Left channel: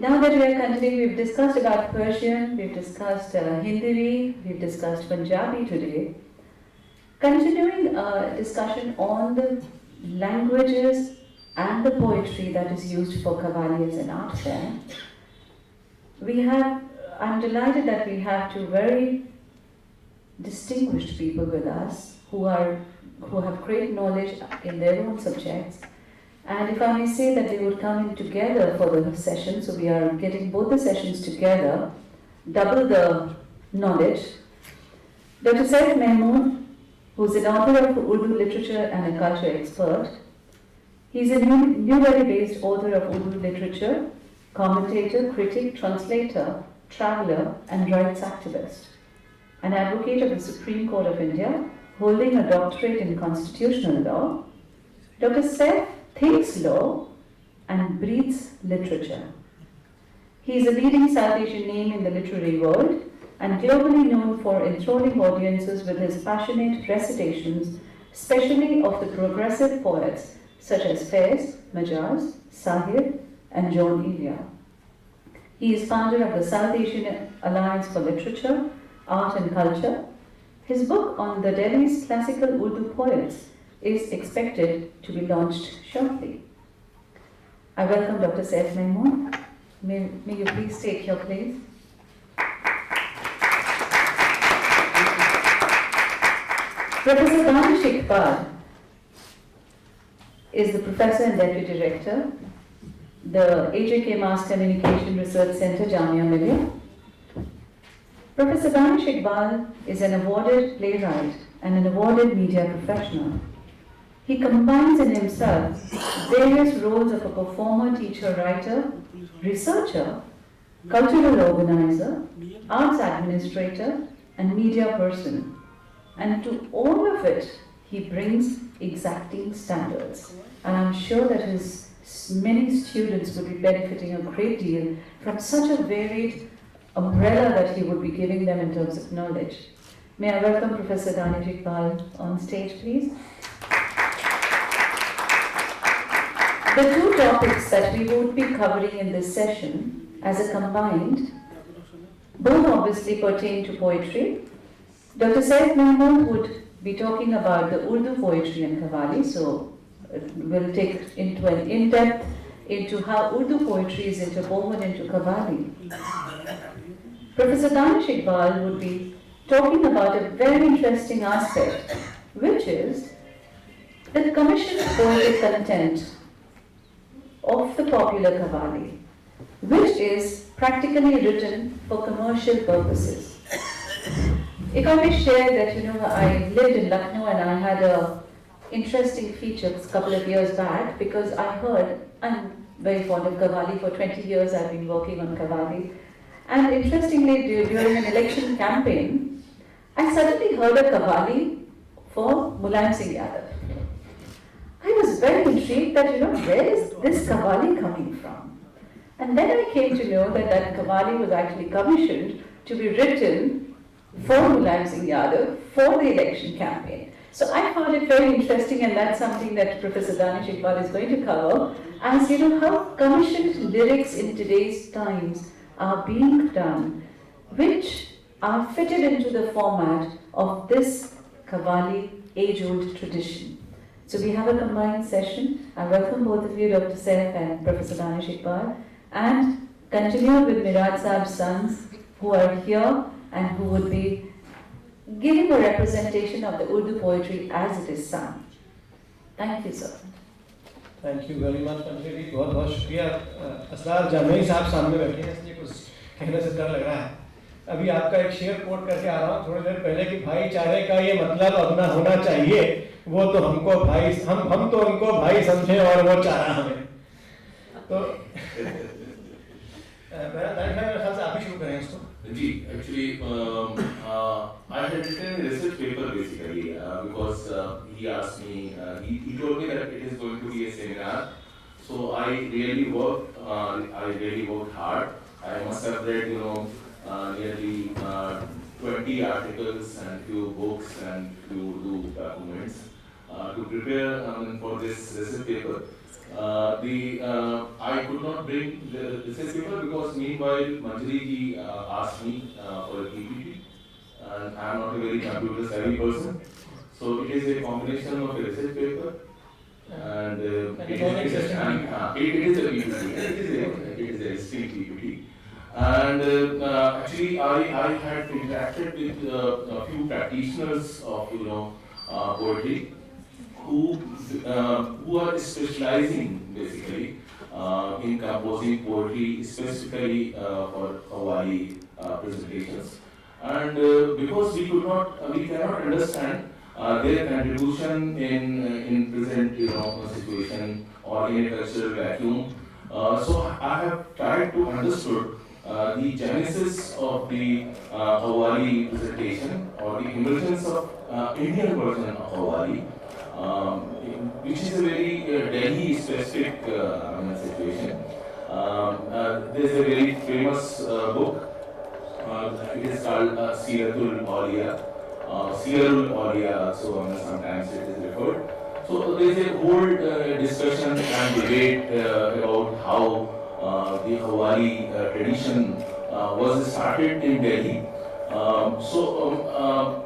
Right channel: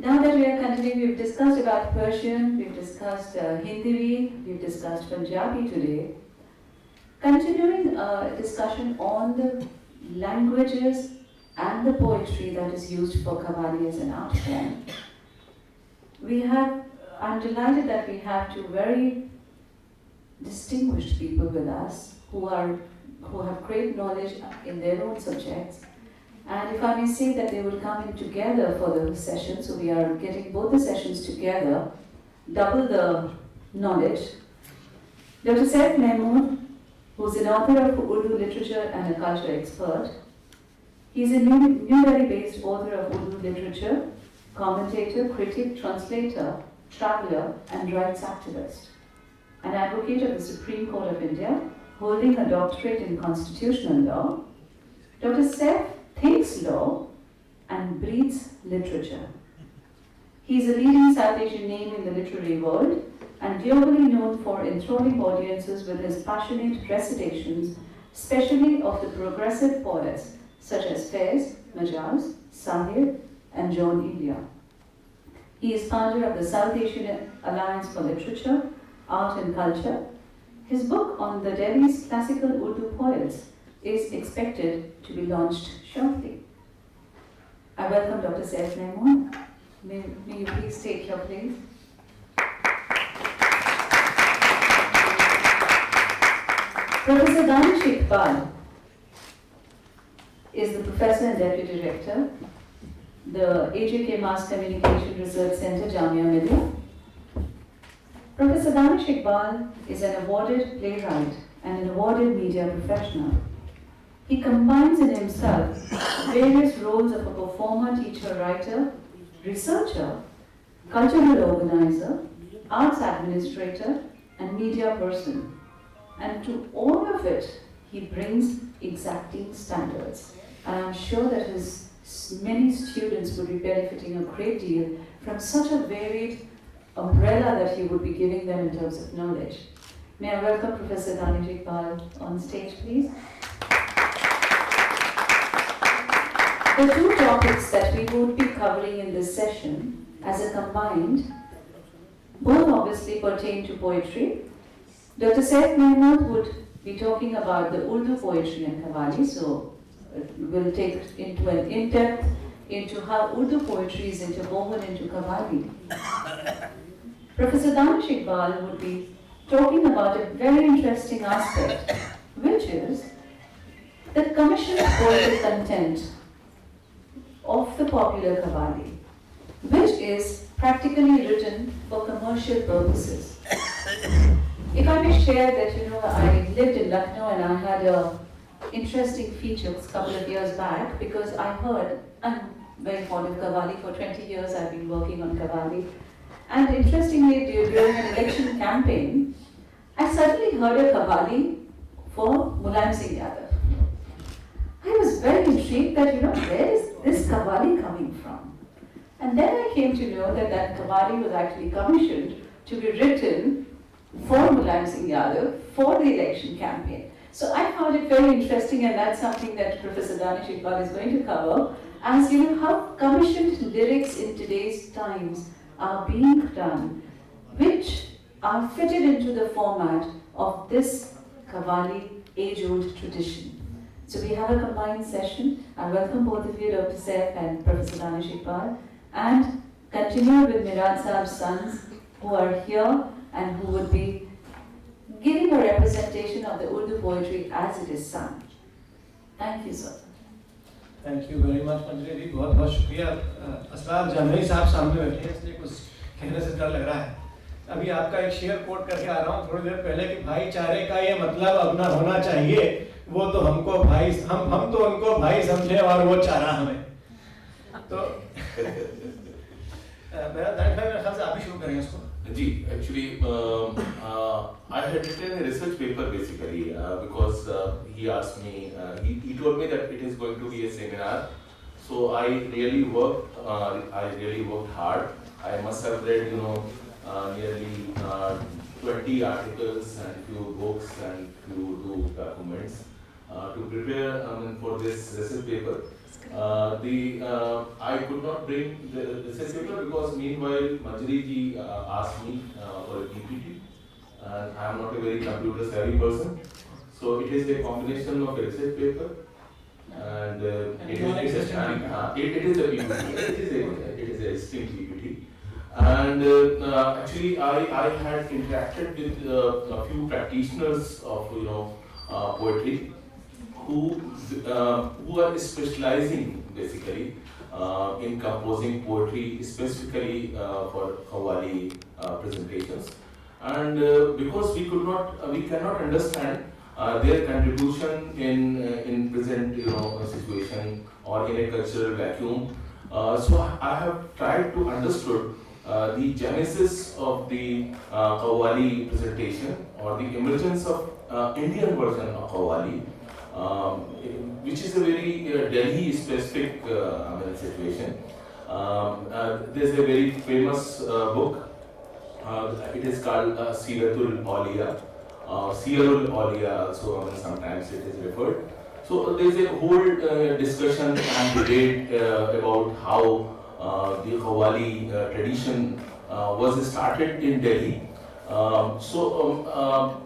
Now that we are continuing, we've discussed about Persian, we've discussed Hindi, we've discussed Punjabi today. Continuing a discussion on the languages and the poetry that is used for Qawwali as an art form, I'm delighted that we have two very distinguished people with us who have great knowledge in their own subjects. And if I may say that they would come in together for the session, so we are getting both the sessions together, double the knowledge. Dr. Saif Mehmood, who's an author of Urdu literature and a culture expert. He's a New Delhi-based author of Urdu literature, commentator, critic, translator, traveler, and rights activist. An advocate of the Supreme Court of India, holding a doctorate in constitutional law. Dr. Saif thinks law and breathes literature. He is a leading South Asian name in the literary world and globally known for enthralling audiences with his passionate recitations, especially of the progressive poets such as Faiz, Majaz, Sahib, and John Ilya. He is founder of the South Asian Alliance for Literature, Art and Culture. His book on the Delhi's classical Urdu poets is expected to be launched shortly. I welcome Dr. Saif Mehmood. May you please take your place. Professor Danish Iqbal is the professor and deputy director, the AJK Mass Communication Research Center, Jamia Millia. Professor Danish Iqbal is an awarded playwright and an awarded media professional. He combines in himself various roles of a performer, teacher, writer, researcher, cultural organizer, arts administrator, and media person. And to all of it, he brings exacting standards. And I'm sure that his many students would be benefiting a great deal from such a varied umbrella that he would be giving them in terms of knowledge. May I welcome Professor Danish Iqbal on stage, please. The two topics that we would be covering in this session as a combined, both obviously pertain to poetry. Dr. Saif Mehmood would be talking about the Urdu poetry and Qawwali, so we'll take into an in-depth into how Urdu poetry is interwoven into Qawwali. Professor Danish Iqbal would be talking about a very interesting aspect, which is the commissioned poetic content of the popular Qawwali, which is practically written for commercial purposes. If I may share that, I lived in Lucknow and I had a interesting feature a couple of years back because I heard, I'm very fond of Qawwali, for 20 years I've been working on Qawwali. And interestingly, during an election campaign, I suddenly heard a Qawwali for Mulayam Singh Yadav. I was very intrigued that, where is this Qawwali coming from? And then I came to know that that Qawwali was actually commissioned to be written for Mulayam Singh Yadav for the election campaign. So I found it very interesting, and that's something that Professor Danish Iqbal is going to cover, as how commissioned lyrics in today's times are being done, which are fitted into the format of this Qawwali age-old tradition. So we have a combined session. I welcome both of you, Dr. Saif and Professor Danish Iqbal, and continue with Miraj Saab's sons who are here and who would be giving a representation of the Urdu poetry as it is sung. Thank you, sir. Thank you very much, मंजरी जी, बहुत बहुत शुक्रिया। असरार जामई साहब सामने बैठे हैं, इसलिए कुछ कहने से डर लग रहा है। अभी आपका एक शेर कोट करके आ रहा हूँ थोड़ी देर पहले कि भाईचारे का ये मतलब अपना होना चाहिए, वो तो हमको भाई, हम तो उनको भाई समझे और वो चारा हमें। तो मेरा दानिश भाई, मेरे ख्याल से आप ही शुरू करें उसको। जी, actually, I had written a research paper basically because he asked me, he told me that it is going to be a seminar. So I really worked hard. I must have read, nearly 20 articles and few books and few documents to prepare for this research paper. I could not bring the research paper because meanwhile Manjari ji asked me for a PPT, and I am not a very computer savvy person. So it is a combination of a research paper and it is a PPT. It is a string PPT. And actually, I had interacted with a few practitioners of poetry who are specializing basically in composing poetry specifically for Qawwali presentations. And because we cannot understand their contribution in present situation or in a cultural vacuum. So I have tried to understood the genesis of the Qawwali presentation or the emergence of Indian version of Qawwali, which is a very Delhi specific situation. There's a very famous book. It is called Siratul Awliya. Sirul Awliya, so sometimes it is referred. So there is a whole discussion and debate about how the Qawwali tradition was started in Delhi.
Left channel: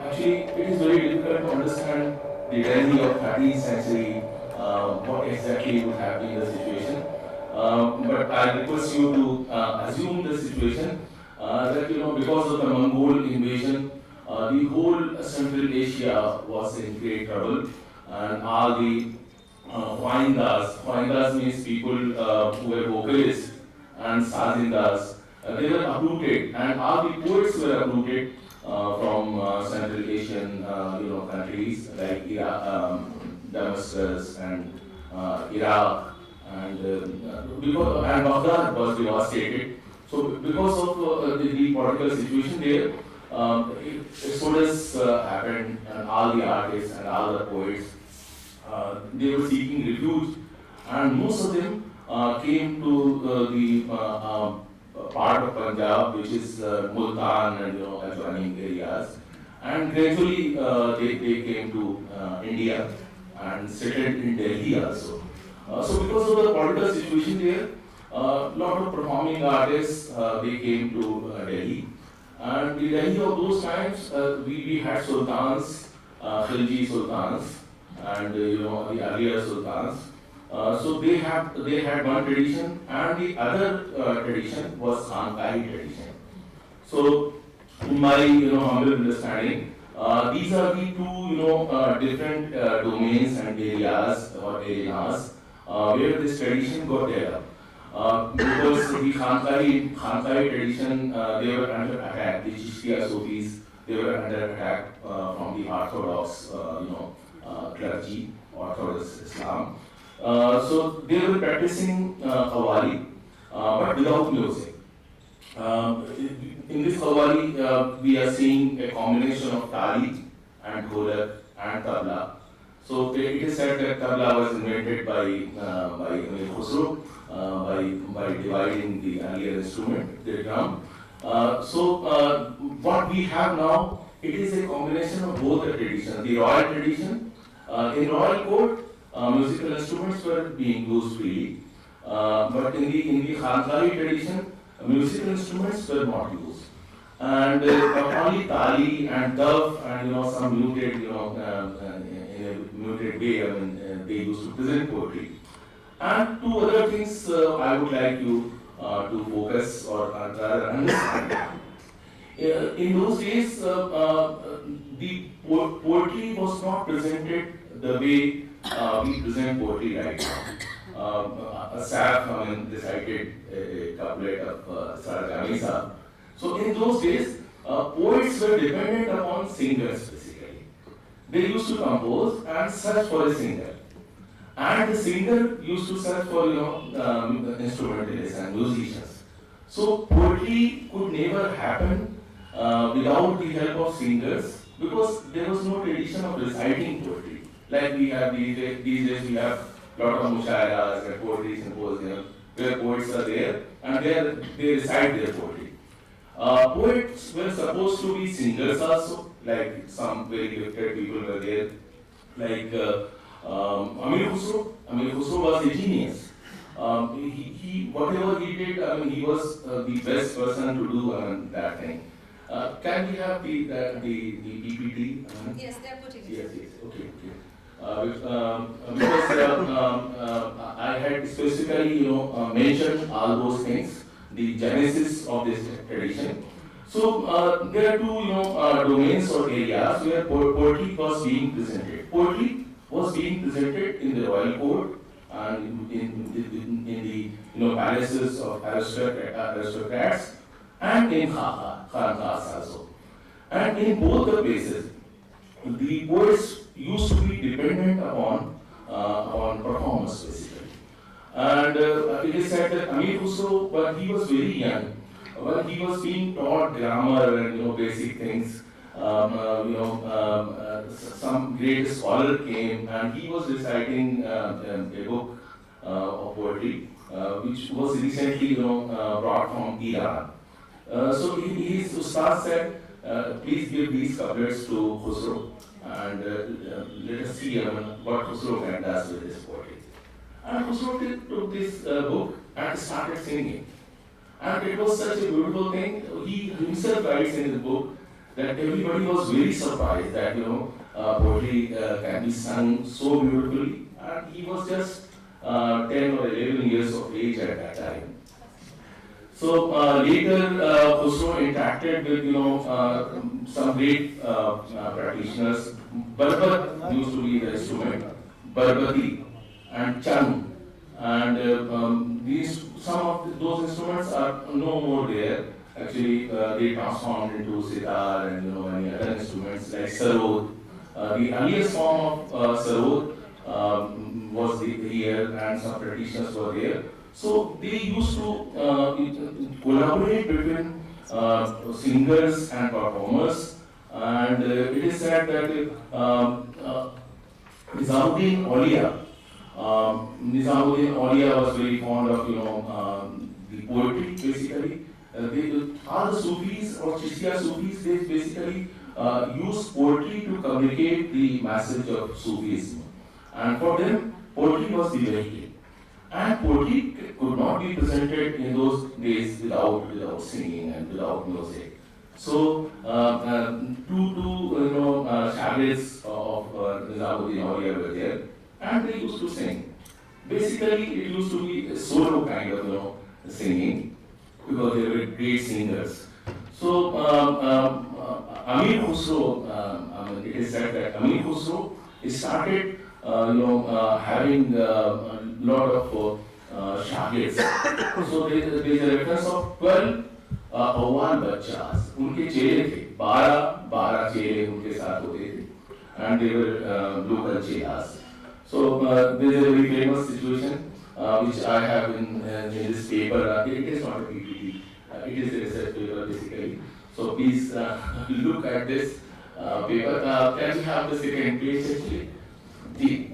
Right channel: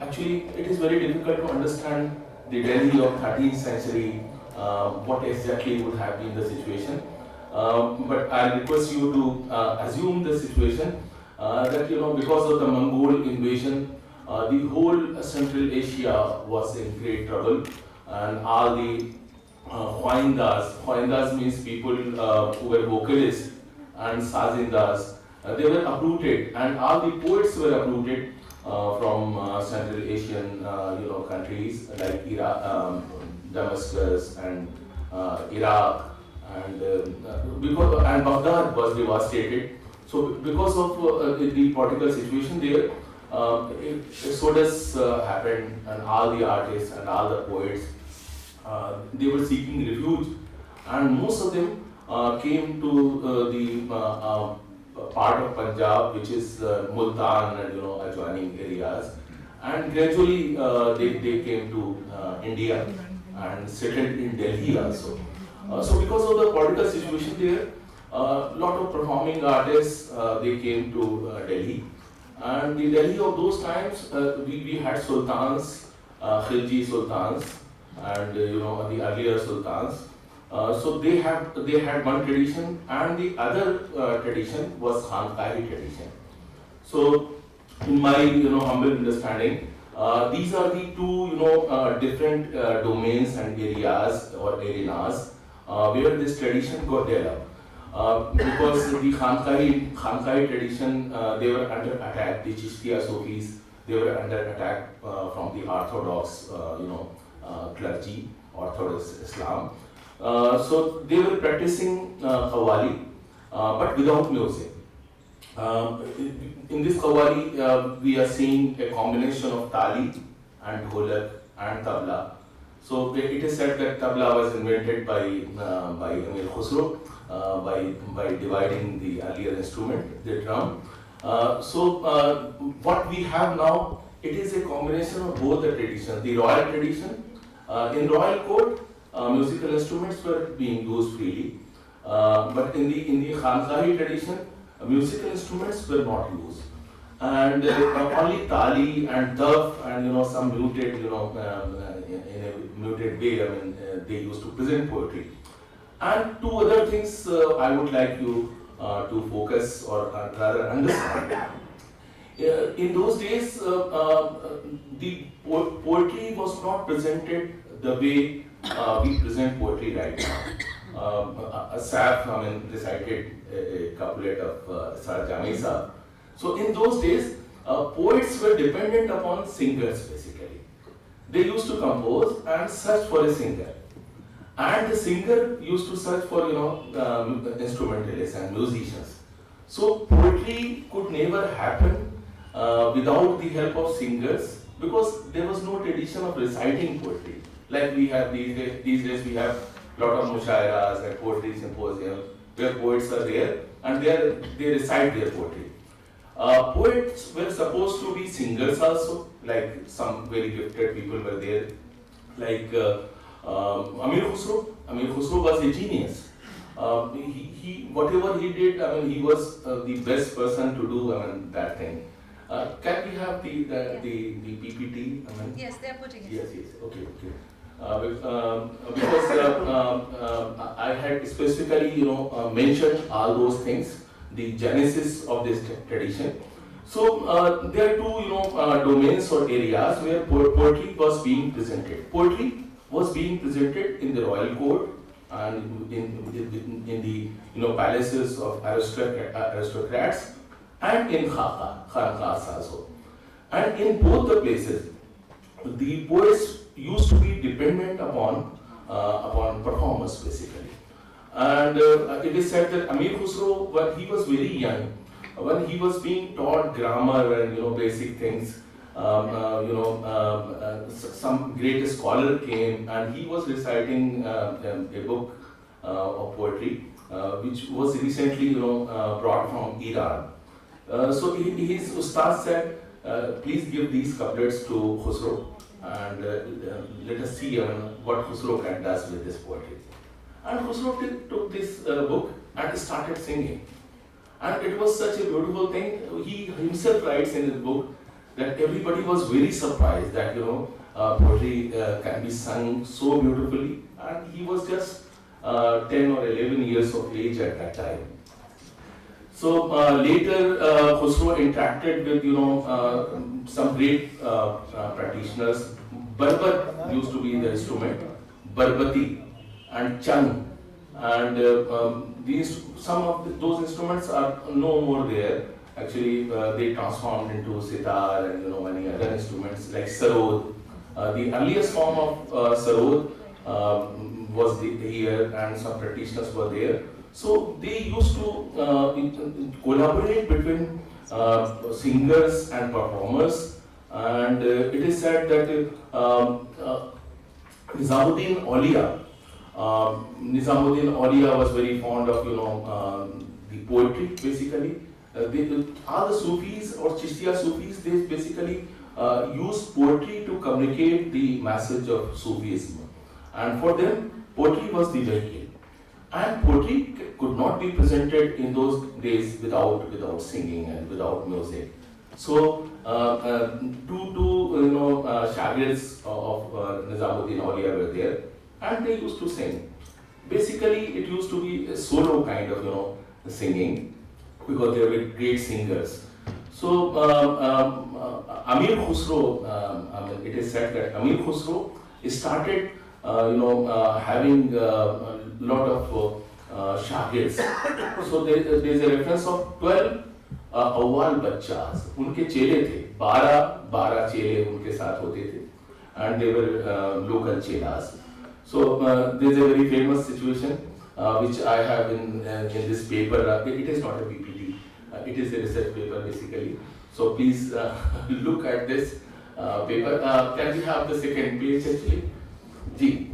Actually, it is very difficult to understand the Delhi of 13th century, what exactly would have been the situation. But I request you to assume the situation that because of the Mongol invasion, the whole Central Asia was in great trouble, and all the Khwaindas means people who were vocalists, and Sazindas, they were uprooted, and all the poets were uprooted from Central Asian countries like Iraq, Damascus, and Iraq, and Baghdad was devastated. So because of the political situation there, exodus happened, and all the artists and all the poets they were seeking refuge, and most of them came to the part of Punjab, which is Multan and adjoining areas, and gradually they came to India and settled in Delhi also. So because of the political situation there, lot of performing artists they came to Delhi, and the Delhi of those times we had sultans, Khilji sultans, and the earlier sultans. So they had one tradition, and the other tradition was Khanqahi tradition. So in my humble understanding, these are the two different domains and areas or arenas where this tradition got developed. Because the Khanqahi tradition, they were under attack. The Chishtiya Sufis, they were under attack from the Orthodox, clergy, Orthodox Islam. So they were practicing Qawwali, but without music. In this Qawwali, we are seeing a combination of tali and dholak and tabla. So it is said that tabla was invented by Amir Khusro by dividing the earlier instrument, the drum. What we have now, it is a combination of both the traditions. The royal tradition, in royal court, musical instruments were being used freely, but in the Khanqahi tradition, musical instruments were not used, and only tali and dove and some muted in a muted way. They used to present poetry. And two other things I would like you to focus or rather understand. In those days, the poetry was not presented the way we present poetry right now. Asaf recited a couplet of Sar Jami Sahab. So in those days, poets were dependent upon singers basically. They used to compose and search for a singer. And the singer used to search for instrumentalists and musicians. So poetry could never happen without the help of singers, because there was no tradition of reciting poetry. Like we have these days we have a lot of mushairas and poetry symposiums where poets are there and they recite their poetry. Poets were supposed to be singers also, like some very gifted people were there, like Amir Khusro was a genius. Whatever he did, I mean, he was the best person to do, I mean, that thing. Can we have the PPT? I mean, Yes, they are putting it. yes, okay. Because I had specifically, mentioned all those things, the genesis of this tradition. So there are two, domains or areas where poetry was being presented. Poetry was being presented in the royal court and in the palaces of aristocrats and in khanqahs also. And in both the places, the poets used to be dependent upon performance basically. And it is said that Amir Khusro, when he was very young, when he was being taught grammar and basic things, some great scholar came and he was reciting a book of poetry, which was recently brought from Iran. So his ustad said, please give these couplets to Khusro and let us see what Khusro can do with this poetry. And Khusro took this book and started singing. And it was such a beautiful thing. He himself writes in his book that everybody was very surprised that poetry can be sung so beautifully. And he was just 10 or 11 years of age at that time. So later, Khusro interacted with some great practitioners. Barbat used to be the instrument, Barbati and Chung, and some of those instruments are no more there. Actually, they transformed into sitar and many other instruments like sarod. The earliest form of sarod was here, and some practitioners were there. So they used to collaborate between singers and performers, and it is said that Nizamuddin Auliya was very fond of the poetry basically. All the Sufis or Chishtiya Sufis, they basically use poetry to communicate the message of Sufism, and for them poetry was the vehicle. And poetry could not be presented in those days without singing and without music. So two shagirs of Nizamuddin Auliya were there, and they used to sing. Basically, it used to be a solo kind of singing because they were great singers. So Amir Khusro, it is said that Amir Khusro started having a lot of shagirs. So there is a reference of 12 अव्वाल बच्चास, उनके चेले थे, 12 चेले उनके साथ होते थे, and they were local chelas. So there is a very famous situation which I have in this paper. It is not a PPT, it is a research paper basically. So please look at this paper. Can we have the second page actually? Ji.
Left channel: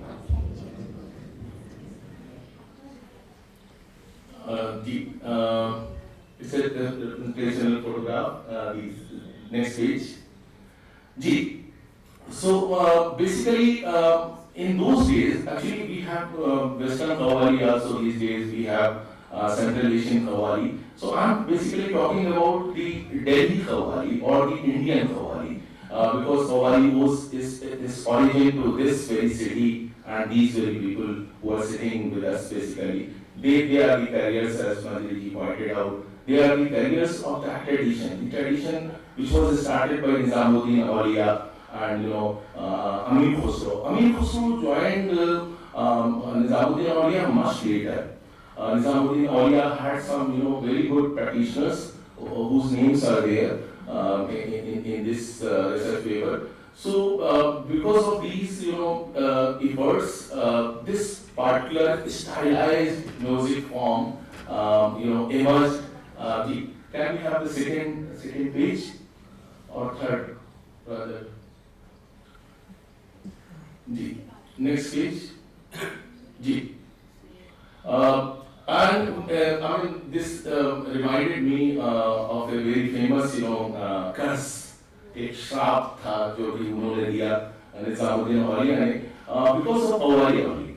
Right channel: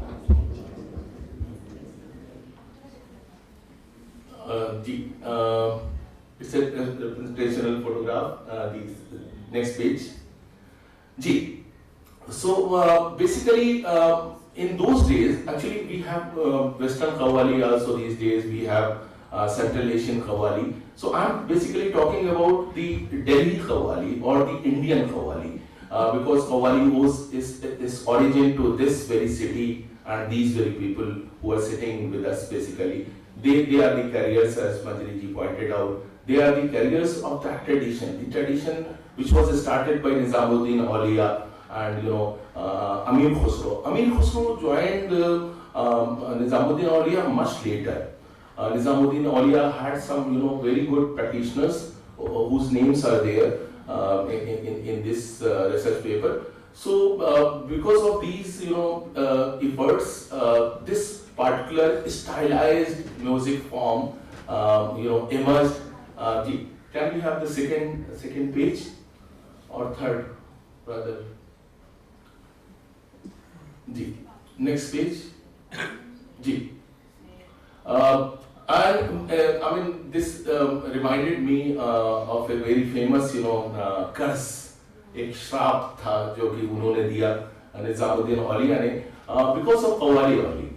It's a representational photograph. The next page. Ji. So basically, in those days, actually we have Western Qawwali also these days. We have Central Asian Qawwali. So I'm basically talking about the Delhi Qawwali or the Indian Qawwali because Qawwali is origin to this very city and these very people who are sitting with us basically. They are the carriers, as Manjari ji pointed out. They are the carriers of that tradition. The tradition which was started by Nizamuddin Auliya and Amir Khusro. Amir Khusro joined Nizamuddin Auliya much later. Nizamuddin Auliya had some very good practitioners whose names are there in this research paper. So because of these efforts, this particular stylized music form emerged. Can we have the second page or third rather? Next page. And this reminded me of a very famous कर्ज, एक श्राप था जो कि उन्होंने दिया निजामुद्दीन औलिया ने. because of Awali only.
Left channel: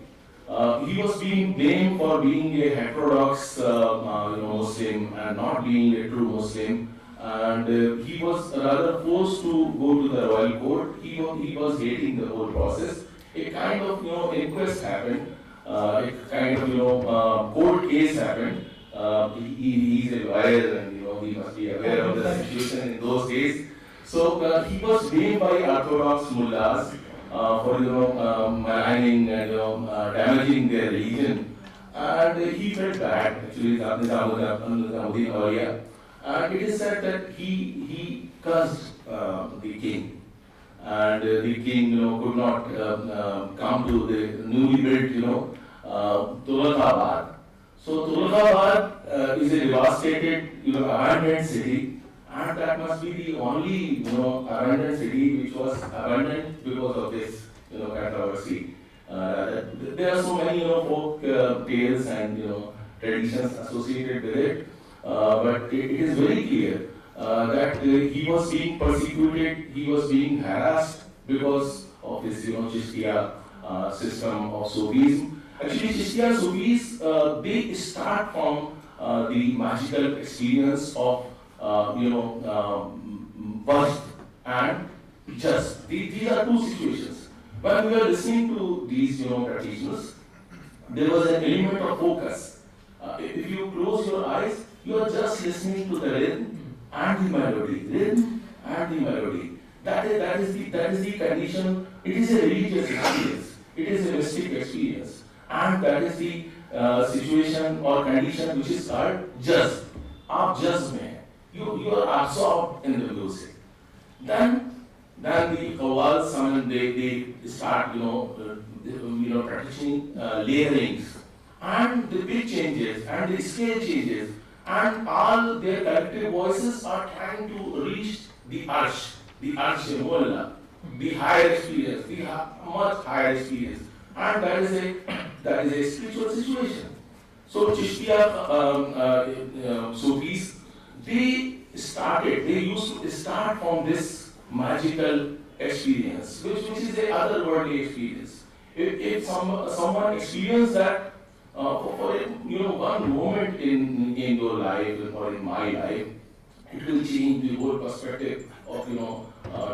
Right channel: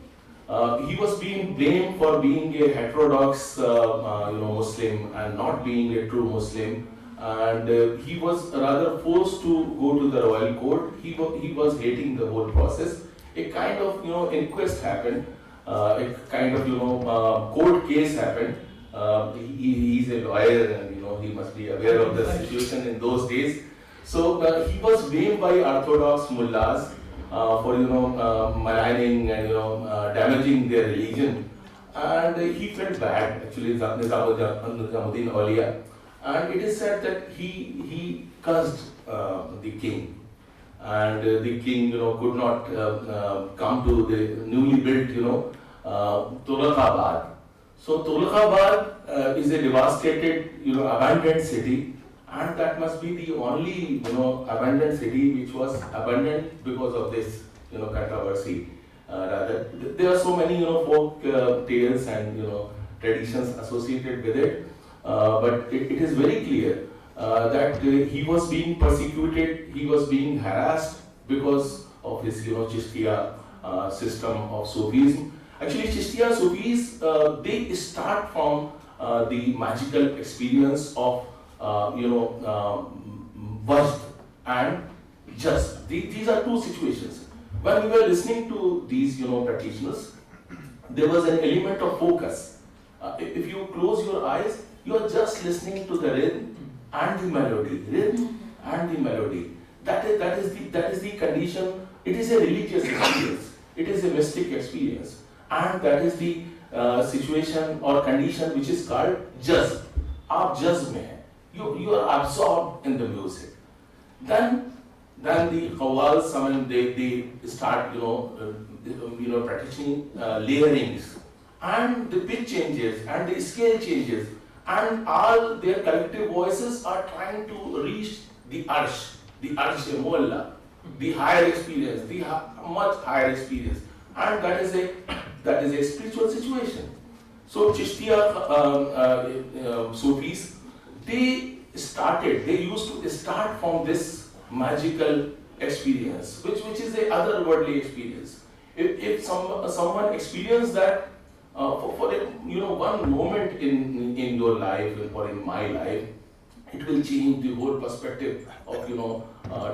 He was being blamed for being a heterodox, Muslim and not being a true Muslim, and he was rather forced to go to the royal court. He was hating the whole process. A kind of inquest happened, a kind of court case happened. He's a lawyer, and he must be aware of the situation in those days. So he was blamed by orthodox mullahs for maligning and damaging their religion, and he felt bad actually. Nizamuddin Auliya, and it is said that he cursed the king, and the king could not come to the newly built Tughlaqabad. So Tughlaqabad is a devastated abandoned city, and that must be the only abandoned city which was abandoned because of this controversy. Rather, there are so many folk tales and traditions associated with it, but it is very clear that he was being persecuted, he was being harassed because of his Chishtiya system of Sufism. Actually, Chishtiya Sufis they start from the magical experience of Majd and Jazb. These are two situations. When we were listening to these practitioners, there was an element of focus. If you close your eyes, you are just listening to the rhythm and the melody. Rhythm and the melody. That is the condition. It is a religious experience. It is a mystic experience, and that is the situation or condition which is called jazb. आप जज्ब में हैं. You are absorbed in the music. Then the qawwals, they start practicing layerings, and the pitch changes and the scale changes, and all their collective voices are trying to reach the arsh mualla, the higher experience, the much higher experience, and that is a spiritual situation. So Chishtiya Sufis, they used to start from this magical experience, which is a otherworldly experience. If someone experienced that for one moment in your life or in my life, it will change the whole perspective of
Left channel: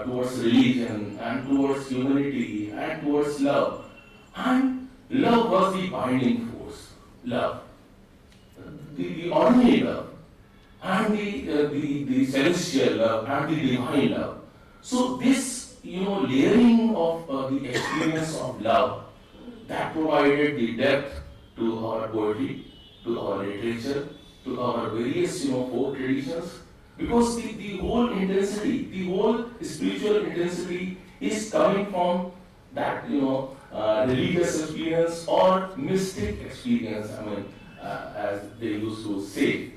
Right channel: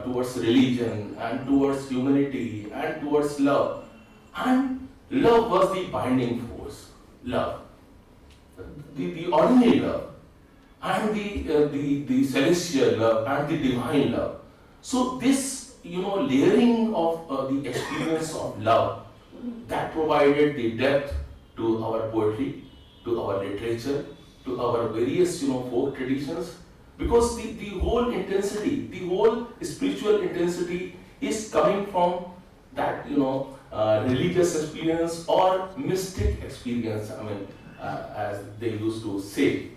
towards religion and towards humanity and towards love. And love was the binding force. Love, the ordinary love, and the celestial love and the divine love. So this layering of the experience of love, that provided the depth to our poetry, to our literature, to our various folk traditions, because the whole intensity, the whole spiritual intensity is coming from that religious experience or mystic experience. As they used to say.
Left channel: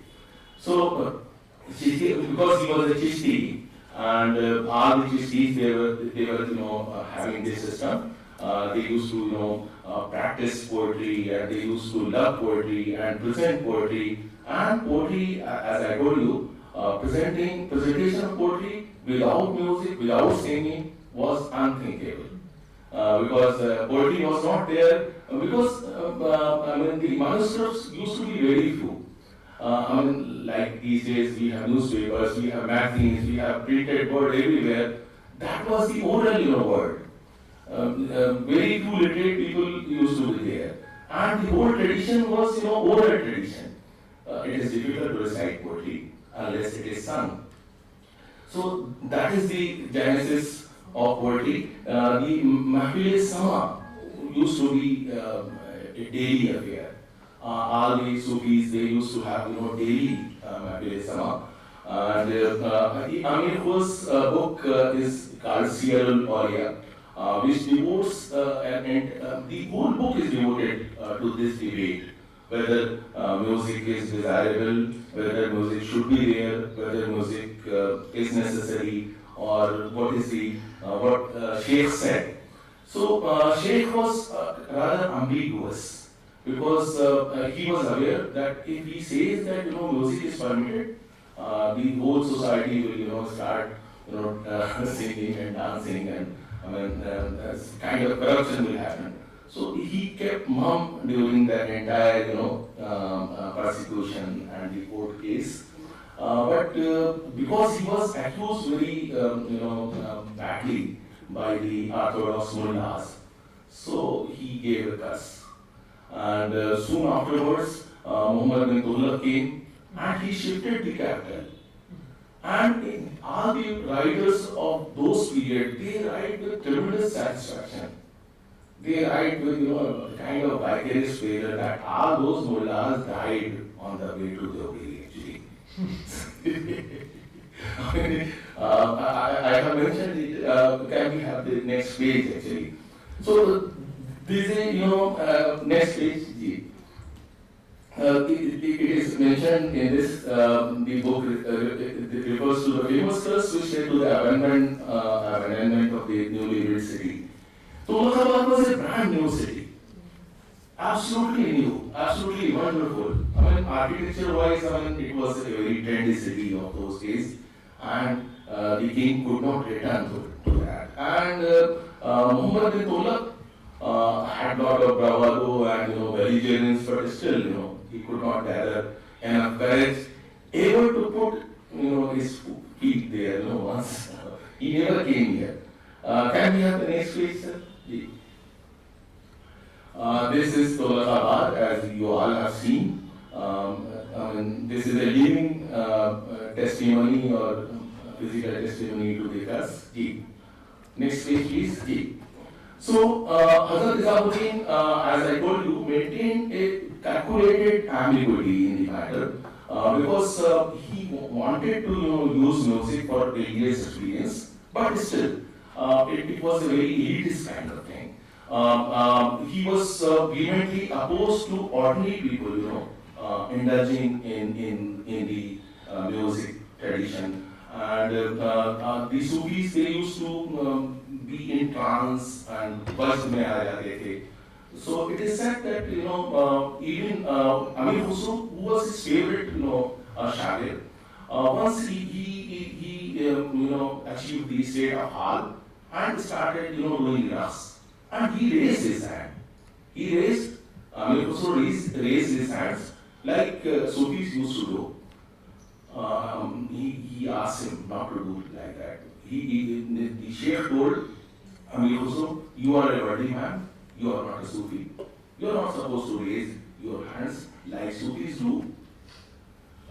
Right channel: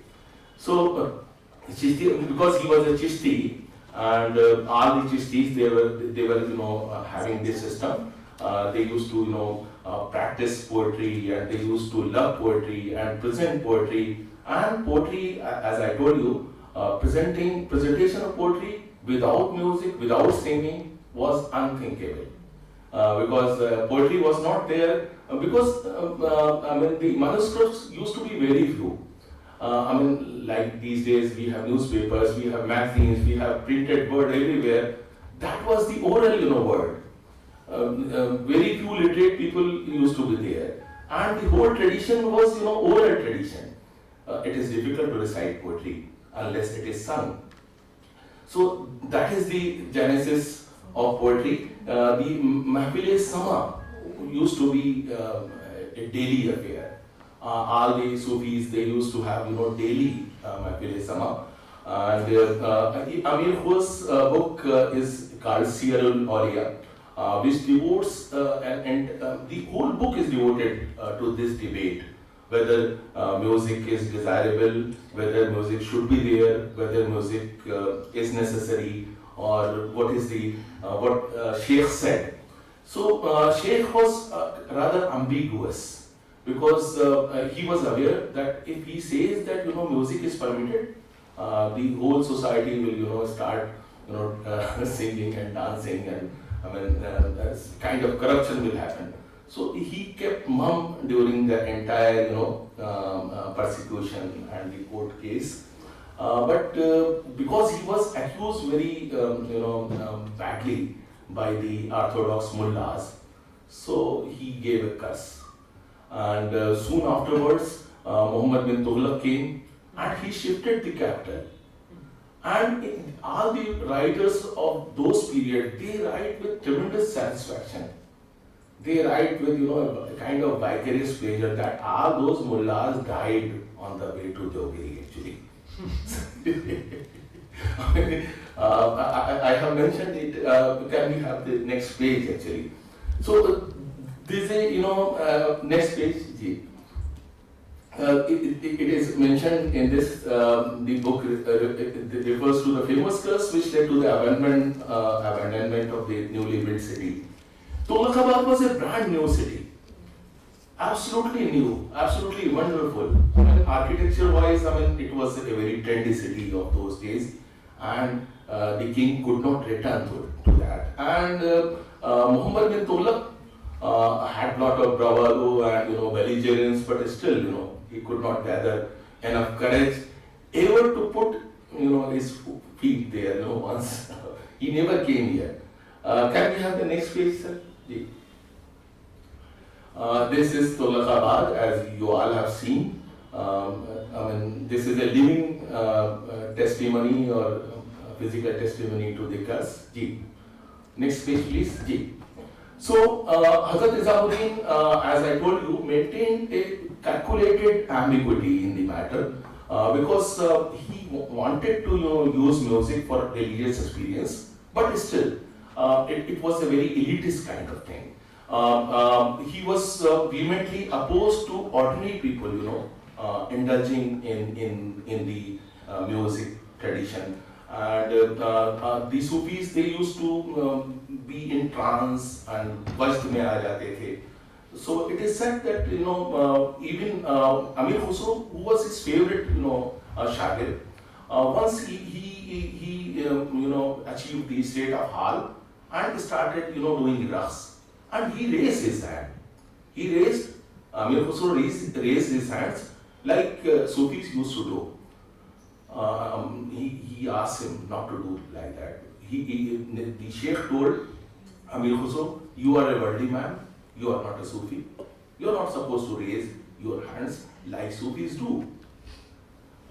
So Chishti, because he was a Chishti, and all the Chishtis they were having this system. They used to practice poetry, and they used to love poetry and present poetry. And poetry, as I told you, presentation of poetry without music, without singing was unthinkable. Because poetry was not there, because the manuscripts used to be very few. Like these days we have newspapers, we have magazines, we have printed word everywhere. That was the oral word. Very few literate people used to be there, and the whole tradition was oral tradition. It is difficult to recite poetry unless it is sung. So that is the genesis of poetry. The Mahfil-e-Sama used to be a daily affair. All the Sufis, they used to have daily Mahfil-e-Sama. And Amir Khus's book is called Siyarul Auliya, which devotes and the whole book is devoted to this debate, whether music is desirable, whether music should be there, whether music is necessary, or what is the what Sheikh said. So Sheikh was rather ambiguous, because he was aware that if he says that music is permitted, the whole society will start singing and dancing, and kind of corruption will happen. So he kept mum during the entire, persecution and the court case. But because he was accused very, badly by the Orthodox mullahs, so he gave a curse. And soon afterwards, Muhammad bin Tughlaq came and he shifted the capital. And all the writers of those periods, they write with tremendous satisfaction. They write with, a kind of vicarious pleasure that all those mullahs died on the way to Deobandi actually. I have mentioned it. Can we have the next page actually? So this is, next page. It is mentioned in this, the book it refers to the famous curse which led to the abandonment of the newly built city. Tughlaqabad was a brand new city, absolutely new, absolutely wonderful. Architecture-wise, it was a very trendy city of those days, and the king could not return to that. And Muhammad bin Tughlaq had lot of bravado and belligerence, but still, he could not gather enough courage ever to put his feet there. Once he never came here. Can we have the next page, sir? This is Tughlaqabad, as you all have seen. This is a living testimony or physical testimony to the curse. Next page, please. So, Hazrat Nizamuddin, as I told you, maintained a calculated ambiguity in the matter because he wanted to use music for religious experience, but still, it was a very elitist kind of thing. He was vehemently opposed to ordinary people, indulging in the music tradition. And the Sufis, they used to be in trance and wajd mein aa jate the. So it is said that even Amir Khusro, who was his favorite shagird, once he achieved the state of hal and started doing raqs, and he raised his hand. Amir Khusro raised his hands like Sufis used to do. He asked him not to do like that. The Sheikh told Amir Khusro, you are a worldly man, you are not a Sufi. You are not supposed to raise your hands like Sufis do.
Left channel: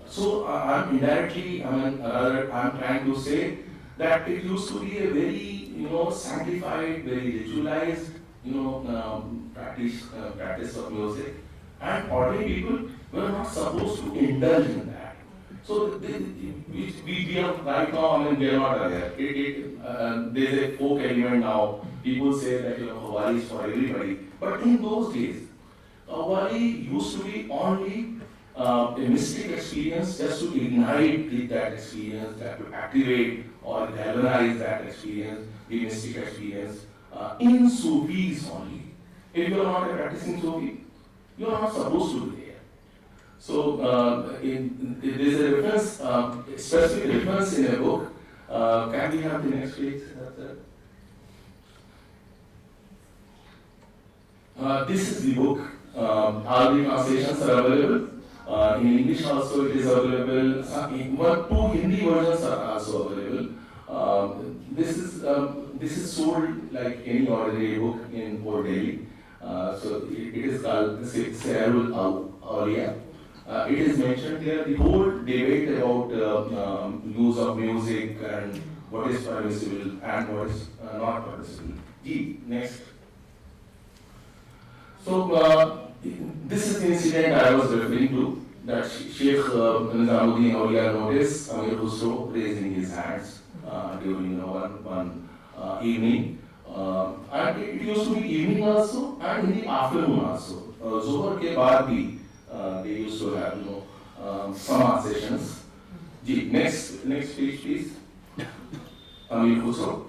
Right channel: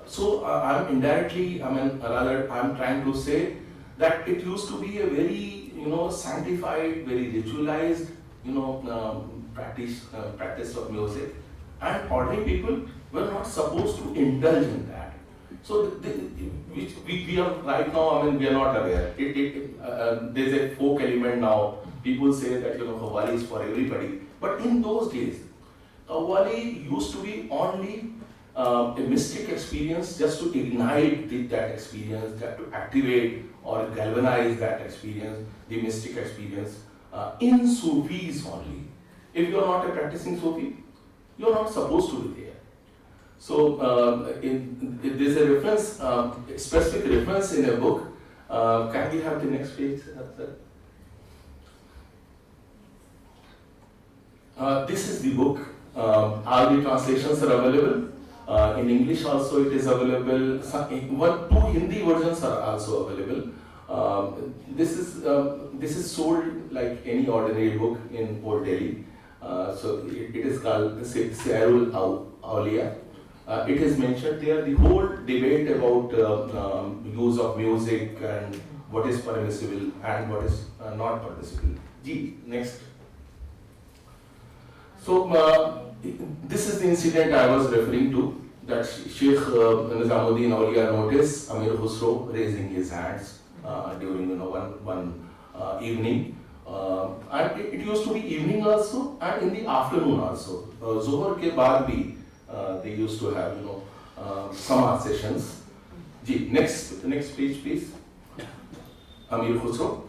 So I'm indirectly, I'm trying to say that it used to be a very, sanctified, very ritualized, practice of music, and ordinary people were not supposed to indulge in that. So we are right now, we are not aware. There's a folk element now. People say that Qawwali is for everybody, but in those days, Qawwali used to be only a mystic experience, just to ignite that experience, to activate or galvanize that experience, the mystic experience, in Sufis only. If you are not a practicing Sufi, you are not supposed to be there. So there's a reference, specific reference in a book. Can we have the next page, sir? This is the book. All the translations are available. In English also it is available. Two Hindi versions are also available. This is sold like any ordinary book in Old Delhi. So it is called Siharul Awliya. It is mentioned there the whole debate about use of music and what is permissible and what is not permissible. Next. So this is the incident I was referring to, that Sheikh Nizamuddin Awliya noticed Amir Khusro raising his hands during one evening. And it used to be evening also and in the afternoon also. Zohar ke baad bhi they used to have Sama sessions. Next page please. Amir Khusro.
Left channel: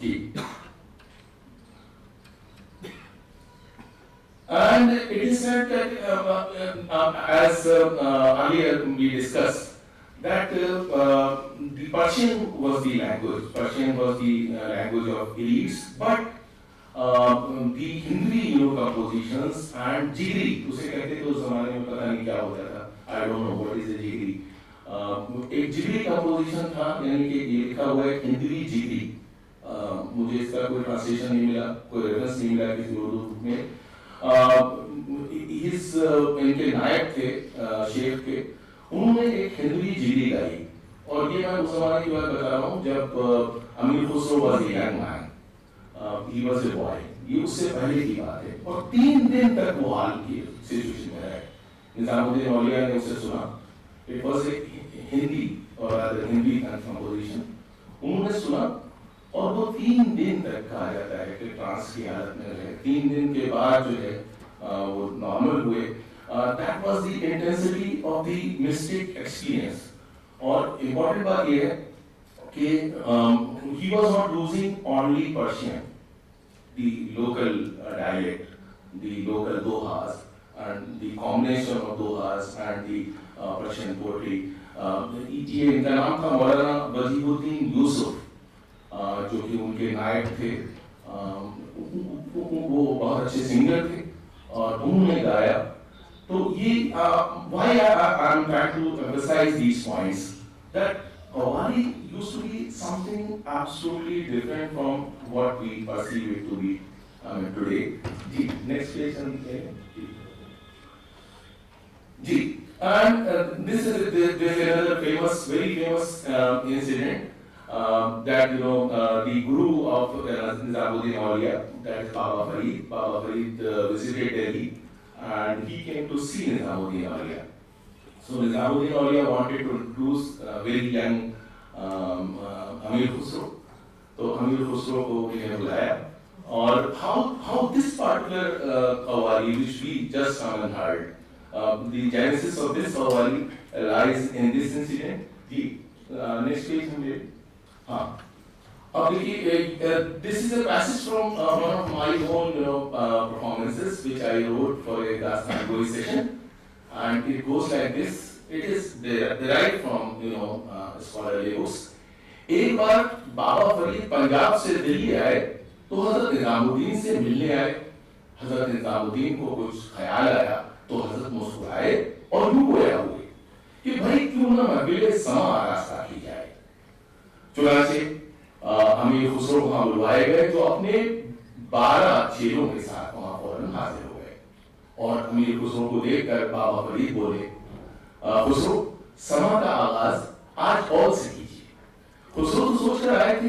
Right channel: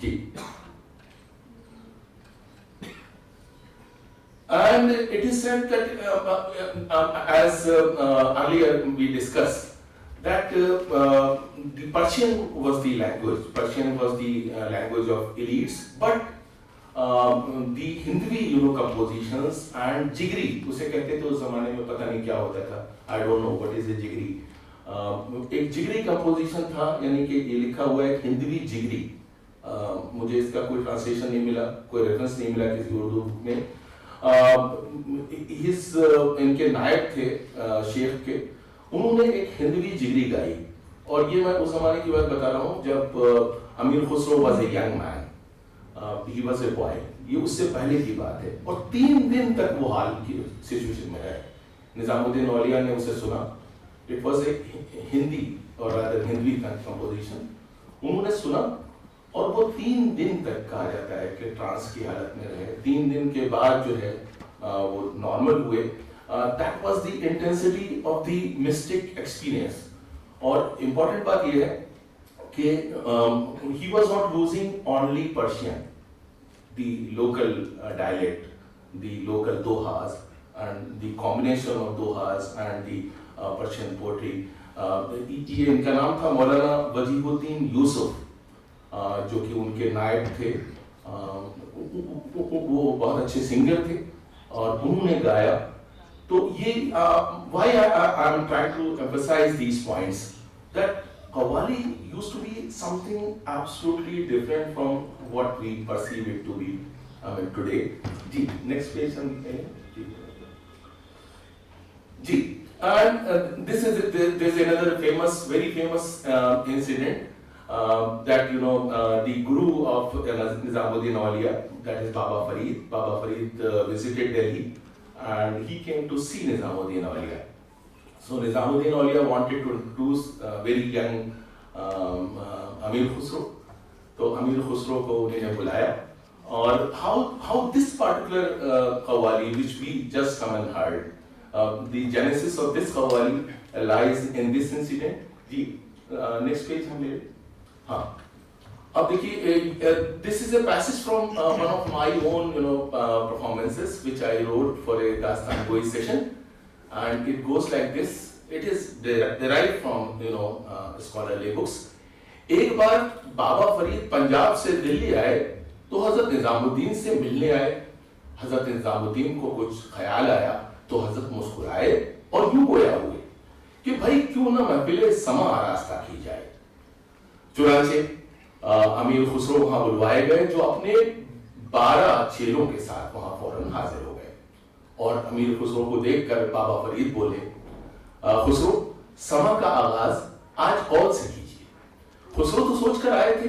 And it is said that as earlier we discussed, that the Persian was the language. Persian was the language of elites, but the Hindvi compositions and jigri, उसे कहते थे उस जमाने में, पता नहीं क्या होता था, I don't know what is a jigri. एक जिगरी कंपोजिशन था, यानी कि ये लिखा हुआ है हिंदवी जिगरी. मुझे इसका कोई ट्रांसलेशन नहीं मिला, कोई रेफरेंस नहीं मिला किसी उर्दू में. इनके नायक थे शेख के, उन्होंने एक हिंदवी जिगरी गाई. और ये मैं उस जमाने की बात बता रहा हूँ जब अमीर Khusro was a young man, he was a boy. ये उससे पहले की बात है. और 3 दिन तक वो हाल की सिचुएशन में रहे. निजामुद्दीन औलिया ने उसे सुना. इट वाज ए हिंदी और रादर हिंदी कंपोजिशन. उन्होंने सुना और वो 3 दिन तक कहा जाता है कि ट्रांस की हालत में रहे. 3 दिन के बाद जो है वो नॉर्मल हुए. That was the intensity of the mystic experience. और इम्पोर्टेंट बात ये है कि he was not losing only Persian, the local dialect, the local dohas and the combination of dohas and the Persian poetry. ये इनका नाम था मौलाना वजीहुद्दीन यूसुफ, जो कि उनके नायक थे. वो बहुत अच्छे सिंगर थे और उन्होंने गाया. तो ये why I am trying to emphasize these points, that Qawwali used to be something absolutely different from what we perceive it to be today. Ji, next page ji. And this is there's another very famous incident that the guru of Nizamuddin Auliya, that is Baba Farid. Baba Farid visited Delhi and he came to see Nizamuddin Auliya. So Nizamuddin Auliya wanted to introduce very young Amir Khusro. तो अमीर खुसरो को उन्होंने बुलाया. और how this particular Qawwali which we just come and heard, the genesis of this Qawwali lies in this incident. Ji, next page हम ले. हाँ, अब देखिए, this is a passage from one of my own performances which I wrote for a Dastan Goi session, and it goes like this. It is derived from scholarly books. एक बार बाबा फरीद पंजाब से दिल्ली आए तो हजरत निजामुद्दीन से मिलने आए. हजरत निजामुद्दीन को कुछ ख्याल आया तो हजरत मुस्कुराए और यूं गोया हुए कि भाई क्यों ना महफिल समा रास्ता की जाए. चुनांचे अमीर खुसरो वहां बुलवाए गए, जो अपने 12 चेलों के साथ वहां फौरन हाजिर हो गए. और अमीर खुसरो को देखकर बाबा फरीद बोले, खुसरो, समा का आगाज आज कौन से कीजिए. खुसरो तो सोच कर आए थे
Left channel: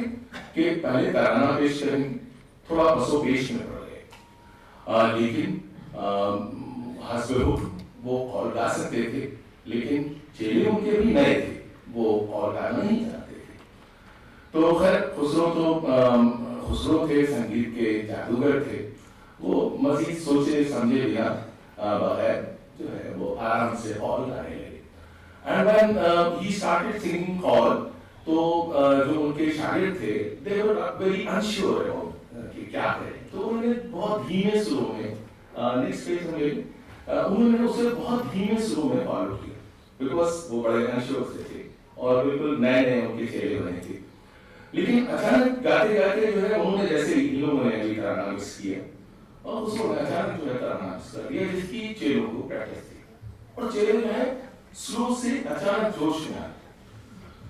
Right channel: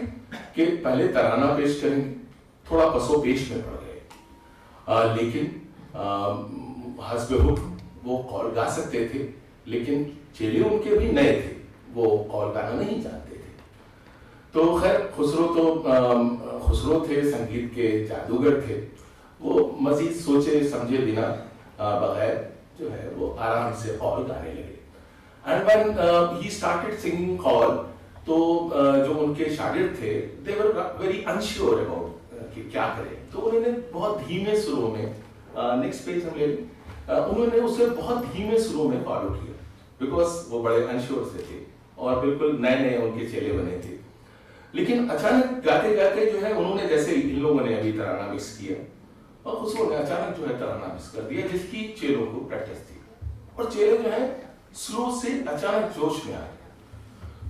कि पहले तराना पेश करेंगे. थोड़ा पसो पेश में पड़ गए, लेकिन हस्बे हुक्म वो कौल गा सकते थे, लेकिन चेले उनके भी नए थे, वो कौल गाना नहीं जानते थे. तो खैर खुसरो थे, संगीत के जादूगर थे. वो मजीद सोचे समझे बिना बगैर जो है वो आराम से कौल गाने लगे. And when he started singing कौल, तो जो उनके शागिर्द थे, they were very unsure about कि क्या करें. तो उन्होंने बहुत धीमे सुरों में, नेक्स्ट पेज हम ले लें, उन्होंने उसे बहुत धीमे सुरों में फॉलो किया, बिकॉज वो बड़े अनश्योर से थे और बिल्कुल नए नए उनके चेले बने थे. लेकिन अचानक गाते गाते जो है उन्होंने, जैसे इन लोगों ने अभी तराना मिक्स किया और खुसरो ने अचानक जो है तराना मिक्स कर दिया, जिसकी चेलों को प्रैक्टिस थी. और चेले जो है स्लो से अचानक जोश में आए.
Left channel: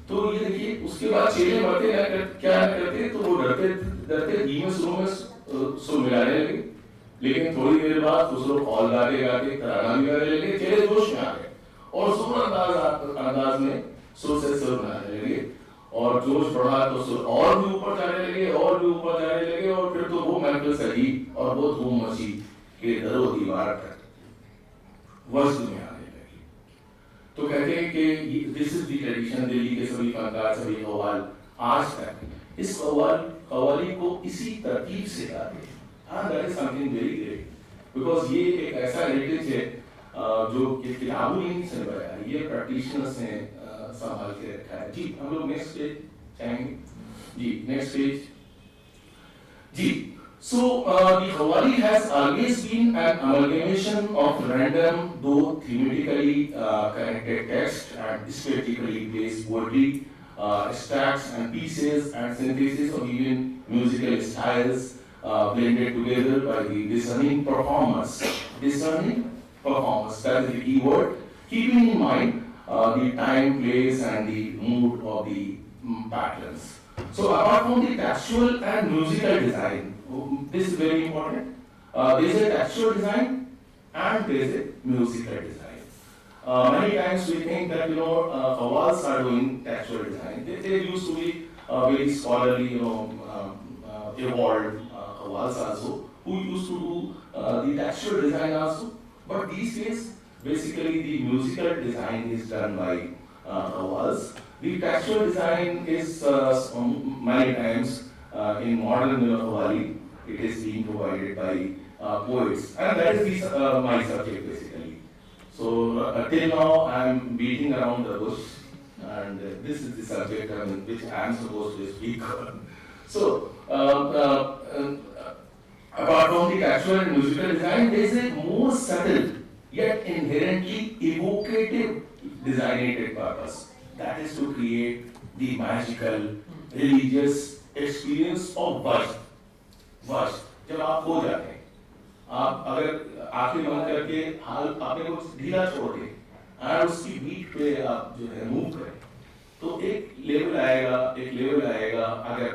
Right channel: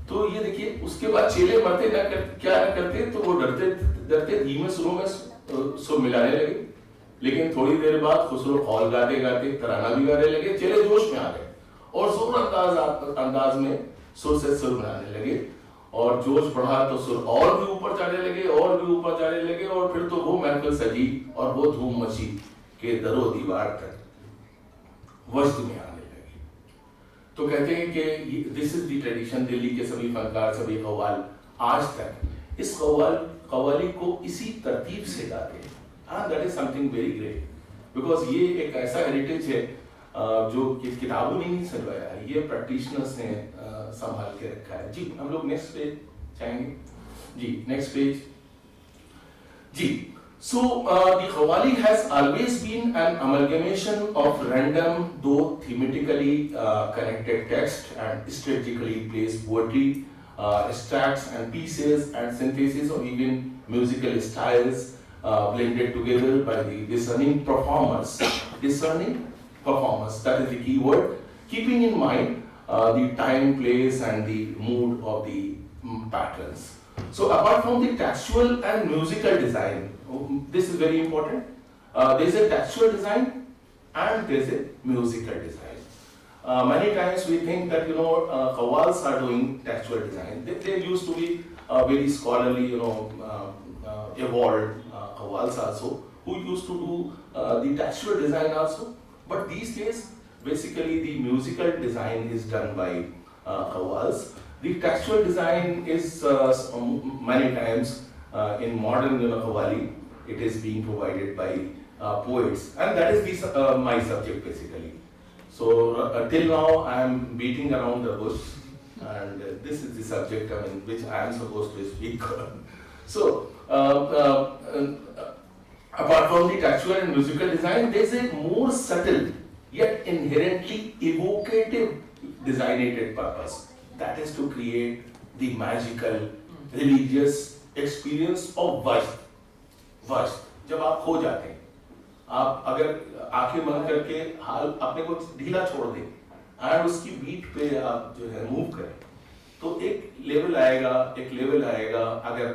तो ये देखिए, उसके बाद चेले मरते क्या करते, तो वो डरते धीमे सुरों में सुर मिलाने लगे. लेकिन थोड़ी देर बाद खुसरो कौल गाते गाते तराना भी गाने लगे. चेले जोश में आ गए और जोर अंदाज में सुर से सुर मिलाने लगे. और जोश बढ़ा तो सुर और भी ऊपर जाने लगे और भी ऊपर जाने लगे. और फिर तो वो महफिल सजी और वो धूम मची के दरो दीवार तक वजद में आने लगी. तो कहते हैं कि this is the tradition. Delhi के सभी फनकार, सभी कव्वाल आज तक इस कव्वाली को इसी तरतीब से गाते हैं. And that is something very great, because ये एक ऐसा हेरिटेज है जो किताबों ने नहीं संभाला है, ये प्रैक्टिशनर्स ने संभाल के रखा है. जी, हम लोग नेक्स्ट पेज चाहेंगे. जी, नेक्स्ट पेज. जी, so the Qawwali has always been an amalgamation of random, though thematically connected text and strategically placed poetry, extracts and pieces and synthesis of even musical styles. blended together by the discerning performers. Discerning performers, that is the key word, keeping in mind the time, place, and the mood of the patterns. So apart from the textual and musical design, this is very important. There's a textual design and there's a musical design. Many times we think that qawwals are doing textual design. They used to be very scholarly, evolved qawwals also, who used to do the textual design also. But these days, basically the musical design is done by qawwals. The textual design is many times in modern qawwali, it is being provided by poets, and that is my subject basically. So till now I am beating around the bush, and this is the subject which I am supposed to speak on. So apart from the textual and musical design, there is a more subtle yet inherently evocative designated purpose. That is to create the magical religious experience of वज्र. वज्र जब आप खो जाते हैं, आप अगर आंखें बंद करके हाल अपने को ढीला छोड़ दें और उसकी बीट पे आप जो है मूव करें, तो एक लेवल आएगा अगर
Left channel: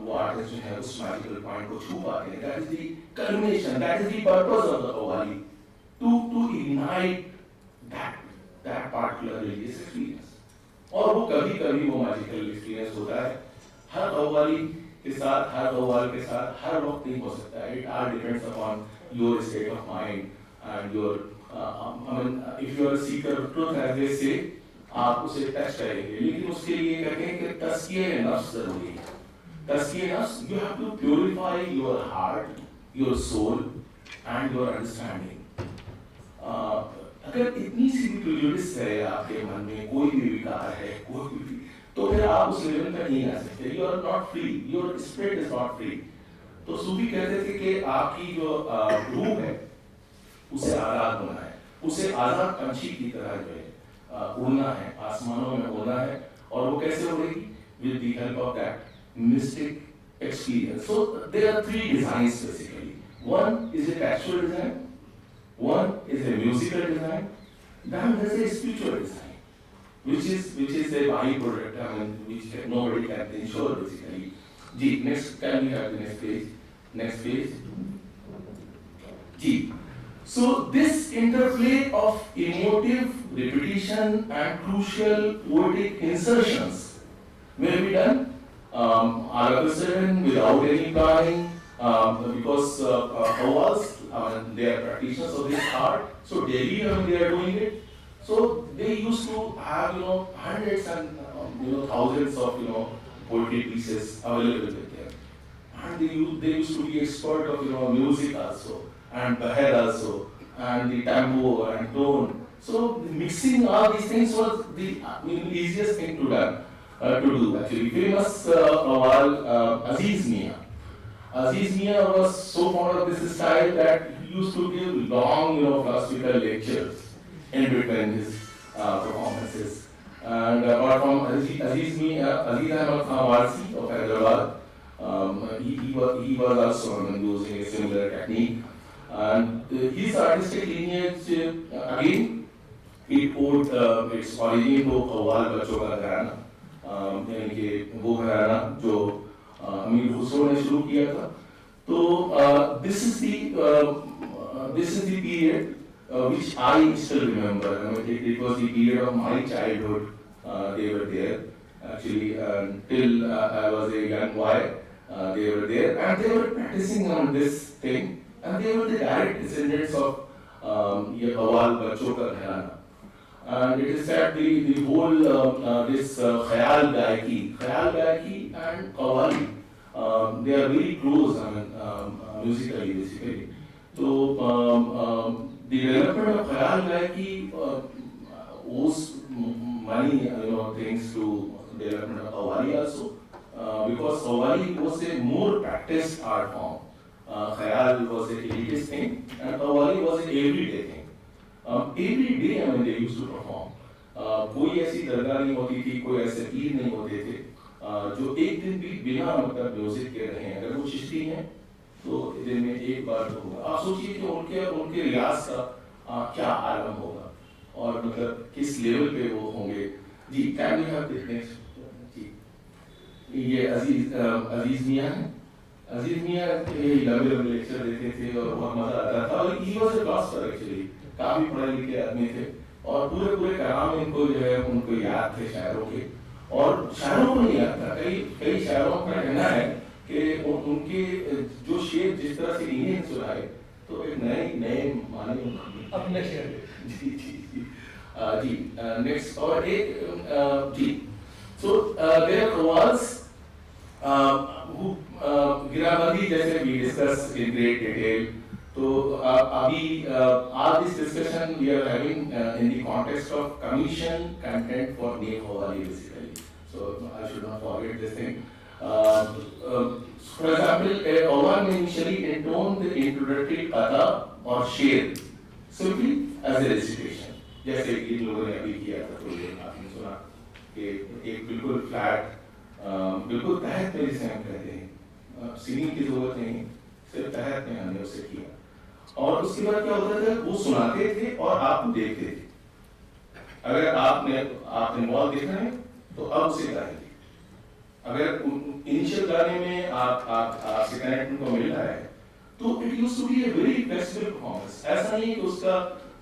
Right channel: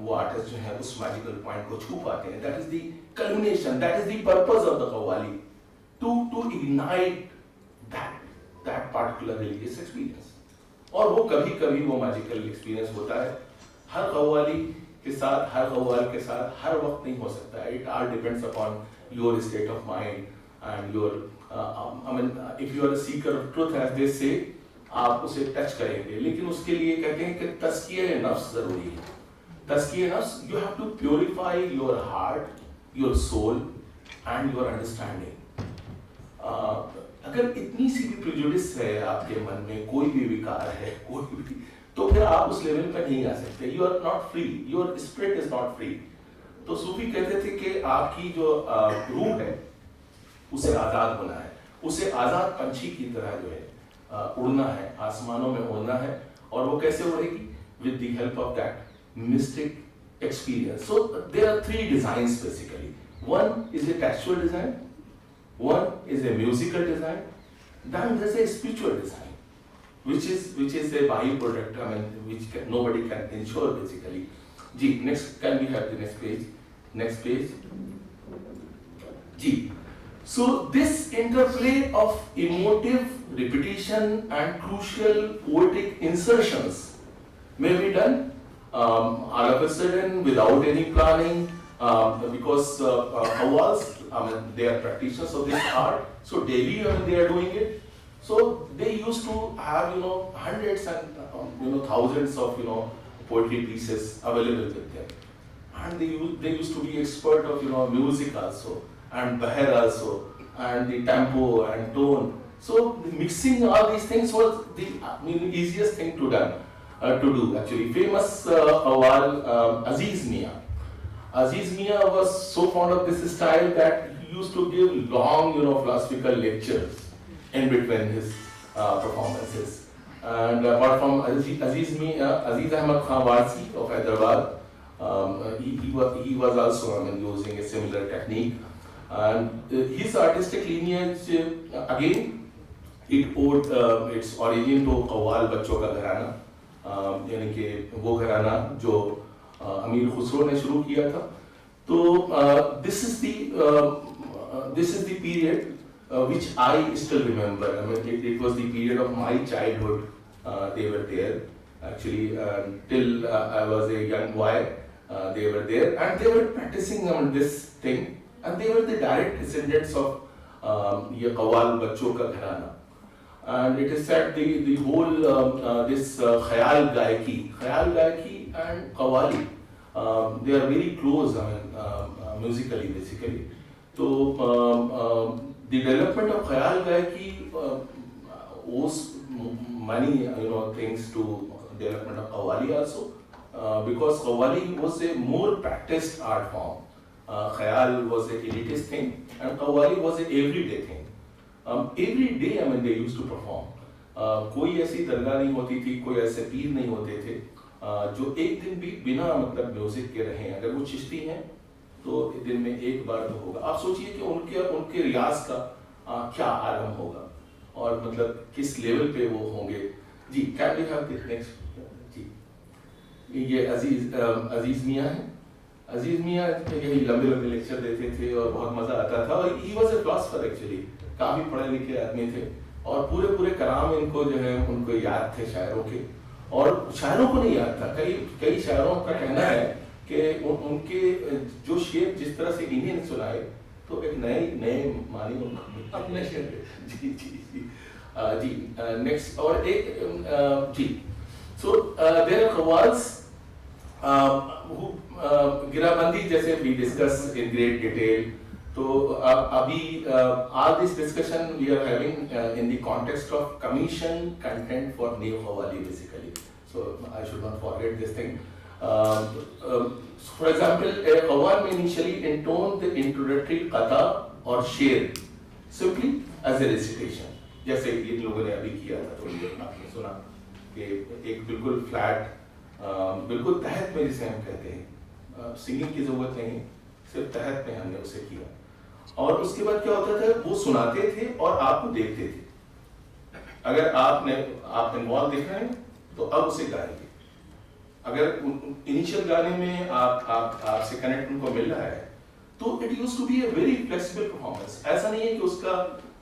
वो आर्टिस्ट जो है उस मैजिकल पॉइंट को छू पाते हैं. That is the culmination, that is the purpose of the qawwali, to ignite that particular religious experience. और वो कभी वो मैजिकल एक्सपीरियंस होता है. हर qawwali के साथ, हर qawwal के साथ हर वक्त नहीं हो सकता है. It all depends upon your state of mind and your if you are a seeker of truth, as they say, आप उसे टच करेंगे, लेकिन उसके लिए कहते हैं कि तज़किये नफ्स जरूरी है. तज़किये नफ्स, you have to purify your heart, your soul and your understanding. अगर इतनी सी भी प्रेजुडिस है आपके मन में, कोई भी विकार है, कोई भी, तो फिर आप उस लेवल पे नहीं आ सकते. You are not free, your spirit is not free. तो सूफी कहते थे कि आपकी जो रूह है उसे आज़ाद होना है, उसे आज़ाद पंछी की तरह जो है उड़ना है, आसमानों में उड़ना है. और वो कैसे उड़ेगी? With the help of that mystic experience. So there are three designs basically. One is a textual design, one is a musical design, then there's a spiritual design, which is a byproduct, which nobody can ensure basically. Ji, next, can we have the next page? Next page. Ji. So this interplay of emotive repetition and crucial poetic insertions may be done all of a sudden without any planning, because qawwals, they are practitioners of this art, so daily they are doing it. So they used to have hundreds and thousands of poetry pieces available with them, and they used to be expert of music also, and bahr also, and the tempo and tone. So mixing all these things was the easiest thing to do actually. Famous qawwal Aziz Mia. Aziz Mia was so fond of this style that he used to give long, philosophical lectures in between his performances. And apart from Aziz Ahmad Khan Warsi of Hyderabad, he was also using a similar technique. And his artistic lineage, again, it owed its origin to qawwal बच्चों का घराना, यानी कि वो घराना जो अमीर खुसरो ने शुरू किया था. तो this is the period which I still remember. It was the period of my childhood. They were there actually till I was a young boy. They were there and they were practicing this thing, and they were the direct descendants of ये qawwal बच्चों का घराना. And it is said the whole this khayal gaiki and qawwali, they are very close, musically basically. So the development of khayal gaiki owes many things to development of qawwali also, because qawwali was a more practiced art form. Khayal was a elitist thing and qawwali was an everyday thing. Every day they used to perform. कोई ऐसी दरगाह नहीं होती थी, कोई ऐसे पीर नहीं होते थे जो एक दिन भी बिना म्यूजिक के रहे. अगर वो चिश्ती हैं तो दिन में एक बार तो होगा। आप सोचिए कि उनके रियाज का क्या आलम होगा और मतलब किस लेवल पे वो होंगे। जी, can you have the next? जी, ये अजीज मियाँ हैं। अजीज मियाँ यही लंबे लंबे लेक्चर देते थे और बहुत मजा आता था। और he was a philosopher actually, काफी पढ़े लिखे आदमी थे और पूरे कलाम इनको जो है उनको याद थे शायरों के, और शायरों को नहीं याद था। कई शायरों का कहना है कि उनके जो शेर जिस तरह से इन्हें सुनाए तो एक नए माने उनको अपने शेर। जी जी जी जी, नेक्स्ट और एक जी। सो देयर आर कव्वाल्स गिराबंदी जैसे we discuss in great detail. तो अभी आज this discussion we are having in the context of commission content for new qawwali basically, so I should not forget this thing. For example, a qawwal may initially intone the introductory qata or sher simply as a recitation. जैसे इन लोगों ने अभी किया था, थोड़ी देर आपने सुना कि एक बिल्कुल फ्लैट, बिल्कुल तहत में जिसे हम कहते हैं, सिंगिंग की जरूरत नहीं, सिर्फ तहत में हमने उसे किया। और उसके बाद क्या होता था, वो सुनाते थे और आपको देखते थे। अगर आप इन्वॉल्व दिख रहे हैं तो अब उसे गाएंगे। अगर इनिशियल गाने में आपसे कनेक्ट उनको मिल रहा है तो it used to be a very flexible performance. ऐसा नहीं है कि उसका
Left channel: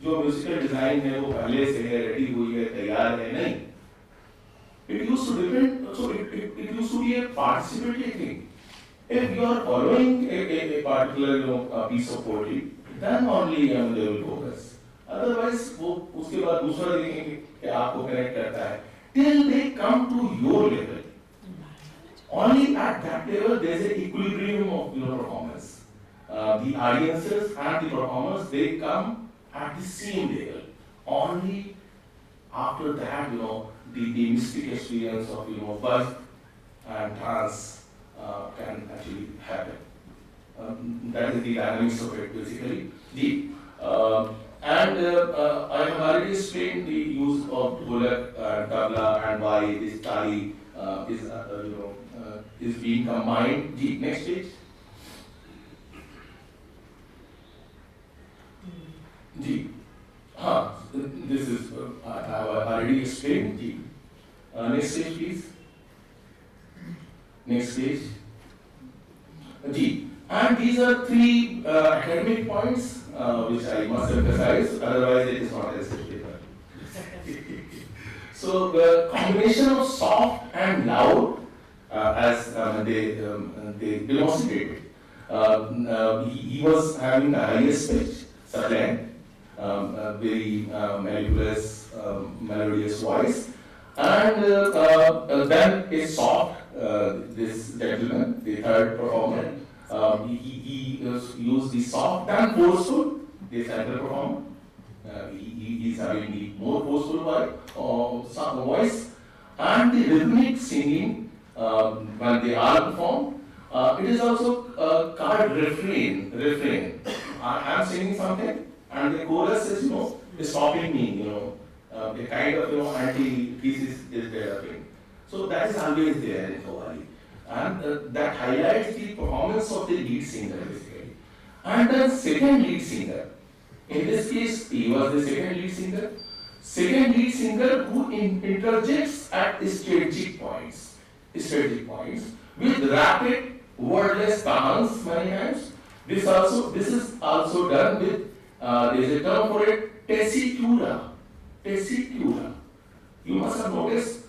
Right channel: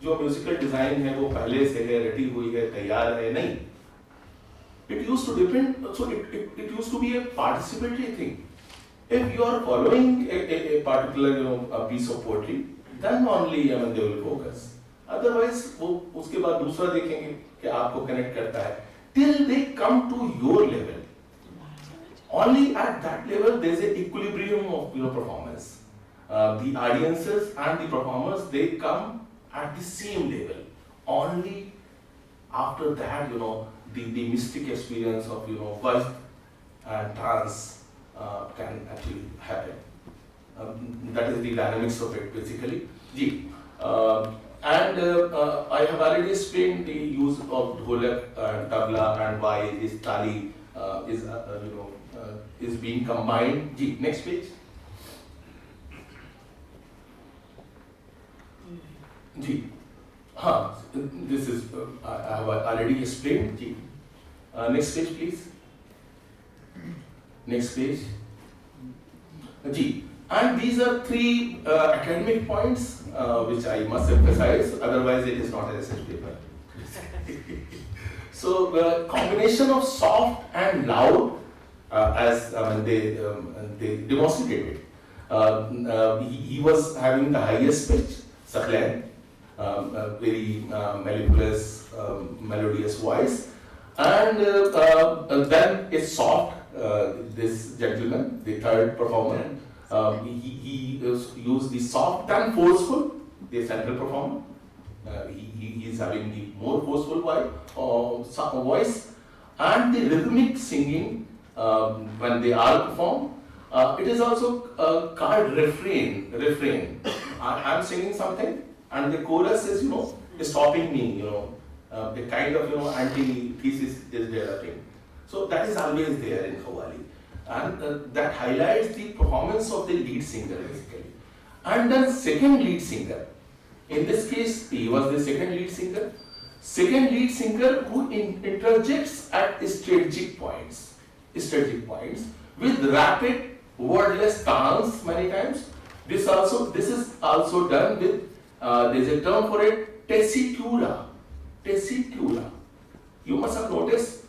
जो म्यूजिकल डिजाइन है वो पहले से है, रटी हुई है, तैयार है, नहीं। It used to depend, so it used to be a participatory thing. If you are following a particular a piece of poetry, then only they will focus. Otherwise वो उसके बाद दूसरा देखेंगे कि आपको कनेक्ट करता है, till they come to your level. Only at that level there is an equilibrium of performance. The audiences and the performers, they come at the same level. Only after that, the mystic experience of voice and trance can actually happen. That is the dynamics of it basically. Ji. And I have already explained the use of dholak, tabla, and why this tali is being combined. Ji, next page. Ji. This is I have already explained. Ji. Next page, please. Next page. Ji. And these are three academic points which I must emphasize. Otherwise, it is not a research paper. So the combination of soft and loud, as they demonstrated, he was having the highest pitch, sublime. Very mellifluous, melodious voice, and then is soft. This gentleman, the third performer, he used the soft and forceful. The central performer, he is having the more forceful voice, and the rhythmic singing when they are performed. It is also called refrain. I am singing something. And the chorus is, stopping me, a kind of, anti-thesis is developing. So that is always there in qawwali. And that highlights the performance of the lead singer, basically. And then second lead singer. In this case, he was the second lead singer. Second lead singer who interjects at strategic points with rapid, wordless stance many times. This is also done with there is a term for it, tessitura. You must have noticed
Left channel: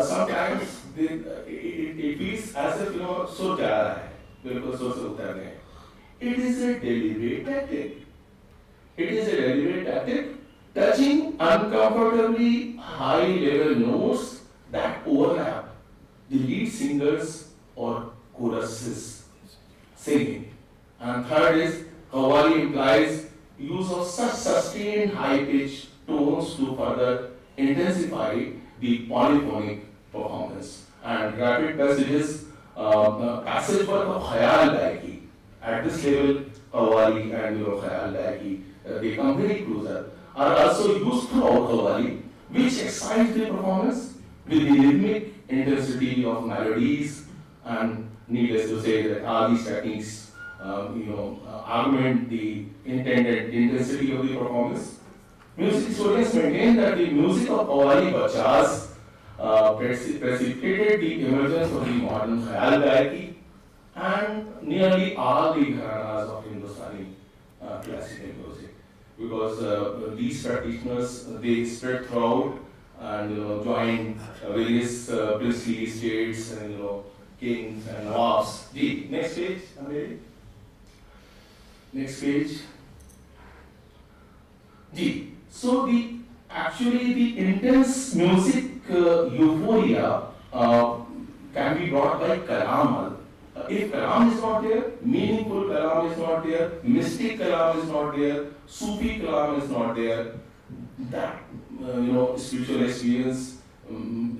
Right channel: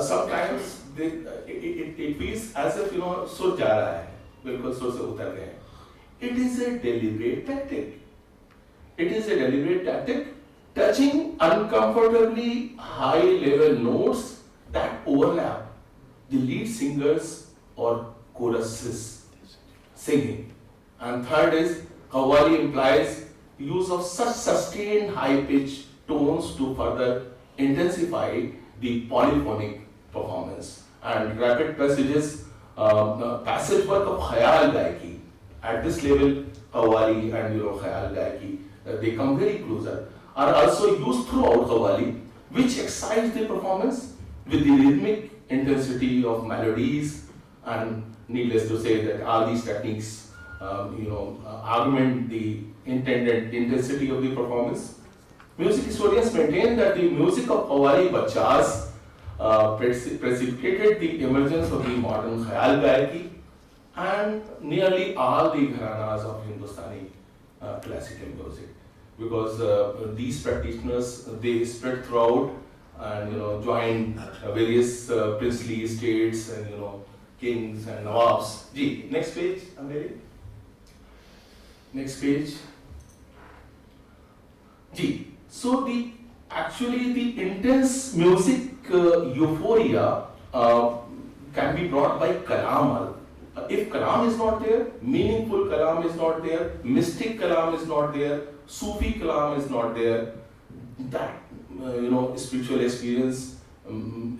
sometimes it feels as if सुर जा रहा है, बिल्कुल सुर से उतर गए. It is a deliberate tactic. Touching uncomfortably high level notes that overlap the lead singers or choruses singing. And third is qawwali implies use of such sustained high-pitched tones to further intensify the polyphonic performance. And rapid passages, passage work of khayal gaiki. At this level, qawwali and khayal gaiki, they come very closer. Are also used throughout qawwali, which excites the performance with the rhythmic intensity of melodies. And needless to say that all these techniques augment the intent and intensity of the performance. Music historians maintain that the music of Qawwali Bachas precipitated the emergence of the modern Khayal Gayaki and nearly all the gharanas of Hindustani classical music, because these practitioners, they spread throughout and joined various princely estates and kings and nawabs. Ji, next page, Andheri. Next page. Ji, so the intense music euphoria can be brought by kalam. If kalam is not there, meaningful kalam is not there, mystic kalam is not there, Sufi kalam is not there, that spiritual experience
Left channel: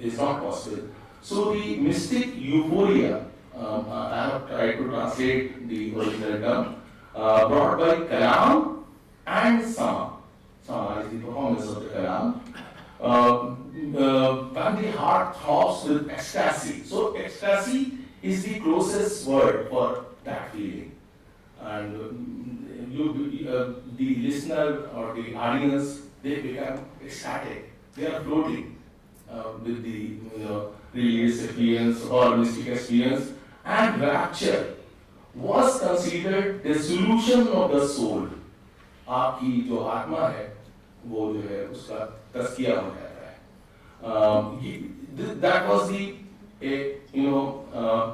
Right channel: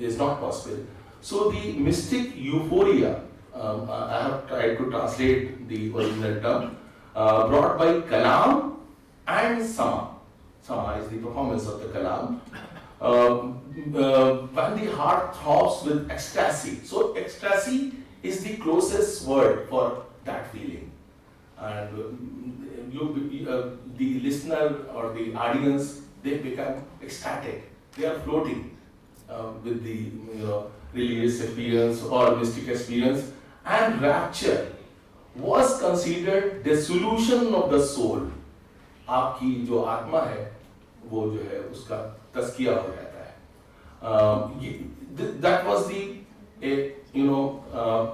is not possible. So the mystic euphoria, I have tried to translate the original term, brought by kalam and sama. Sama is the performance of the kalam. When the heart throbs with ecstasy. So ecstasy is the closest word for that feeling. And the listener or the audience, they become ecstatic. They are floating with the religious experience or mystic experience. And rapture was considered the solution of the soul. आपकी जो आत्मा है वो जो है उसका तस्किया हो जाता है. That was the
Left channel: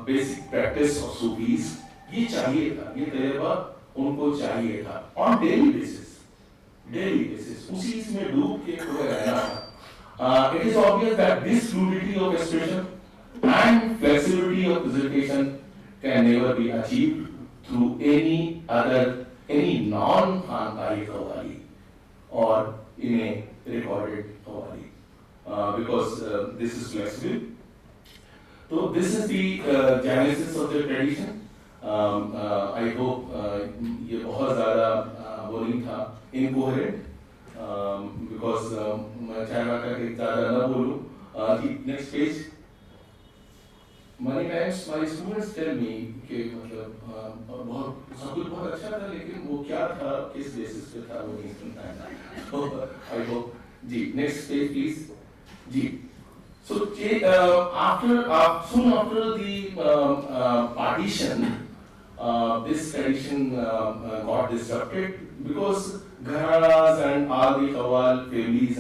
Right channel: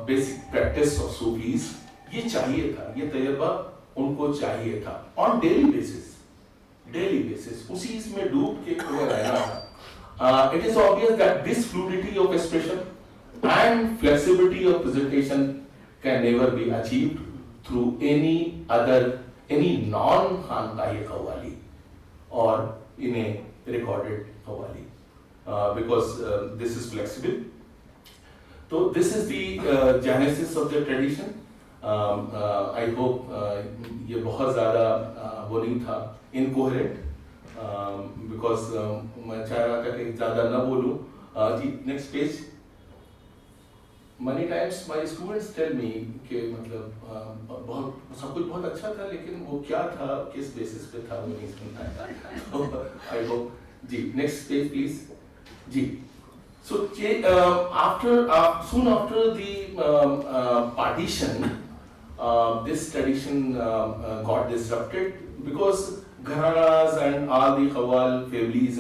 basic practice of Sufis. ये चाहिए था, ये तजर्बा उनको चाहिए था on daily basis उसी इसमें डूब के खुले रहना था. It is obvious that this fluidity of expression and flexibility of presentation can never be achieved through any non-Khanqahi Qawwali or in a recorded Qawwali, because this is flexible. So this is the genesis of the tradition. I hope ये बहुत ज़्यादा वो नहीं था incoherent, because मैं चाह रहा था कि ज़्यादा न बोलूँ. Next page. Many times my students tell me कि मतलब बहुत सब कुछ बहुत अच्छा था लेकिन वो क्या था किस बेसिस पे था वो नहीं सुनता है. So I hope. Ji, next page please. Ji. So soon after the partition, this tradition got disrupted because gharanas and all the Qawwal families,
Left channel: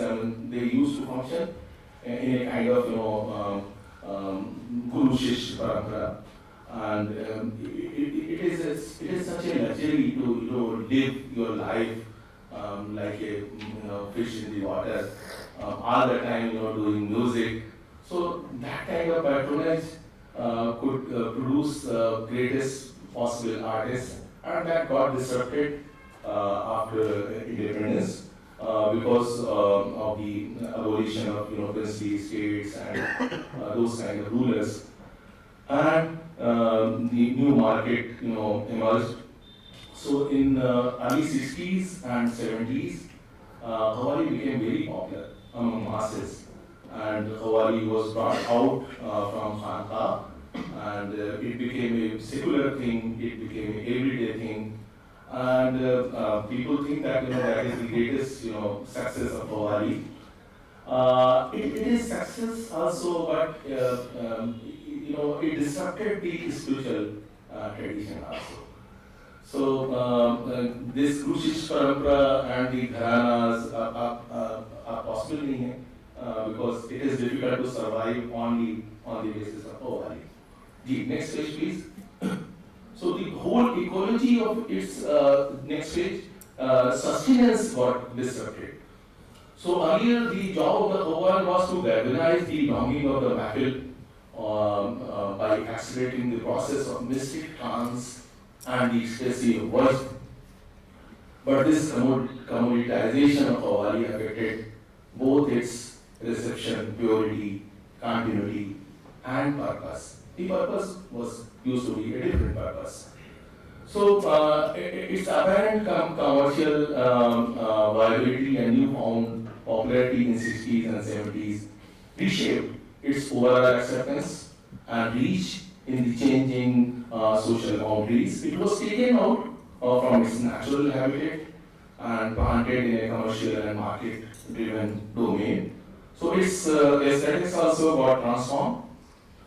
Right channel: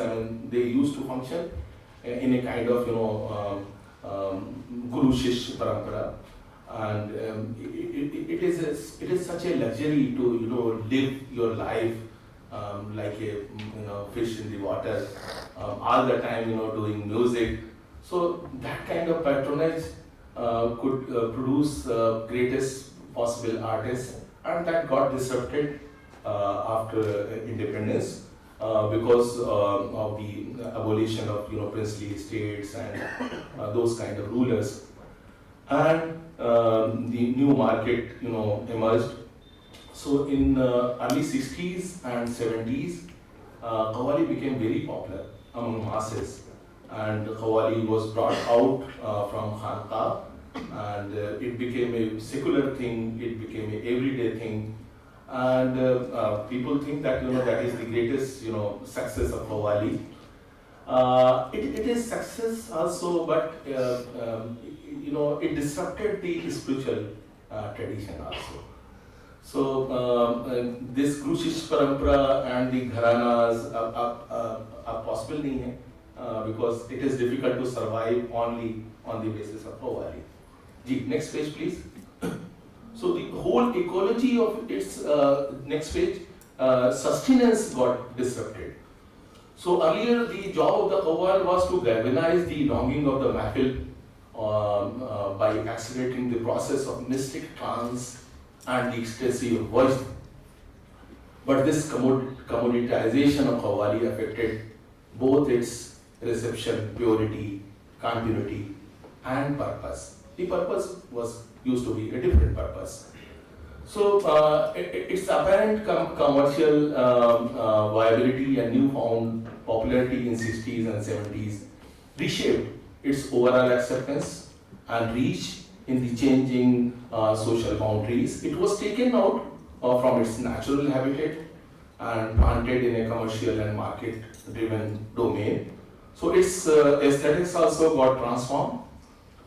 they used to function in a kind of Guru Shish Parampara, and it is such a luxury to live your life like a fish in the water, all the time doing music. So that kind of patronage could produce greatest possible artists, and that got disrupted after independence because of the abolition of princely estates and those kind of rulers, and the new market emerged. So in early 60s and 70s, Qawwali became very popular among masses. And Qawwali was brought out from Khanqa, and it became a secular thing, it became an everyday thing, and people think that that is the greatest success of Qawwali. It is success also, but it disrupted the spiritual tradition also. So this Guru Shish Parampara and the Gharanas are possible nahi hai. Because it is difficult to survive only on the basis of Qawwali. Next page please. So the whole ecology of its next page, sustenance got disrupted. So earlier the job of the Qawwal was to galvanize the longing of the mahfil by accelerating the process of mystic trance and the ecstasy of voice. But this commoditization of Qawwali affected both its reception, purity, continuity, and purpose. The purpose used to be a different purpose. So its apparent commercial viability and newfound popularity in 60s and 70s reshaped its overall acceptance and reach in the changing social boundaries. It was taken out from its natural habitat and planted in a commercial and market-driven domain. So its aesthetics also got transformed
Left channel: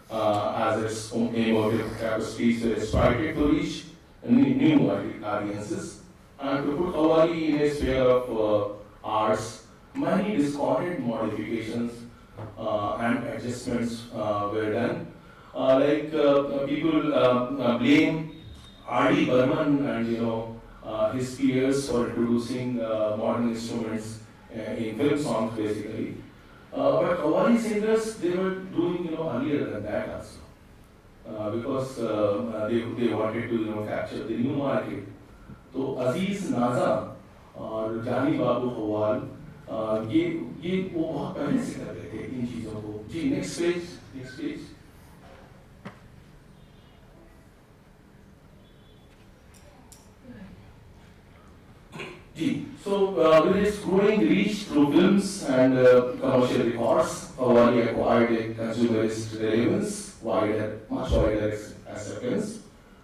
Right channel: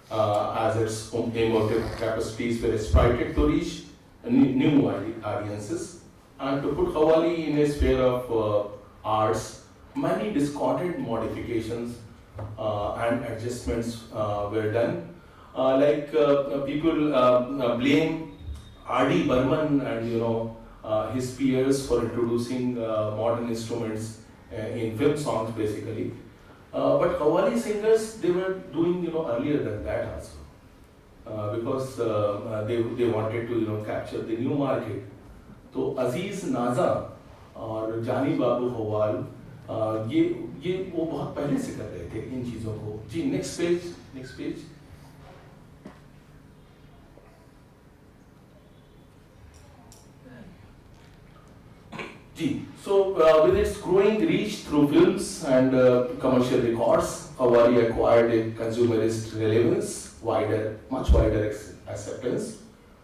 as its emotive capacities were exploited to reach new audiences. And to put Qawwali in a sphere of arts, many discordant modifications and adjustments were done. People blame R.D. Burman and his peers for introducing modern instruments in film songs basically. But Qawwali singers, they were doing earlier than that also, because they wanted to capture the new market. तो अजीज नाजा और जानी बाबू खवाल ये वो बहुत पहले से कर रहे थे इन चीजों को. जी next page. So with its growing reach through films and commercial records, Qawwali acquired a consumerist relevance, much wider acceptance,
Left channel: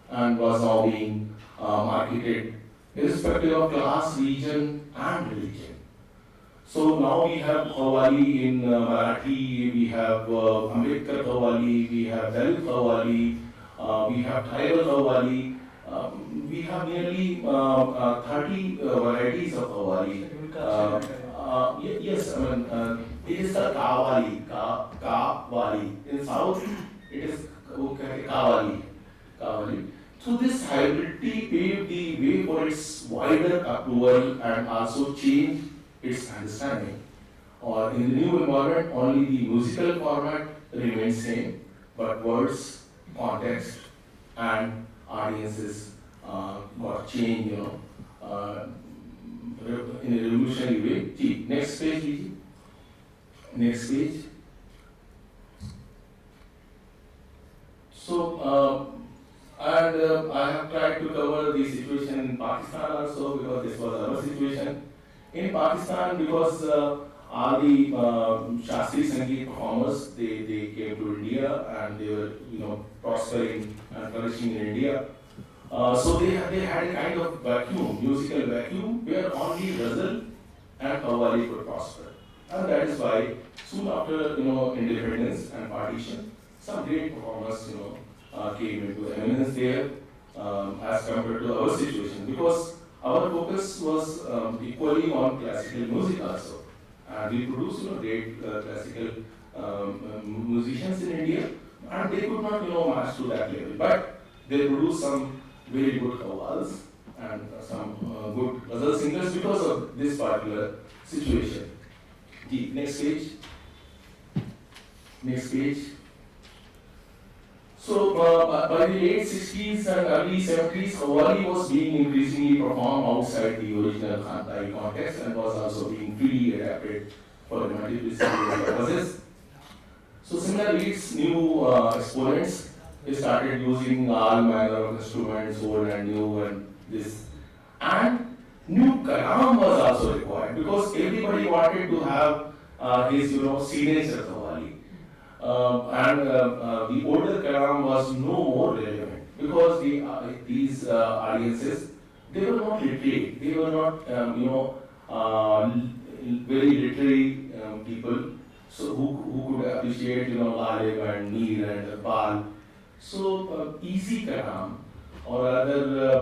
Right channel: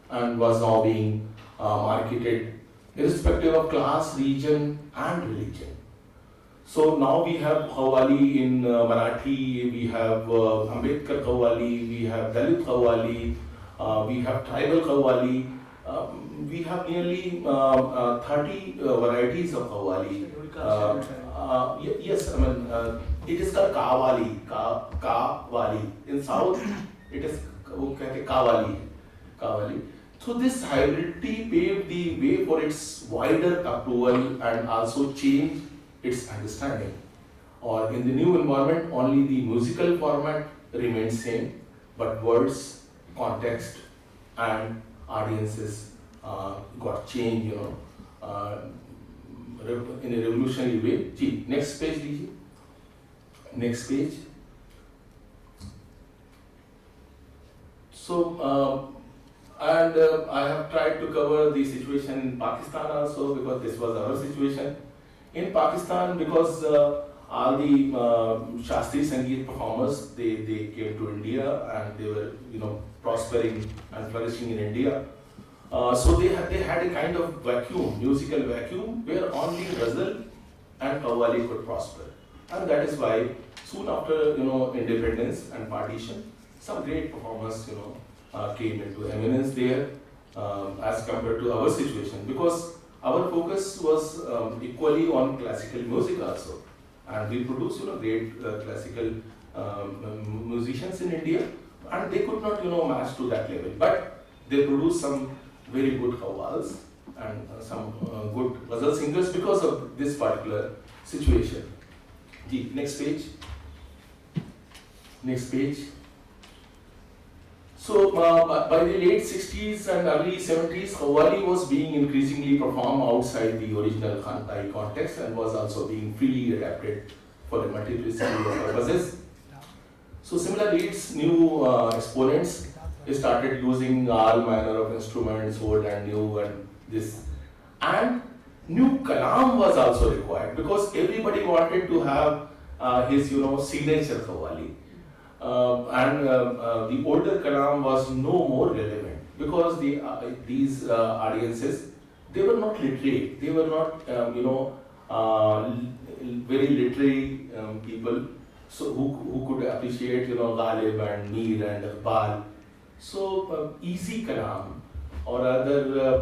and was now being marketed irrespective of class, region, and religion. So now we have Qawwali in Marathi, we have Ambedkar Qawwali, we have Dalit Qawwali, we have tribal Qawwali. We have nearly 30 varieties of Qawwali. Yes, I mean, it is the Kawali. In South, it is Kawali. So this hybridity paved the way for its wider approval and also changed its understanding. Or in the new environment, only the musical format remains same, but words, context, and audiences got changed, in a revolutionary way. Gee, next page, please. Next page. So, I have tried to cover the situation in Pakistan also because this was our situation. In Pakistan, because all the Shastri Sangeet performers, they came to India and they were, prospering and flourishing in India. So they had a kind of vacuum, musical vacuum, where only Ghazal and Qawwali could prosper. And that is why soon after, independence and partition, some great performers, came into eminence there as compared to our situation. Because our focus was equally on classical music also. And we produced, great classical musicians in India. And they could not, match to that level. But they produced some very good qawwals and some good ghazal singers because of this particular situation. The next page. Next page. So by the late 60s and early 70s, Qawwali was being increasingly performed outside the original Khantai context and was also being freely adapted for a multiplicity of purposes. So similarly, its new exponents started using all manner of instruments, old and new, and this. And new kalam was also required because everybody wanted to have his, signature Qawwali. And the older kalam was no more relevant because these audiences, they were not literate. They were not, very literary people. So who could appreciate, Ghalib and Mir and Iqbal. So easy kalam or other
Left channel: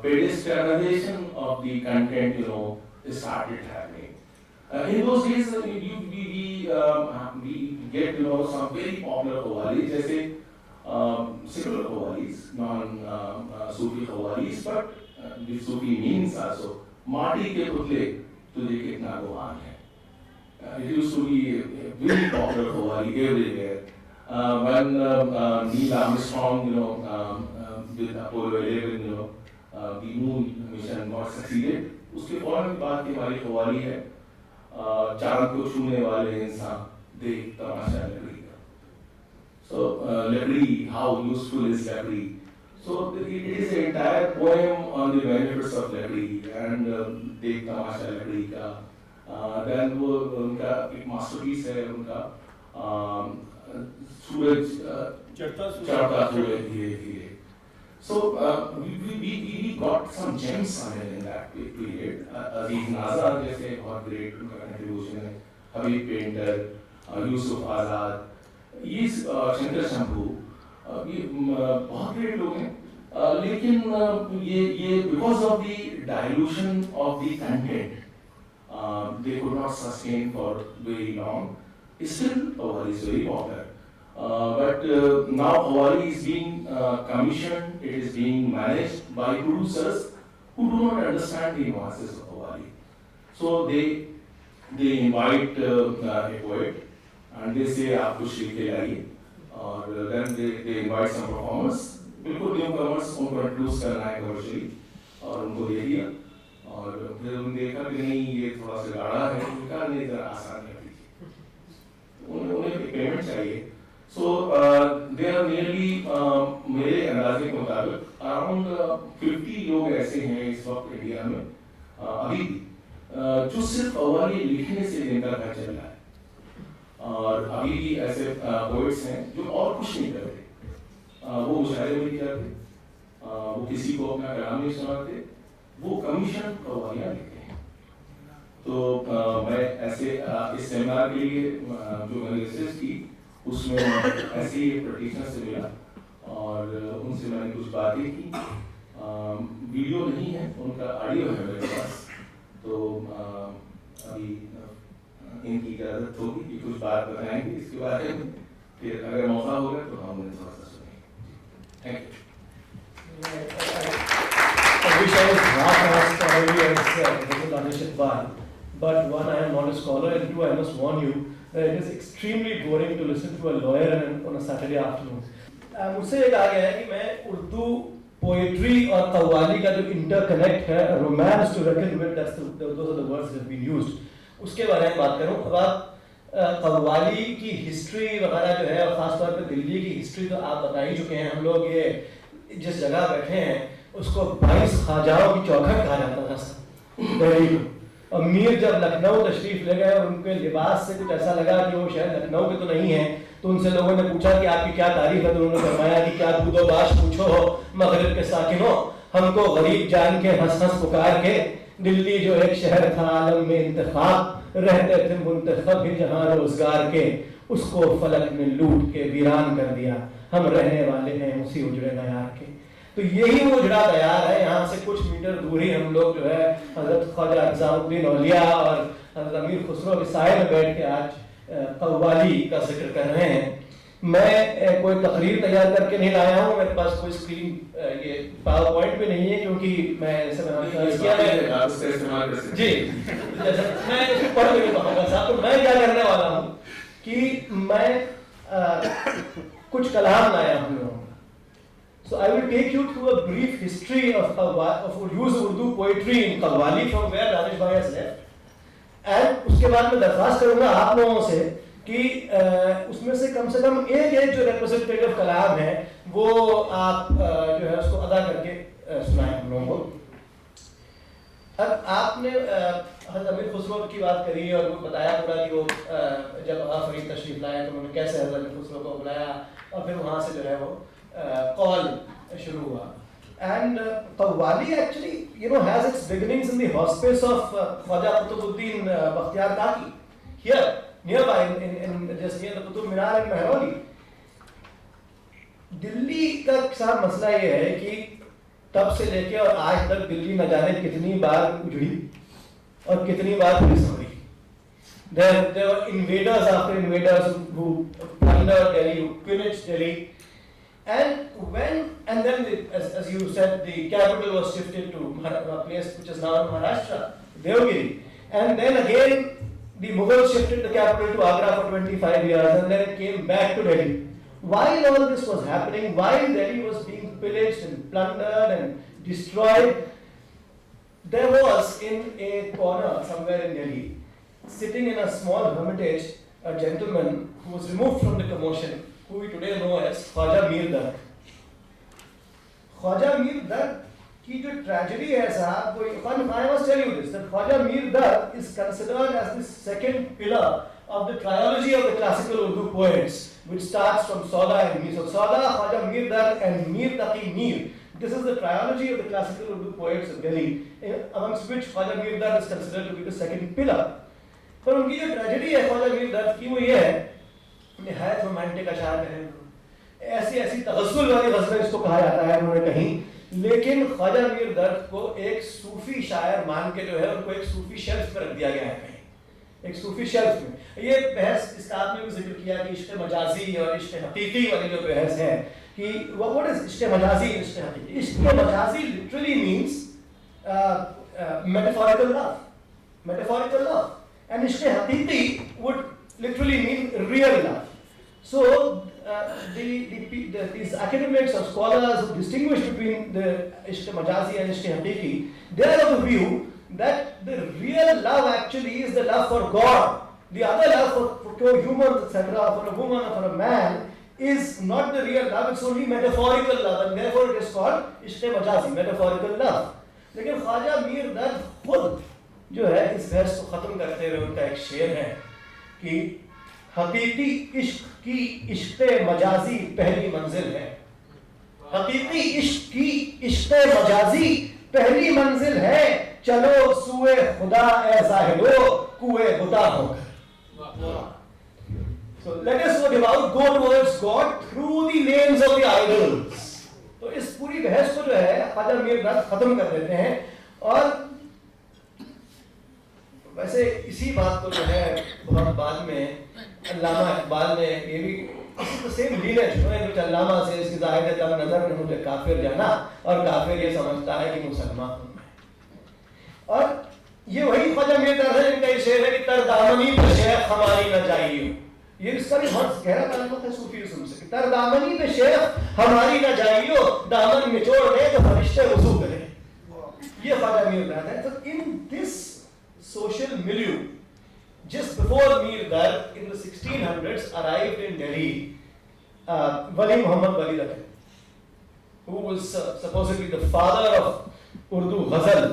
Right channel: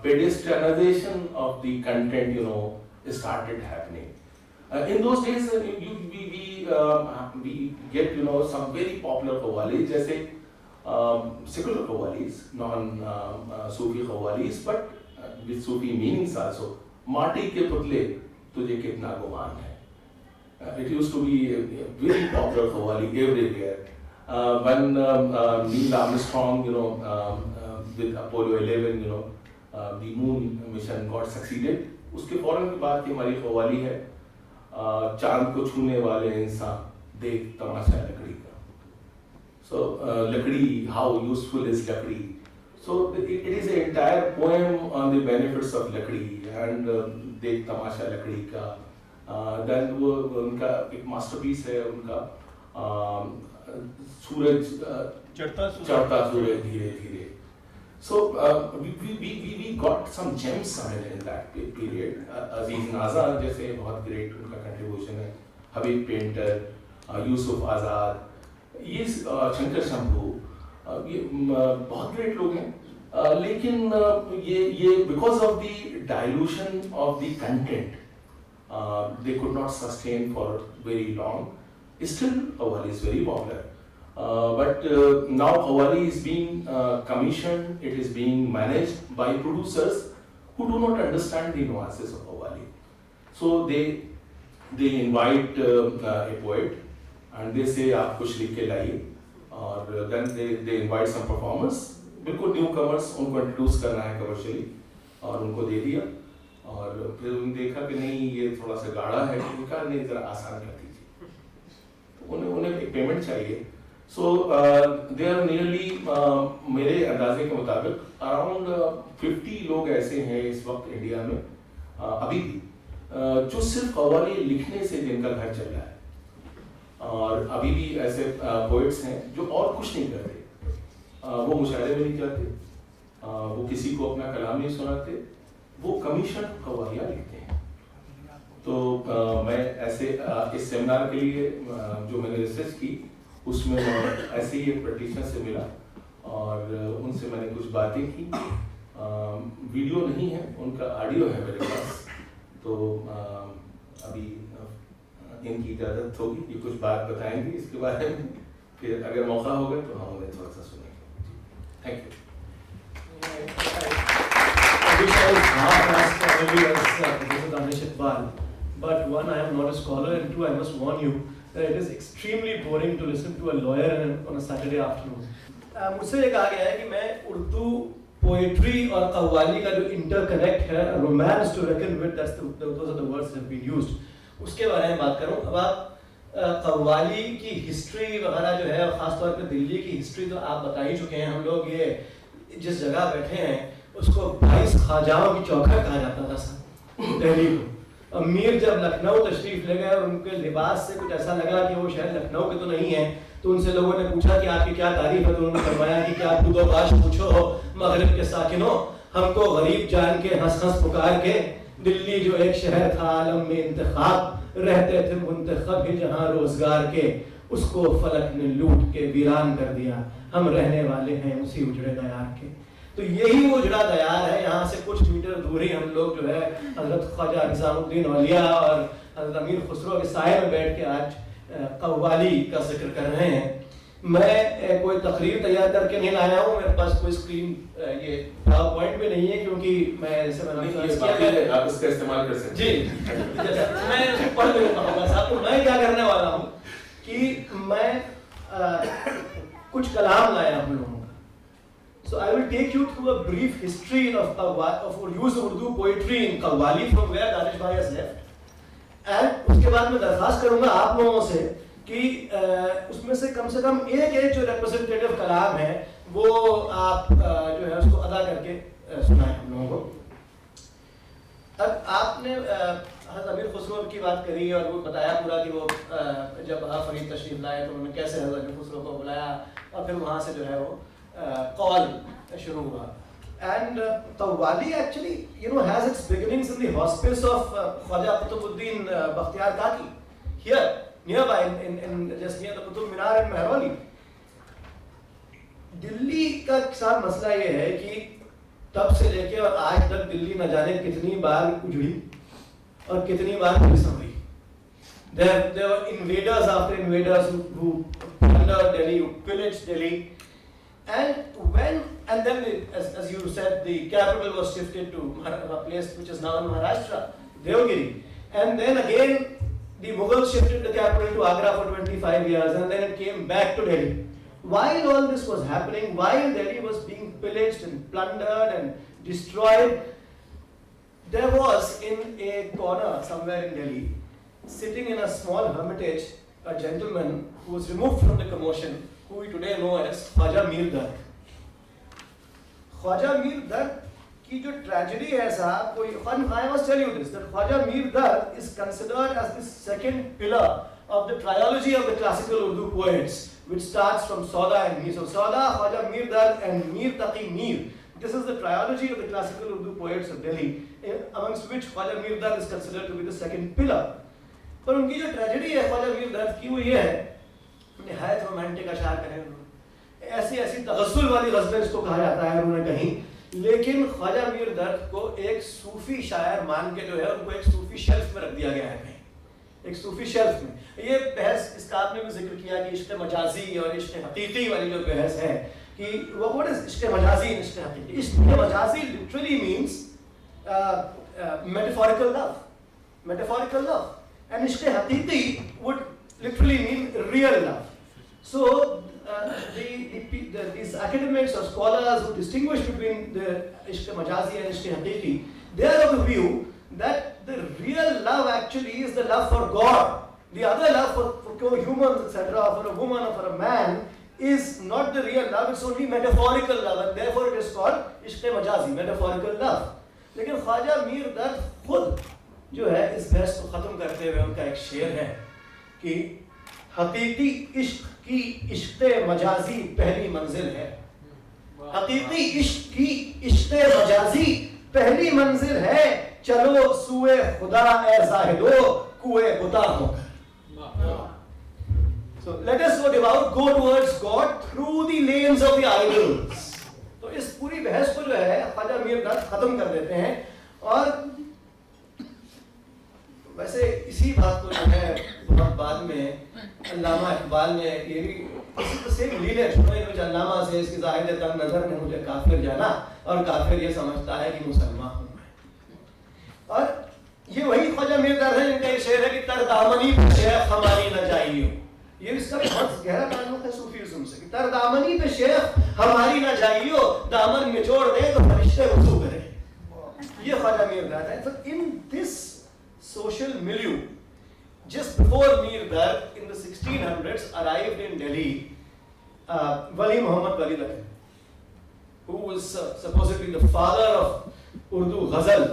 pedestrianization of the content, started happening. In those days, we get, some very popular Qawwalis, जैसे secular Qawwalis, non-Sufi Qawwalis, but with Sufi meanings also. माटी के पुतले तुझे कितना गुमान है. It used to be a very popular Qawwali everywhere. When Neil Armstrong, with Apollo 11, the moon mission got succeeded, उसके फौरन के बाद की हमारी Qawwali है, चांद को छूने वाले इंसान देख तमाशा लकड़ी का. So लकड़ी, how useful is लकड़ी? So it is an entire poem on the benefits of लकड़ी and देख तमाशा लकड़ी का. Then वो उनका एक masterpiece है उनका सूरज चढ़ता सूरज धीरे धीरे. So we got some gems in that period. Aziz Nazar जैसे बहुत great उनका contribution है, हबीब पेंटर, यूसुफ आज़ाद, ये शंकर शंभू, ये बहुत great लोग हैं. लेकिन ये because of the dilution of the content, they could not sustain for very long. Still, Qawwali is very popular. But now Qawwali is being commissioned, it is being managed by producers who do not understand the nuances of Qawwali. So they invite a poet and they say आप कुछ लिख के लाइए, और then they invite some performers, बिल्कुल newcomers, उनको introduce करना है commercially, और उनको दे दिया, और फिर उन्होंने देखा कि नहीं ये थोड़ा सा गाढ़ा है, उनका नहीं जरा आसान कर दीजिए, तो उन्हें एक पेमेंट चाहिए. So they are nearly मेरे अंदाजे के मुताबिक अराउंड 50 लोग ऐसे हैं इस वक्त इंडिया में अभी भी जो सिर्फ कव्वाली लिखने से जिनका घर चल रहा है, और अभी भी ऐसे पोइट्स हैं जो और कुछ नहीं करते, वो मुशायरे में नहीं जाते, वो किसी को अपना कलाम नहीं सुनाते, वो कमीशन कव्वालियाँ लिखते हैं. तो मैं ऐसे इस सेमिनार के लिए जो मैंने रिसर्च की उसमें ऐसे ही एक प्रैक्टिशनर से मिला और उनसे मैंने कुछ बातें की. वीडियो नहीं है, उनका ऑडियो है मेरे पास, तो अभी इनकी इजाज़त होगी, ये कुछ बात बताएंगे इसके बारे में, फिर अगर मौका होगा तो हम उन्हें थोड़ा सा सुनेंगे. Thank you. But one, I am not a scholar, and two, I must warn you that it is extremely boring to listen to a lawyer on a Saturday afternoon. मुझसे ये कहा गया है कि मैं उर्दू पोएट्री और कव्वाली का जो इंटरकनेक्ट है, romance to reckon with, those are the words that have been used, उसके बारे में बात करूं. अब आप कव्वाली की हिस्ट्री वगैरह जो है, और ख़ासतौर पर दिल्ली की हिस्ट्री तो आप बता ही चुके हैं. हम लोग ये जिस जगह बैठे हैं उसको 22 ख्वाजाओं की चौखट कहा जाता था सर दिल्ली को. और मीर जब लखनऊ तशरीफ ले गए और उनके लिबास से कुछ ऐसा लगा कि वो शायद लखनऊ के तो नहीं है, तो उनसे लोगों ने पूछा कि आपकी क्या तारीफ है, तो उन्होंने फरमाया कि क्या कूदो बाश पूछो हो मगरिब के साकिनों, हमको गरीब जान के हंस हंस पुकार के, दिल्ली जो एक शहर था आलम में इंतखाब, रहते थे मुंतखब भी जहाँ रोजगार के, उसको फलक ने लूट के वीरान कर दिया, हम रहने वाले हैं उसी उजड़े दयार के. तो यही वो उजड़ा दयार है. यहाँ से कुछ मीटर दूरी हम लोग जो है हजरत ख्वाजा निज़ामुद्दीन औलिया और हजरत अमीर खुसरो के साए में बैठ के आज कव्वाली का जिक्र कर रहे हैं. मैं कोई तकरीर तैयार करके नहीं लाया हूँ, मेरे पास कोई स्क्रीन ये पावर पॉइंट भी नहीं है, क्योंकि मैं ऐसे जी जैसा मैं पढ़ नहीं पाऊंगा साहब. तो मैं क्या करने वाला हूँ कि मैं कुछ कलाम लाया हम लोगों का. So I will take you through a brief history of used Urdu poetry in Qawwali from where Danish Bhai has left, and उसके बाद मैं दरख्वास्त करूँगा आप लोगों से कि उसमें से कम एक जो representative कलाम है वो आप जो है उसको अदा करके सुनाएं हम लोगों को. अब आपने हज़रत अमीर खुसरो की बात करी और वो बताया पूरा कि वो जब फरीद तशरीफ लाए तो उन्होंने कैसे हज़रत अमीर खुसरो को बुलाया और फिर वहाँ से जो है वो कॉल शुरू हुआ. And Qawwali actually, has its beginnings in the hospice of Khwaja Qutbuddin Bakhtiyar Kaki, here nearby in just near the Qutub Minar in Mehrauli. Delhi का सारा मसला ये है कि तब से लेके और आज तक दिल्ली न जाने कितनी बार उजड़ी और कितनी बार police Sambhali. There were invaders after invaders who plundered Delhi, who pillaged Delhi. And then as you said, the capital was shifted to a place which is now in Maharashtra, Devagiri. And then again, the Mughals shifted the capital to Agra for 25 years, and then it came back to Delhi. While all this was happening, while Delhi was being pillaged and plundered and destroyed, there was in a corner somewhere in Delhi, sitting in a small hermitage, a gentleman who was removed from the commotion, who we today know as Khwaja Mir Dard. Khwaja Mir Dard की जो tragedy है साहब, I must tell you this, that Khwaja Mir Dard is considered as the second pillar of the trilogy of the classical Urdu poets, which starts from Sauda and Mir. So Sauda, Khwaja Mir Dard and Mir Taqi Mir. This is the trilogy of the classical Urdu poets of Delhi, amongst which Khwaja Mir Dard is considered to be the second pillar. पर उनकी जो tragedy है ख्वाजा मीर दर्द की वो ये है, निहायत रोमांटिक अशार कहें, ऐसी ऐसी तगस्सुल वाली गज़लें इसको कहा जाता है उन्होंने कहीं, लेकिन ख्वाजा मीर दर्द को एक सूफी शायर मान के जो है उनको एक सूफी शेल्फ में रख दिया गया है कहीं, एक सूफी शेल्फ में। ये बहस इसका आपने भी जिक्र किया कि इश्क़ मजाजी और इश्क़ हकीकी वाली जो बहस है कि what is Ishq मजाजी and ishq haqiqi. Ishq majazi literally means metaphorical love, metaphorical love, and ishq haqiqi would literally mean real love. So these academics or scholars who distinguish between the ishq majazi and ishq haqiqi, they are of the view that the real love actually is the love for God. The other love for humans, etc., for a woman or for a man is not the real love, it's only metaphorical love, and therefore it is called ishq majazi, metaphorical love. लेकिन ख्वाजा मीर दर्द खुद जो है इस बहस को ख़त्म करते हुए उनका एक शेर है कि हकीकी इश्क की इश्क़ मजाजी पहली मंजिल है, हकीकी इश्क की इश्क़ मजाजी पहली मंजिल है, चलो सुए खुदा ए ज़ाहिदो कुए खुदा होकर। So let us go towards God through the lanes of the idols. तो इस पूरी बहस को जो है ख्वाजा मीर दर्द ख़त्म कर देते हैं। और वैसे इसी बात को जो है बहुत बाद में अल्लामा इकबाल ने ये भी इसी सेम लीनेज में अल्लामा से इसकी ज़ाहिद तंग नज़र ने मुझे काफिर जाना और काफिर ये समझता है कि मुसलमान हूँ मैं। और ये वही ख्वाजा मीर दर्द है जिनका ये शेर है कि तर दामनी पे शेख हमारी न जाइयो। ये इसका भी बहुत गहरा ताल्लुक है सूफीज़्म से कि तर दामनी पे शेख हमारी न जाइयो, दामन निचोड़ दे तो फरिश्ते वज़ू करें। ये ख्वाजा मीर दर्द है। तो in this social milieu, just before Mir Dard in the 1600s arrived in Delhi, Wali Muhammad Wali Dakani, who was supposedly the father of Urdu ghazal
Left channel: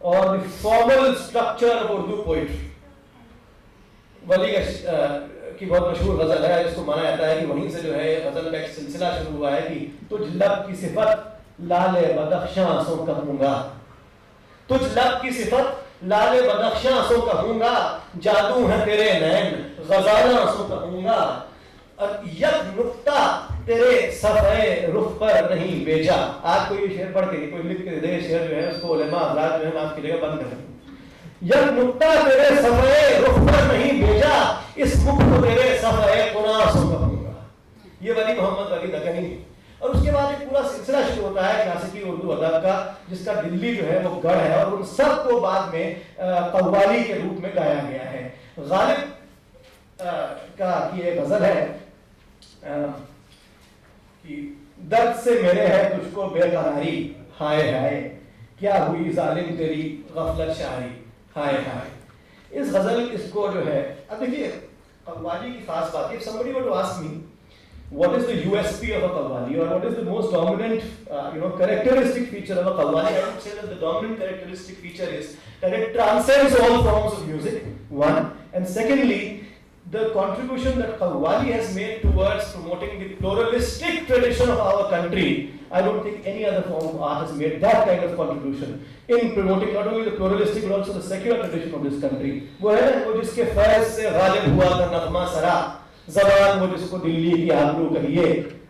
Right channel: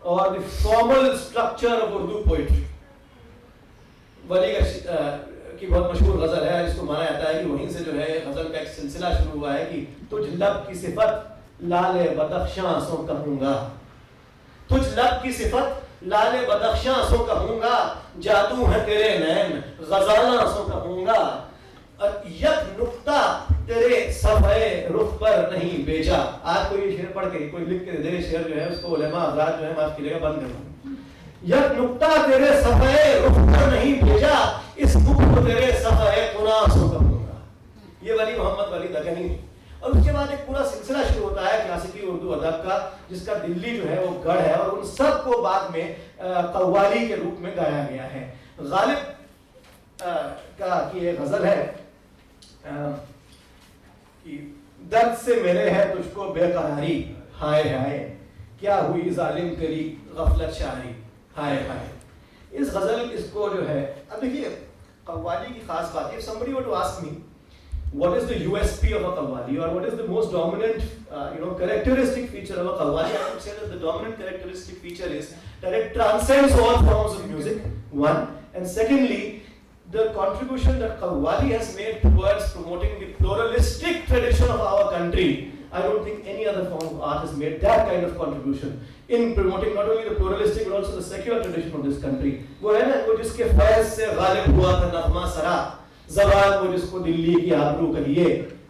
or the formal structure of Urdu poetry. वली की बहुत मशहूर गजल है जिसको माना जाता है कि वहीं से जो है ये गजल का एक सिलसिला शुरू हुआ है कि तुझ लब की सिफत लाले बदख्शां आंसू कहूंगा, तुझ लब की सिफत लाले बदख्शां आंसू कहूंगा, जादू है तेरे नैन गजाला आंसू कहूंगा, और यक नुक्ता तेरे सफ़े रुख पर नहीं भेजा। आज कोई ये शेर पढ़ के कोई लिख के दे शेर जो है उसको उलेमा हज़रात जो है माफ कीजिएगा बंद कर दो। यक नुक्ता तेरे सफ़े रुख पर नहीं भेजा, इस मुख को तेरे सफ़े कुरान आंसू कहूंगा। ये वली मोहम्मद वली दकनी। और उसके बाद एक पूरा सिलसिला शुरू होता है क्लासिकी उर्दू अदब का, जिसका दिल्ली जो है वो गढ़ है और उन सब को बाद में कव्वाली के रूप में गाया गया है। गालिब का की एक गजल है कि दर्द से मेरे है तुझको बेकरारी, हाय हाय क्या हुई जालिम तेरी गफलत शाही, हाय हाय। इस गजल इसको जो है, अब देखिए कव्वाली की खास बात है, somebody were to ask me what is the USP of a qawwali or what is the most dominant characteristic feature of a qawwali, I would say that the dominant characteristic feature is that it transcends all forms of music, one, and secondly the contribution that qawwali has made towards promoting the pluralistic tradition of our country. I don't think any other form of art has made that kind of contribution in promoting not only the pluralistic but also the secular tradition of this country. वो है ना, वो जिसके फैज़ से गालिब हुआ था नग़मा सरा, ज़बान वो जिसको दिल्ली की आबरू कहिए,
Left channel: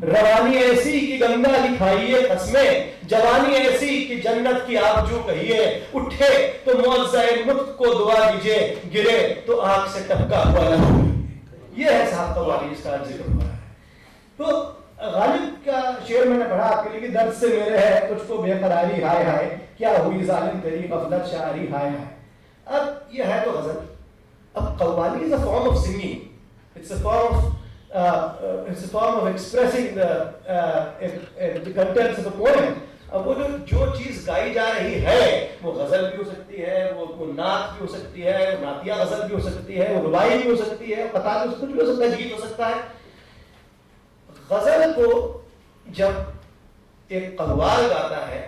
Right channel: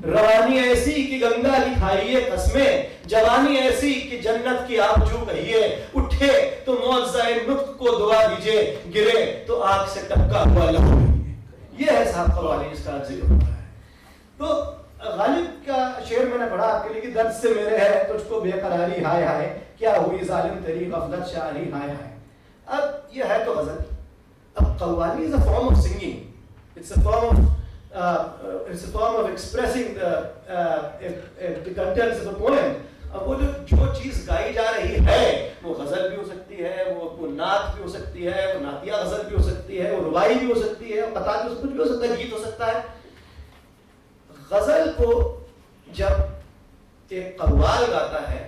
रवानी ऐसी कि गंगा की खाइए कसमें, जवानी ऐसी कि जन्नत की आबजू कहिए, उठे तो मुअज़्ज़ाए नुत्क़ को दुआ दीजिए, गिरे तो आँख से टपका हुआ लहू। ये है साहब कव्वाली जिसका जिक्र हो रहा है। तो गालिब का शेर मैंने पढ़ा आपके लिए कि दर्द से मेरे है तुझको बेकरारी, हाय हाय क्या हुई जालिम तेरी गफलत शारी, हाय हाय। अब ये है तो गजल। अब qawwali is a form of singing, it's a form of expressing the contents of a poem. अब वो जो चीज गाई जा रही है वो गजल भी हो सकती है, वो नात भी हो सकती है, वो नातिया गजल भी हो सकती है, वो रुबाई भी हो सकती है, कतार भी कुछ भी हो सकता है, गीत हो सकता है। गजल को जब एक कव्वाल गाता है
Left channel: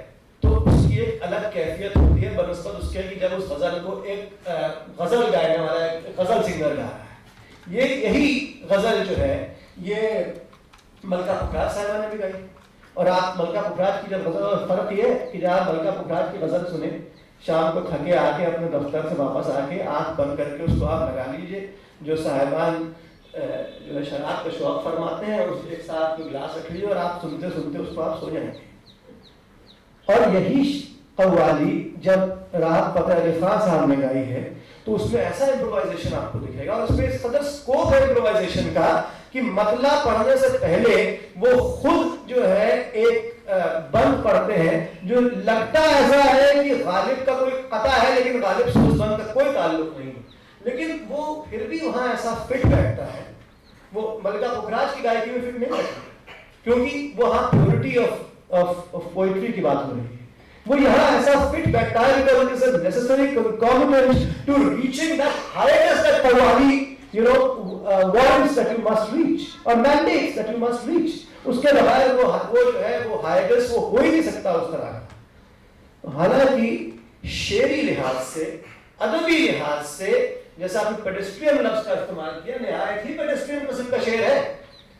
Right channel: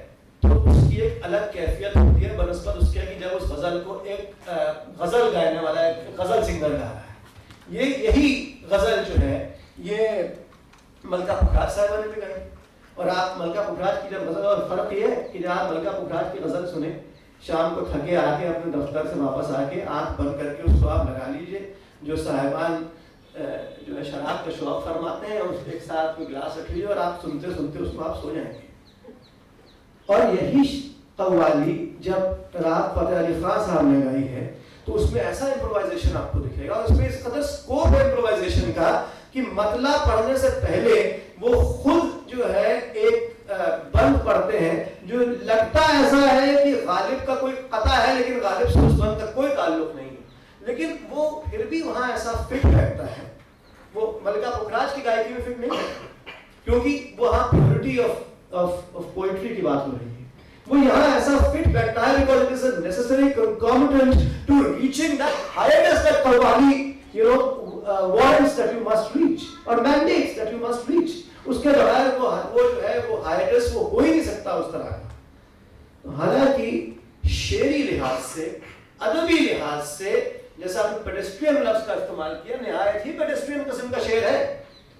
तो उसकी एक अलग कैफियत होती है बनस्बत उसके कि जब उस गजल को एक गजल गाने वाला एक गजल सिंगर गा रहा है। ये यही गजल जो है ये मलका पुखराज साहबा ने भी गाई। और आप मलका पुखराज की जब गजल, और फर्क ये है कि जब आप मलका पुखराज की गजल सुने, शाम को थके आके अपने दफ्तर से वापस आके आंख बंद करके उसको आप लगा लीजिए। जो साहिबान जो है शराब का शौक फरमाते हैं, उस एक साथ में गिलास रख लीजिए और आप सुनते सुनते उसको आप सो जाएंगे। और यही कव्वाली जब राहत फतेह अली खान साहब ने गाई है तो उसमें ऐसा इम्प्रोवाइजेशन आपको दिखेगा, और उसमें इस कदर स्कोप है इम्प्रोवाइजेशन का कि मतला पढ़ने से पहले वो खुद जो है एक बंद पढ़ते हैं जो लगता ऐसा है कि गालिब का कोई कता है, लेकिन गालिब से उस बंद का कोई ताल्लुक नहीं, लेकिन वो फिर भी वहां ऐसा फिट बैठता है। वो मलका पुखराज की गायकी में फिट नहीं बैठती, क्योंकि वहां प्योरिटी ऑफ पोइट्री की बात हो रही है। वो यहाँ ऐसा फिट बैठता है because it is a necessary concomitant to reaching that highest that Parwani, warrants that you must reach or mandates that you must reach. उसके बगैर वो जो है वो highest वो हो ही नहीं सकता उस तरह का। हालांकि शेरी लिहाज से, अदबी लिहाज से, जैसा आपने पेडेस्ट्रियन लफ्ज का इस्तेमाल किया, निहायत ही पेडेस्ट्रियन किस्म का शेर है,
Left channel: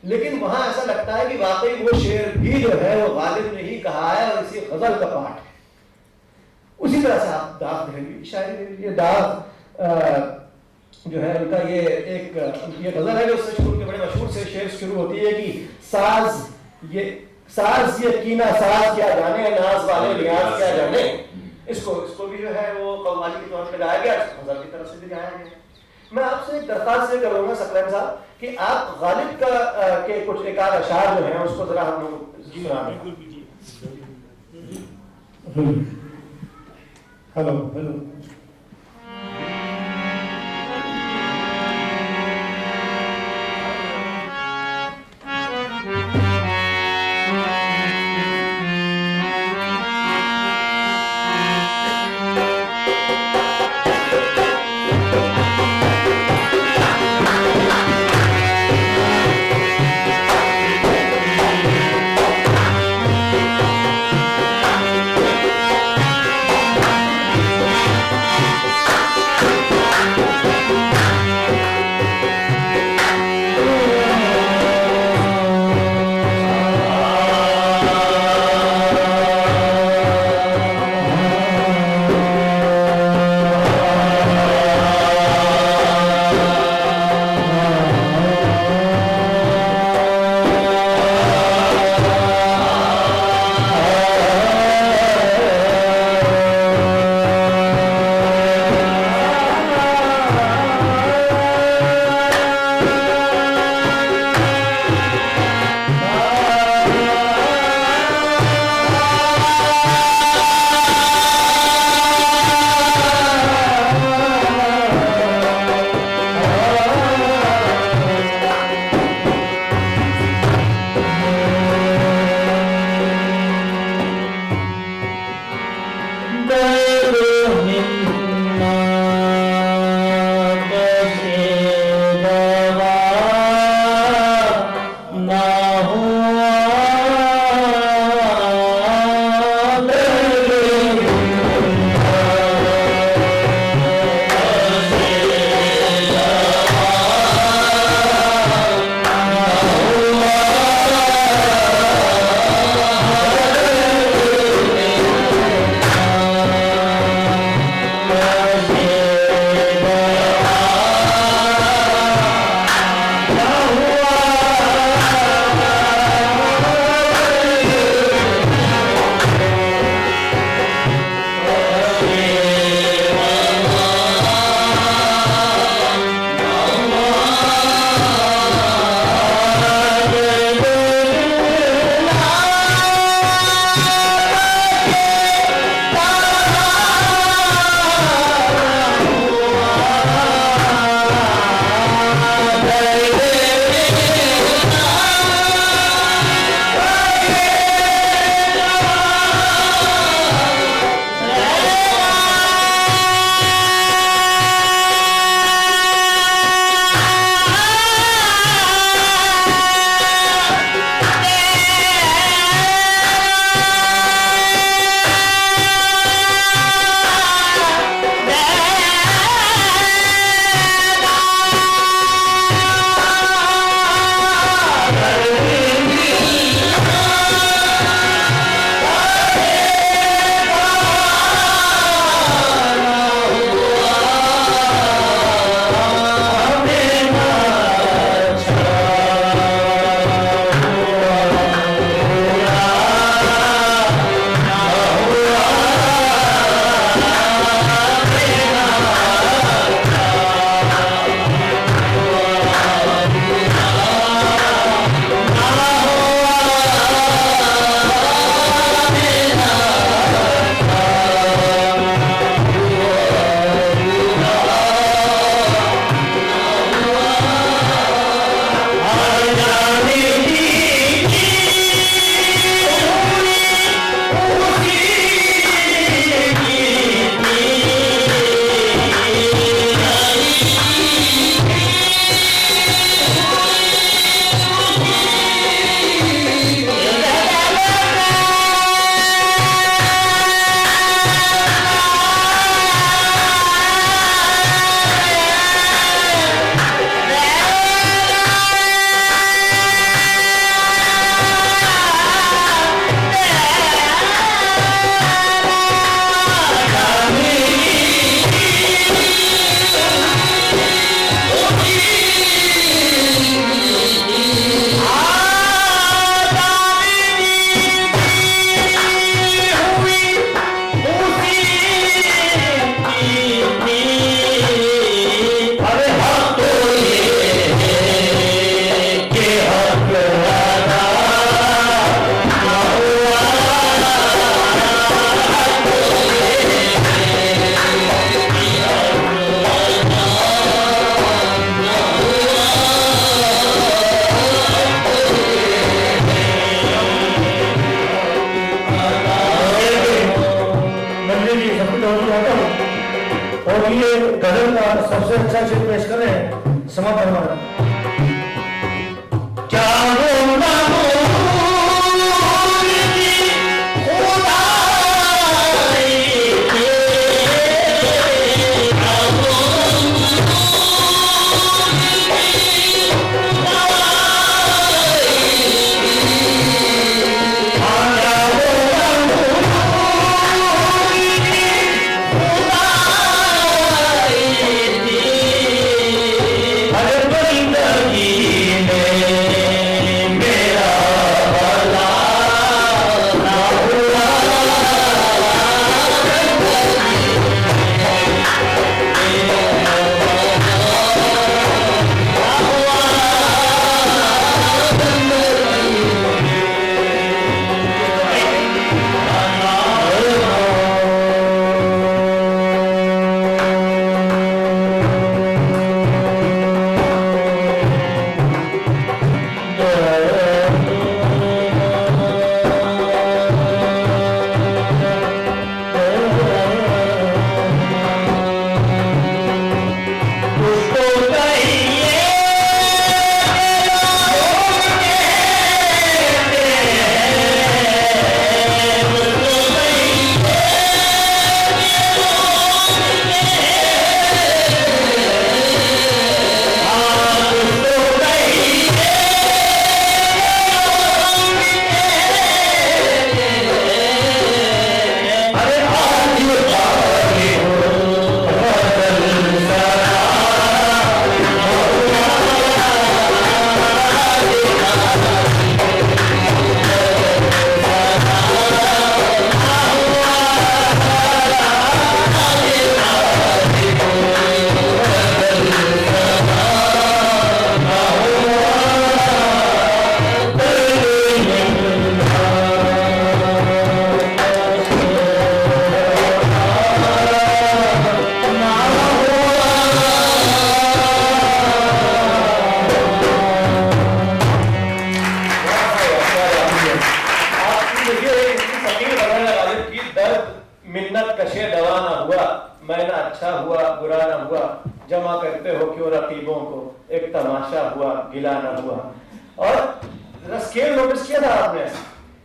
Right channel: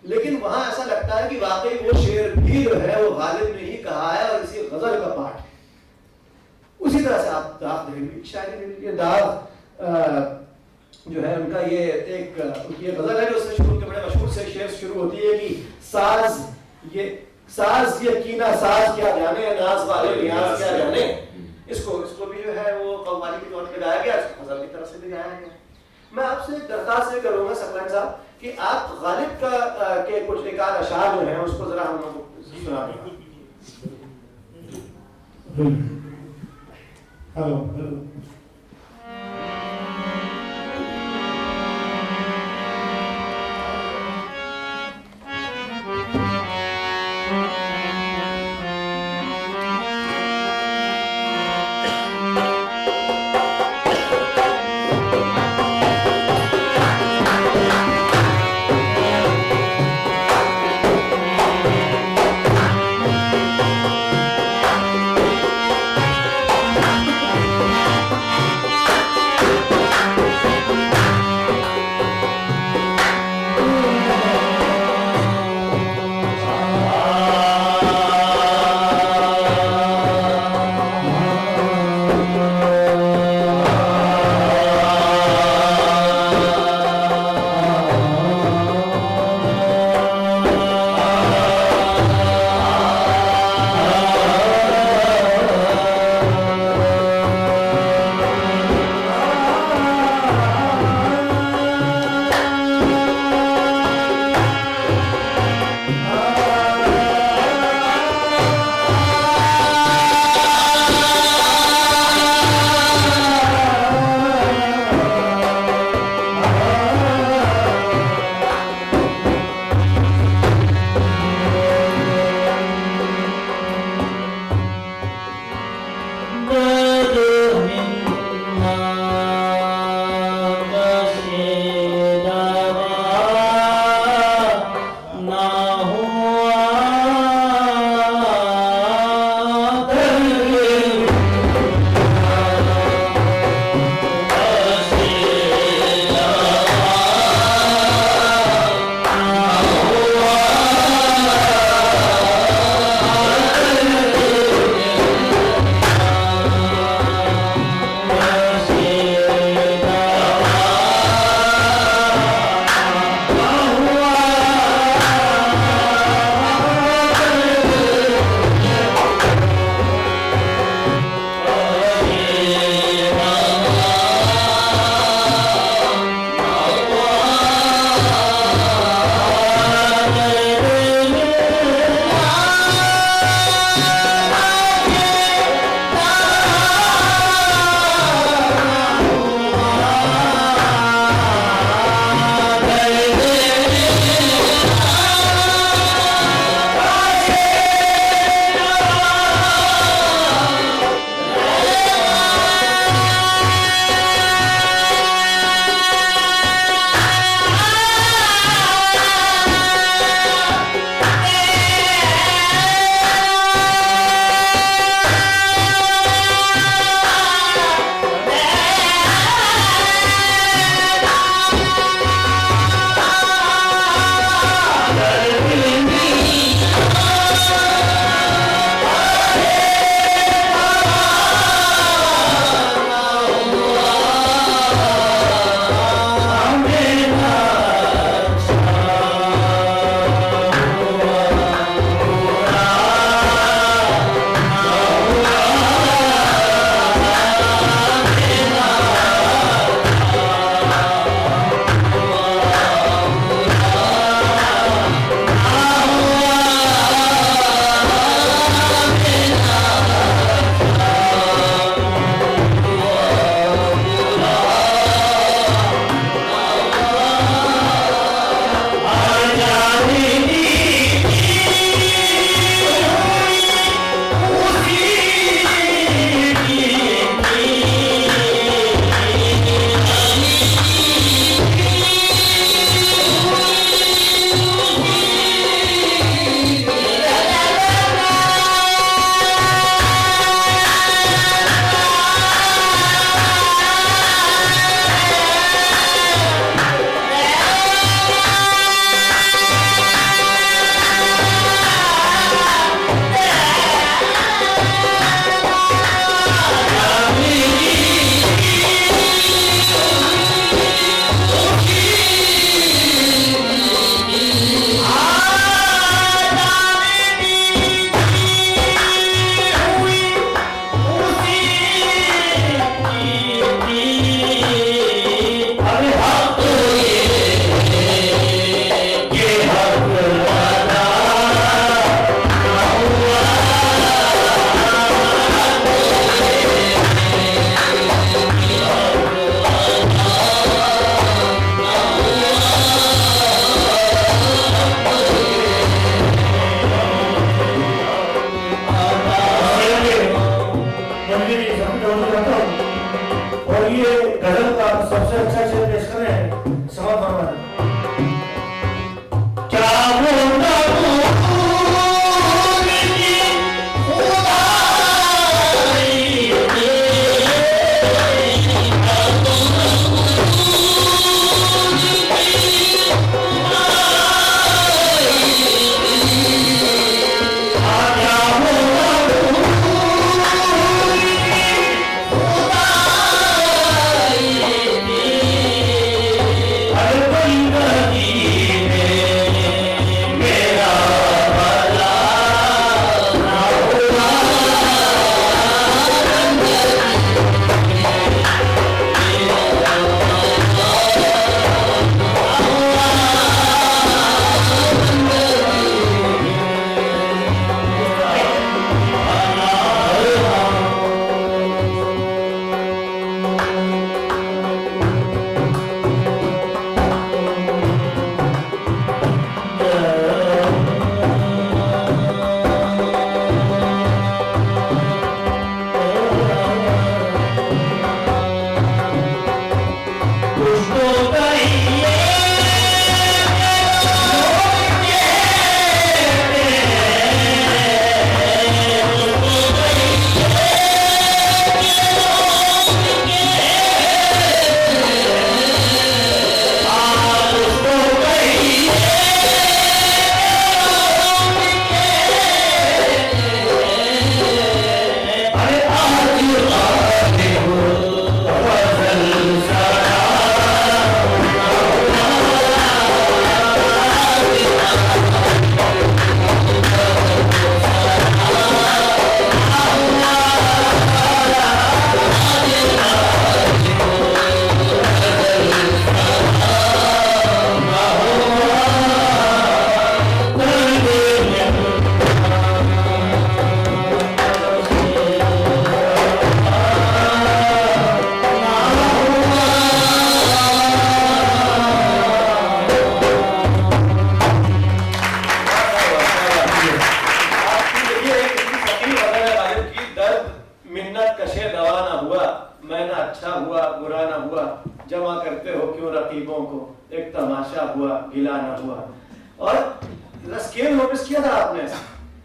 लेकिन वहां ऐसा लगता है कि वाकई वो शेर भी जो है वो गालिब ने ही कहा है और इसी गजल का पाठ है। उसी तरह से आप दाग भी शायरी ले लीजिए। दाग जो है उनका ये एक उनकी गजल है जो उससे शुरू के बड़े मशहूर से शेर शुरू होती है कि साज ये कीना साज क्या जाने, नाज वाले नियाज क्या जाने। इसको भी जो है वो कव्वाली के तौर पे गाया गया, गजल की तरफ से भी गाया गया। मैं आपसे एक दरख्वास्त करूंगा सकलैन साहब कि आप गालिब का के कुछ एक आध अशार जो हैं उसको जरा हम लोग। जी हाँ, बिल्कुल हेलो हेलो। गजल सबसे अच्छा शेर पेश कर रहे हैं समर वर्मा। क्या होना जमा करते हो क्यों रकीबों को, एक तमाशा हुआ गिला ना हुआ। और स्केल नोटिस किया था आपने?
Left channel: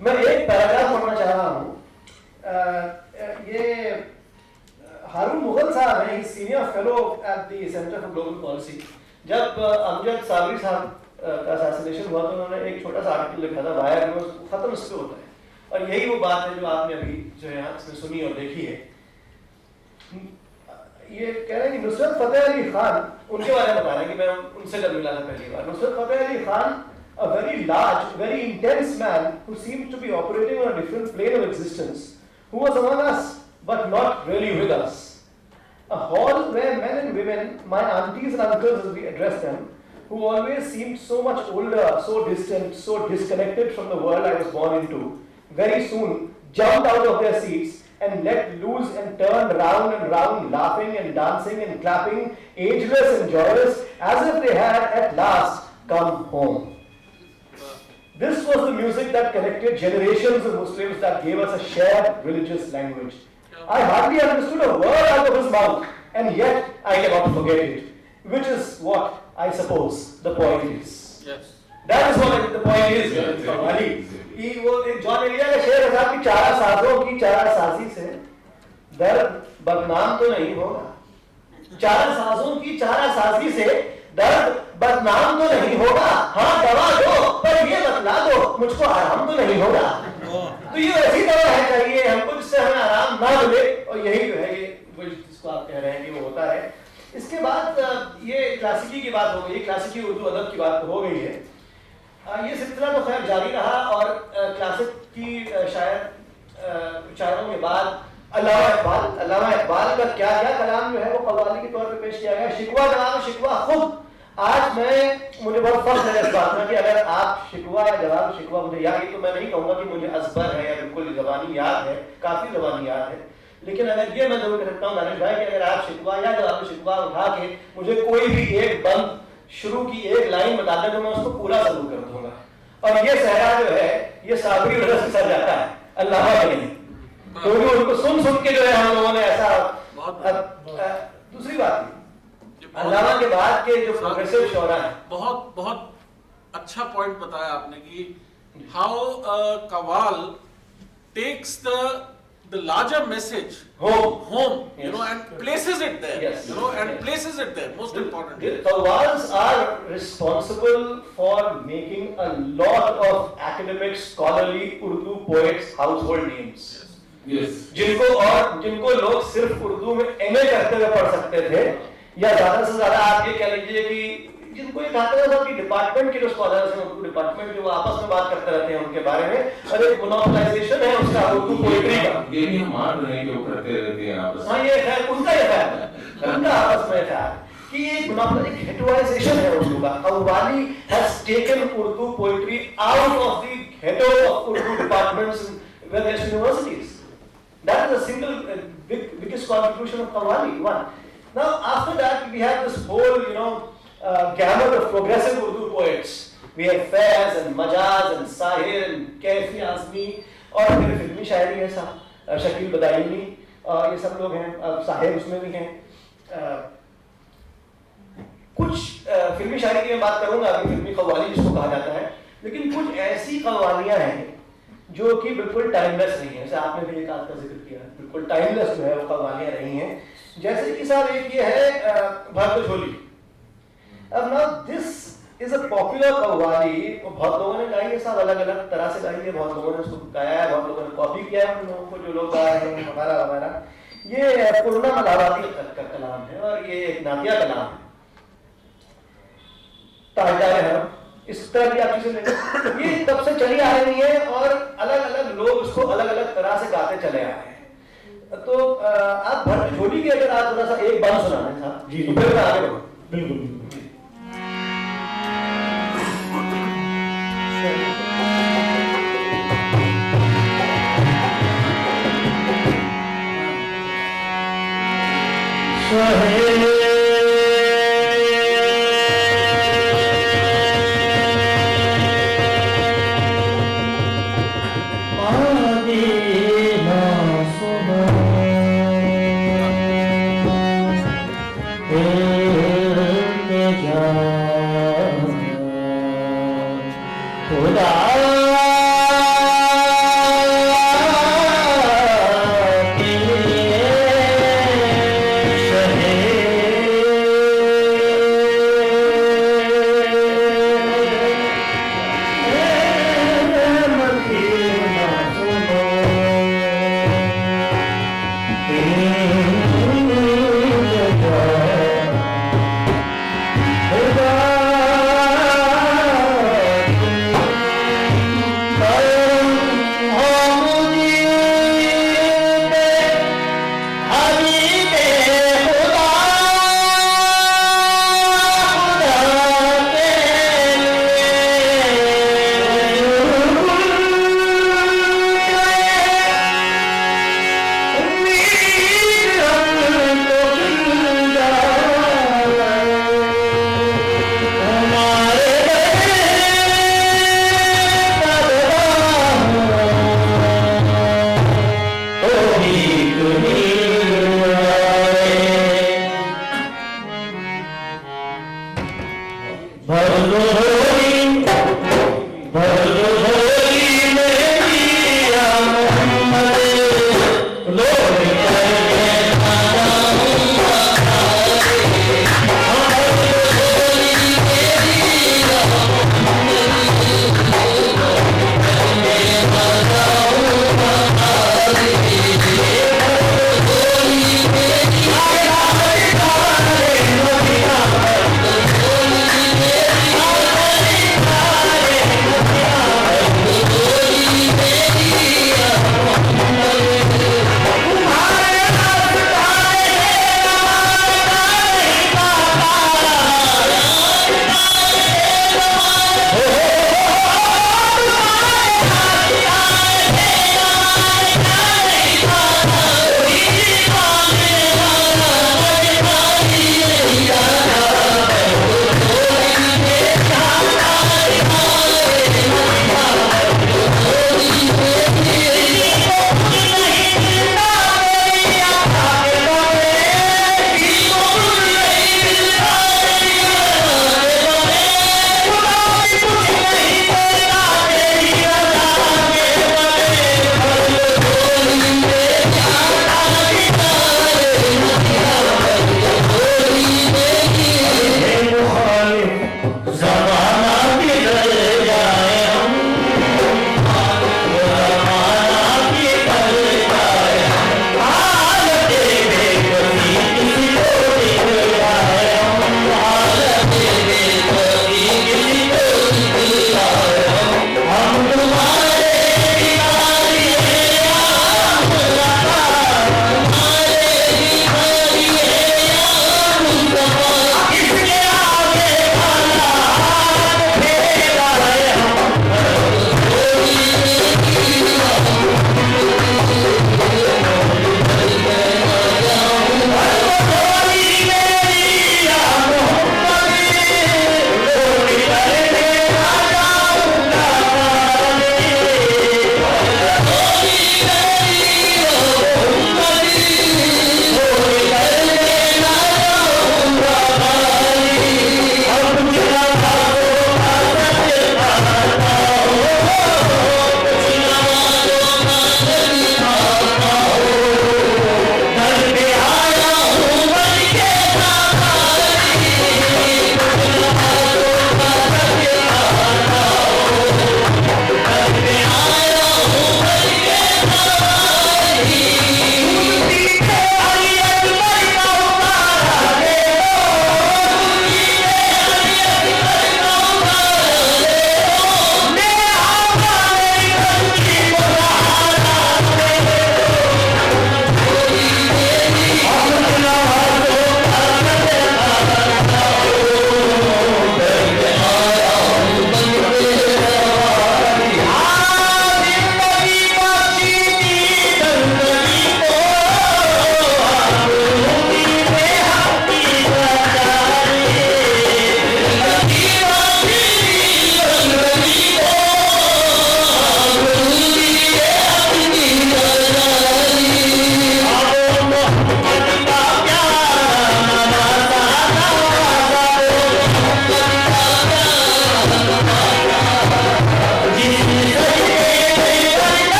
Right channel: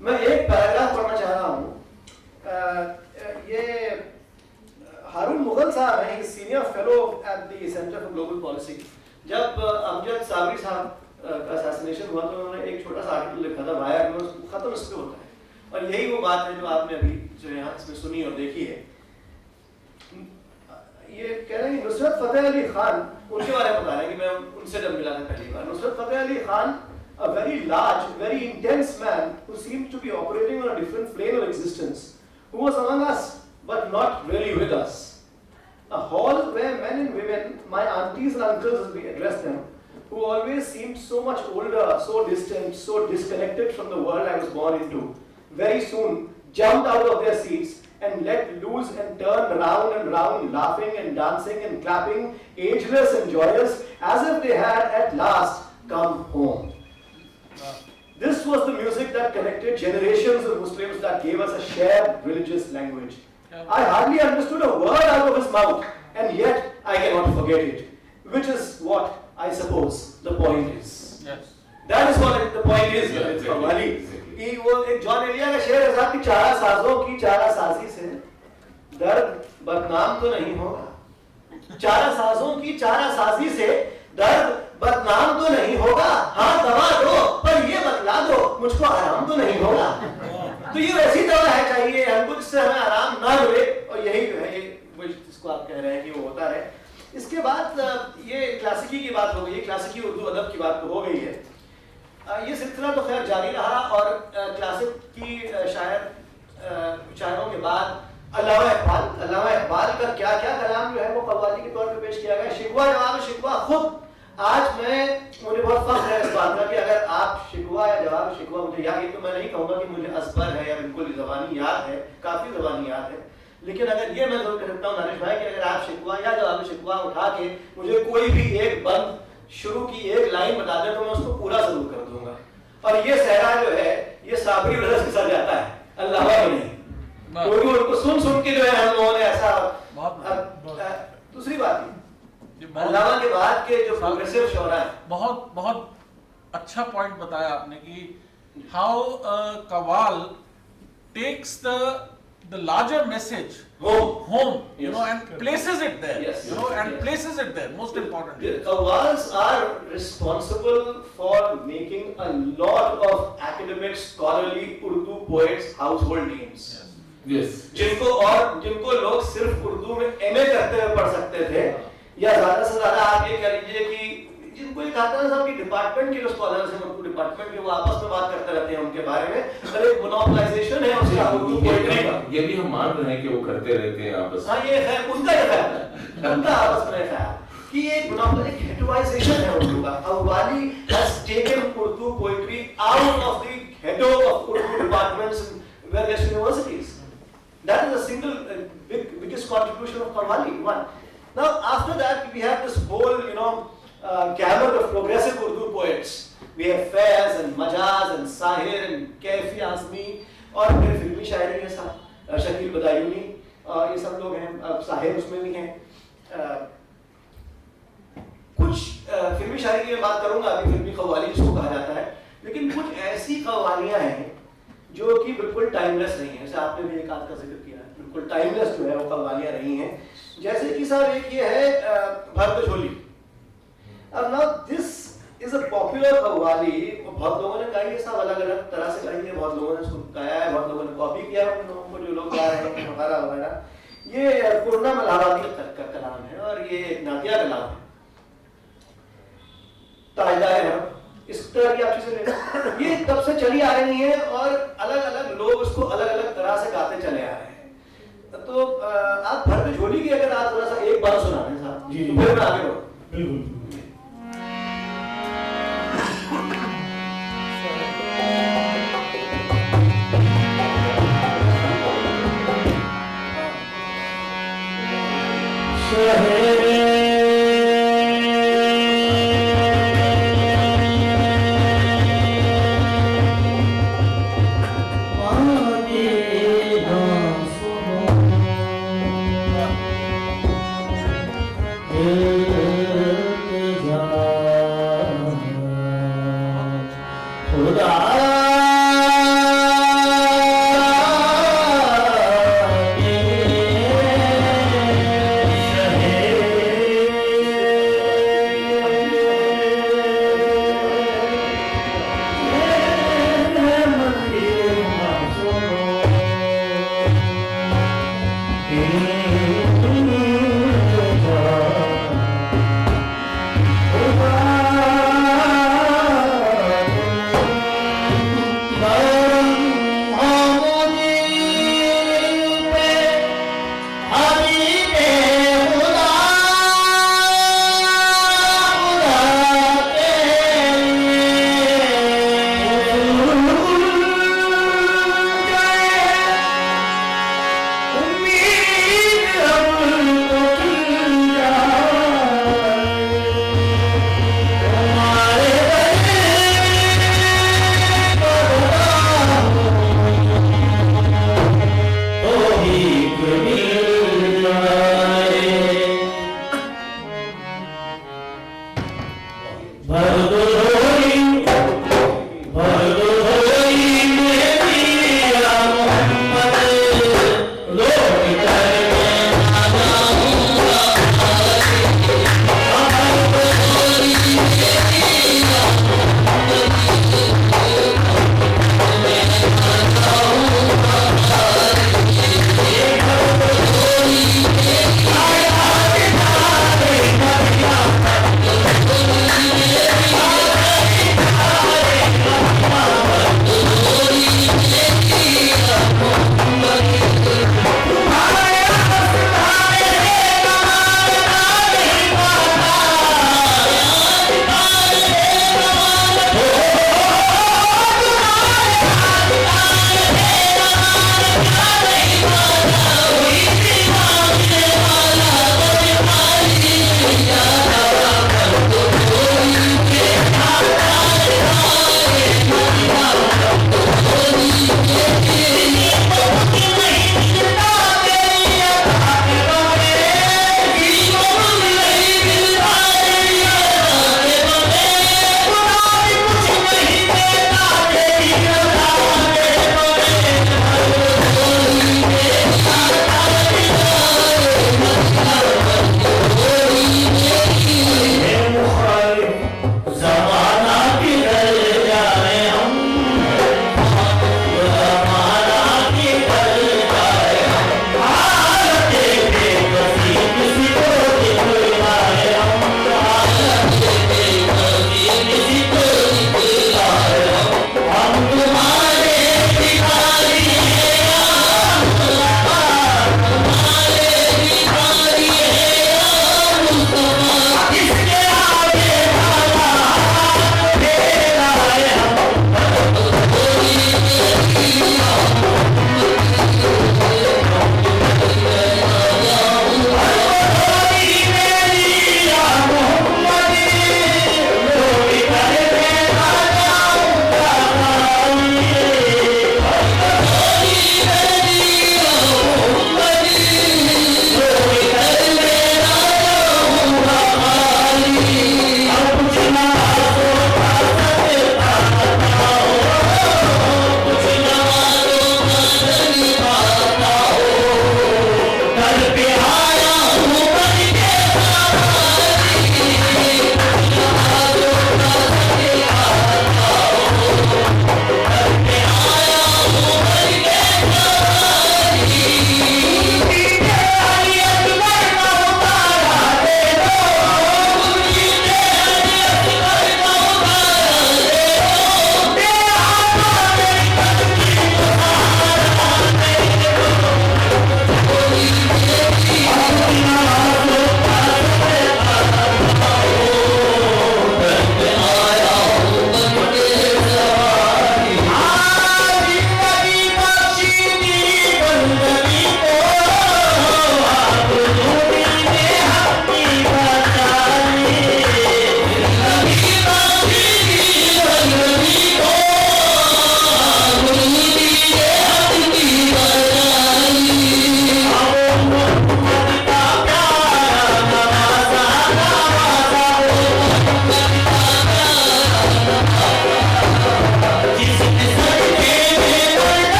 मैं एक पैराग्राफ पढ़ना चाह रहा हूँ। ये हारून मुगल साहब हैं, he senior fellow at the centre for global policy. जब अमजद साबरी साहब का असैसिनेशन हुआ तो उन्होंने एक छोटा सा आर्टिकल लिखा था, वायर न्यूज़ खत्म इस पे होता है, और यही वो बात है जो आपने अभी जो यहाँ इसमें सुनी और देखी है। ये कह रहे हैं कि नुसरत फतेह अली खान, उनके बारे में बता रहे हैं कि मैं उनसे जब मिला था पहली बार। Nusrat Fateh Ali Khan, a very large, very intense man who seems to be operating on a different plane of existence, who was among us but not really with us. A hall where men and women, my aunties and uncles as we address them, who always seemed so much older, so distant, so disconnected from the world I was born into, very soon jumped out of their seats and let loose and turned round and round, laughing and dancing and clapping, ageless and joyous, as if they had at last come home. This was the music that connected generations of Muslims, that gave us a shared religious language. I hardly understood a word out of his mouth, and yet I cannot forget it, which is what I suppose the point is. Yes. That is what the point is. Exactly. कि वो एक John Elia का शेर है साहब कि चारा साजों की चारा साजी से दर्द बदनाम तो नहीं होगा। चारा साजों की चारा साजी से दर्द बदनाम तो नहीं होगा। हाँ दवा दो पर ये बतला दो मुझको आराम तो नहीं होगा। तो ये वैसी दवा है चाहिए हमको जिससे हमें आराम ना मिले, और यही जो है ये वो जिसको आप कह रहे हैं कि वो होता है। इसके बाद ये क्लासिकी की बात हो गई, क्लासिकी उर्दू अदब की बात तो हो गई है। ये सिलसिला तो खैर जारी रहा, और क्लासिक की शायरों के बाद अल्लामा इकबाल का क्या क्या कलाम जो है वो कव्वाली के तौर पे पेश किया गया। शिकवा जवाब शिकवा खुद आज मुझे बहुत फख्र है इस बात में कि अगर आप शिकवा या जवाब शिकवा मुझे याद, ये तो मैं नहीं कहूँगा कि मुझे असबर है या बिल्कुल ज़बानी याद है, काफ़ी ज़बानी याद है, लेकिन अगर ये मैं जरूर कह सकता हूँ दानिश भाई कि अगर आप शिकवा या जवाब शिकवा उठा के मुझे कोई भी एक बंद शुरू की एक लाइन बता दें तो मैं उसको पूरा जरूर कर दूंगा। और ये सहरा जो है ये साबरी वजह से सर जाता है, अल्लाह वली, क्योंकि उनको सुन के जो है हम लोगों ने ऐसा दूसरी बात अल्लामा के बाद के जो प्रोग्रेसिव शोरा है, बहुत बहुत अच्छा पॉइंट बताया आपने कि how qawwal takes the larger message home, you know, and places it there, Yes. you know, and places it there. Most important. The Qawwals are responsible for making a lot of academic, scholarly Urdu poets household names. Yes. जिनको लोग सिर्फ उर्दू में MA करते हुए पढ़ सकते थे, या ज्यादा से ज्यादा आप ये कह लीजिए कि जिनको एक आता है सब कि डिपार्टमेंट के जो स्कॉलर्स हैं, उनको डिपार्टमेंट के वो आपस में बात करते रहते हैं उनके बारे में, और एक मोनोपोलाइजेशन है उसका उर्दू पोएट्री का। ये भी हम मान रहे हैं कि वो करते रहते हैं आपस में। हाँ, ये है उनका ये ख्याल है, उनका आपस में ख्याल कि एक हेटोइजेशन है उर्दू का। Qawwali has taken Urdu poetry out of the ghetto of Urdu departments in various universities. That is a single biggest contribution of Qawwali. One. Now after that we have this whole gamut of progressive Urdu poets. We have Faiz and Majaz and Sahir and Kaifi Azmi, और फिर फिल्मी शायरी है सब शकील बदायूनी, ये सब लोग हैं, अब साहिर उसमें भी हैं। कुछ फिल्मी शायरी की मैं बात करूंगा अभी, फिल्मी कव्वाली जिसको कहा जाता है, लेकिन कुछ ऐसी कव्वालियां हैं जो कि बिल्कुल टाइमलेस रही हैं। जैसे आपने भी एक आध का जिक्र किया, बिल्कुल टाइमलेस जो है वो कव्वालियां रही हैं। जैसे कि साहब एक ये है भरत झोली। अब ना this is a popular qawwali, बहुत लोगों ने गाई है साहब, अलग अलग तरह से गाई है, बहुत लोगों ने उसको गाया है, बहुत लोगों ने कॉपी किया है उन लोगों को, जो लोग गाए हैं वगैरह वगैरह। ये पूर्णा मलावादी का कलाम है और ये एक नातिया कलाम है, ताजदार है, इस तरह की आप चीजें लेंगे, ये तब से चली आ रही है और अलग अलग लोग उसको अलग अलग तरह से गाते चले आ रहे हैं। तो आप भरत झोली की अगर आप थोड़ा सा एक बार सुनाना है साहब जी, फिर मैं आगे बढ़ूं। बिल्कुल। शहे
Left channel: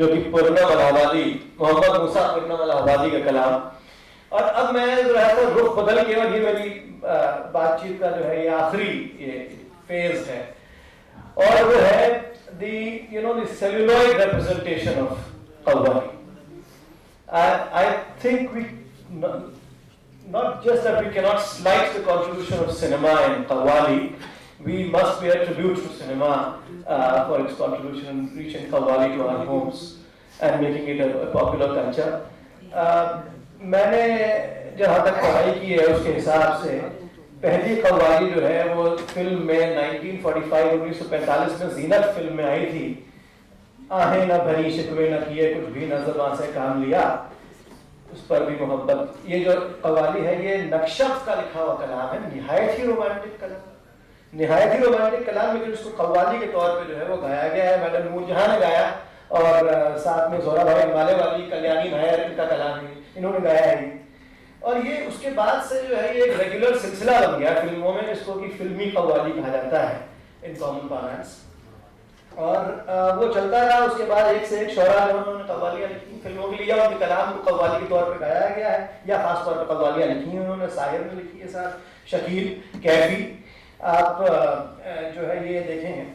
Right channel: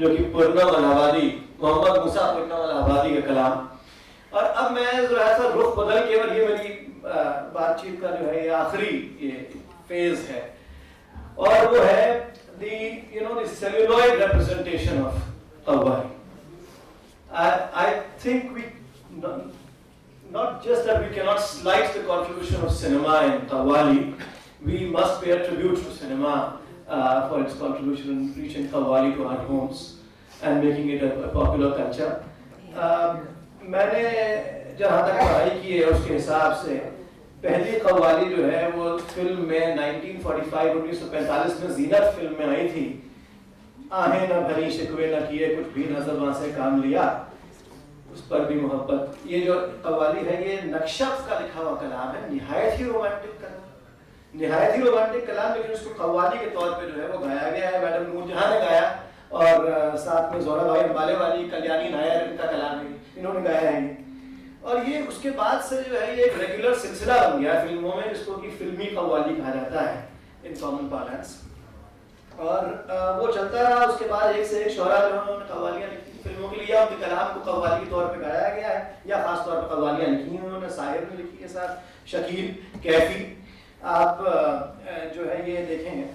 जो कि पूर्णम इलाहाबादी, मोहम्मद मूसा पूर्णम इलाहाबादी का कलाम। और अब मैं जो है तो रुख बदल के, और ये मेरी बातचीत का जो है ये आखिरी फेज है, और वो है the celluloid representation of Qawwali. I think we not just that we cannot slight the contribution of cinema in Qawwali, we must pay a tribute to cinema for its contribution in reaching Qawwali to our homes and making it a popular culture. मैंने जहाँ तक पढ़ाई की है उसके हिसाब से पहली कव्वाली जो है वो फिल्म में 1945 में जीनत फिल्म में आई थी। आहें न भरी शिकवे न किए कुछ भी न ज़बां से काम लिया, उस पर भी मोहब्बत। ये जो कव्वाली है ये नक्शफ का लिखा हुआ कलाम है, निहायत ही रोमांटिक कलाम, लेकिन उसको कव्वाली के तौर पे जो है वो गाया गया है। मैडम नूरजहां ने गाया और साथ में जोहरा भाई माले वाली, कल्याणी नायर, इनका कलाम है, इन्होंने गाया है ये। और ये उसके बाद से जो है ये एक रेगुलर सिलसिला बन गया फिल्मों में, जिसको कि फिल्मी कव्वाली कहा जाता है इन कॉमन पार्लेंस। और वो चलता रहा। उसके बाद एक से एक शोरा जो उन्होंने कव्वालियाँ लिखी फिल्मों के लिए, उनके कलाम को कव्वाली के तौर पे गाया गया है, या खास तौर पे कव्वालियाँ लिखी हैं उन्होंने। साहिर ने लिखी है साथ, शकील, कैफी। आप जो है ये देखेंगे,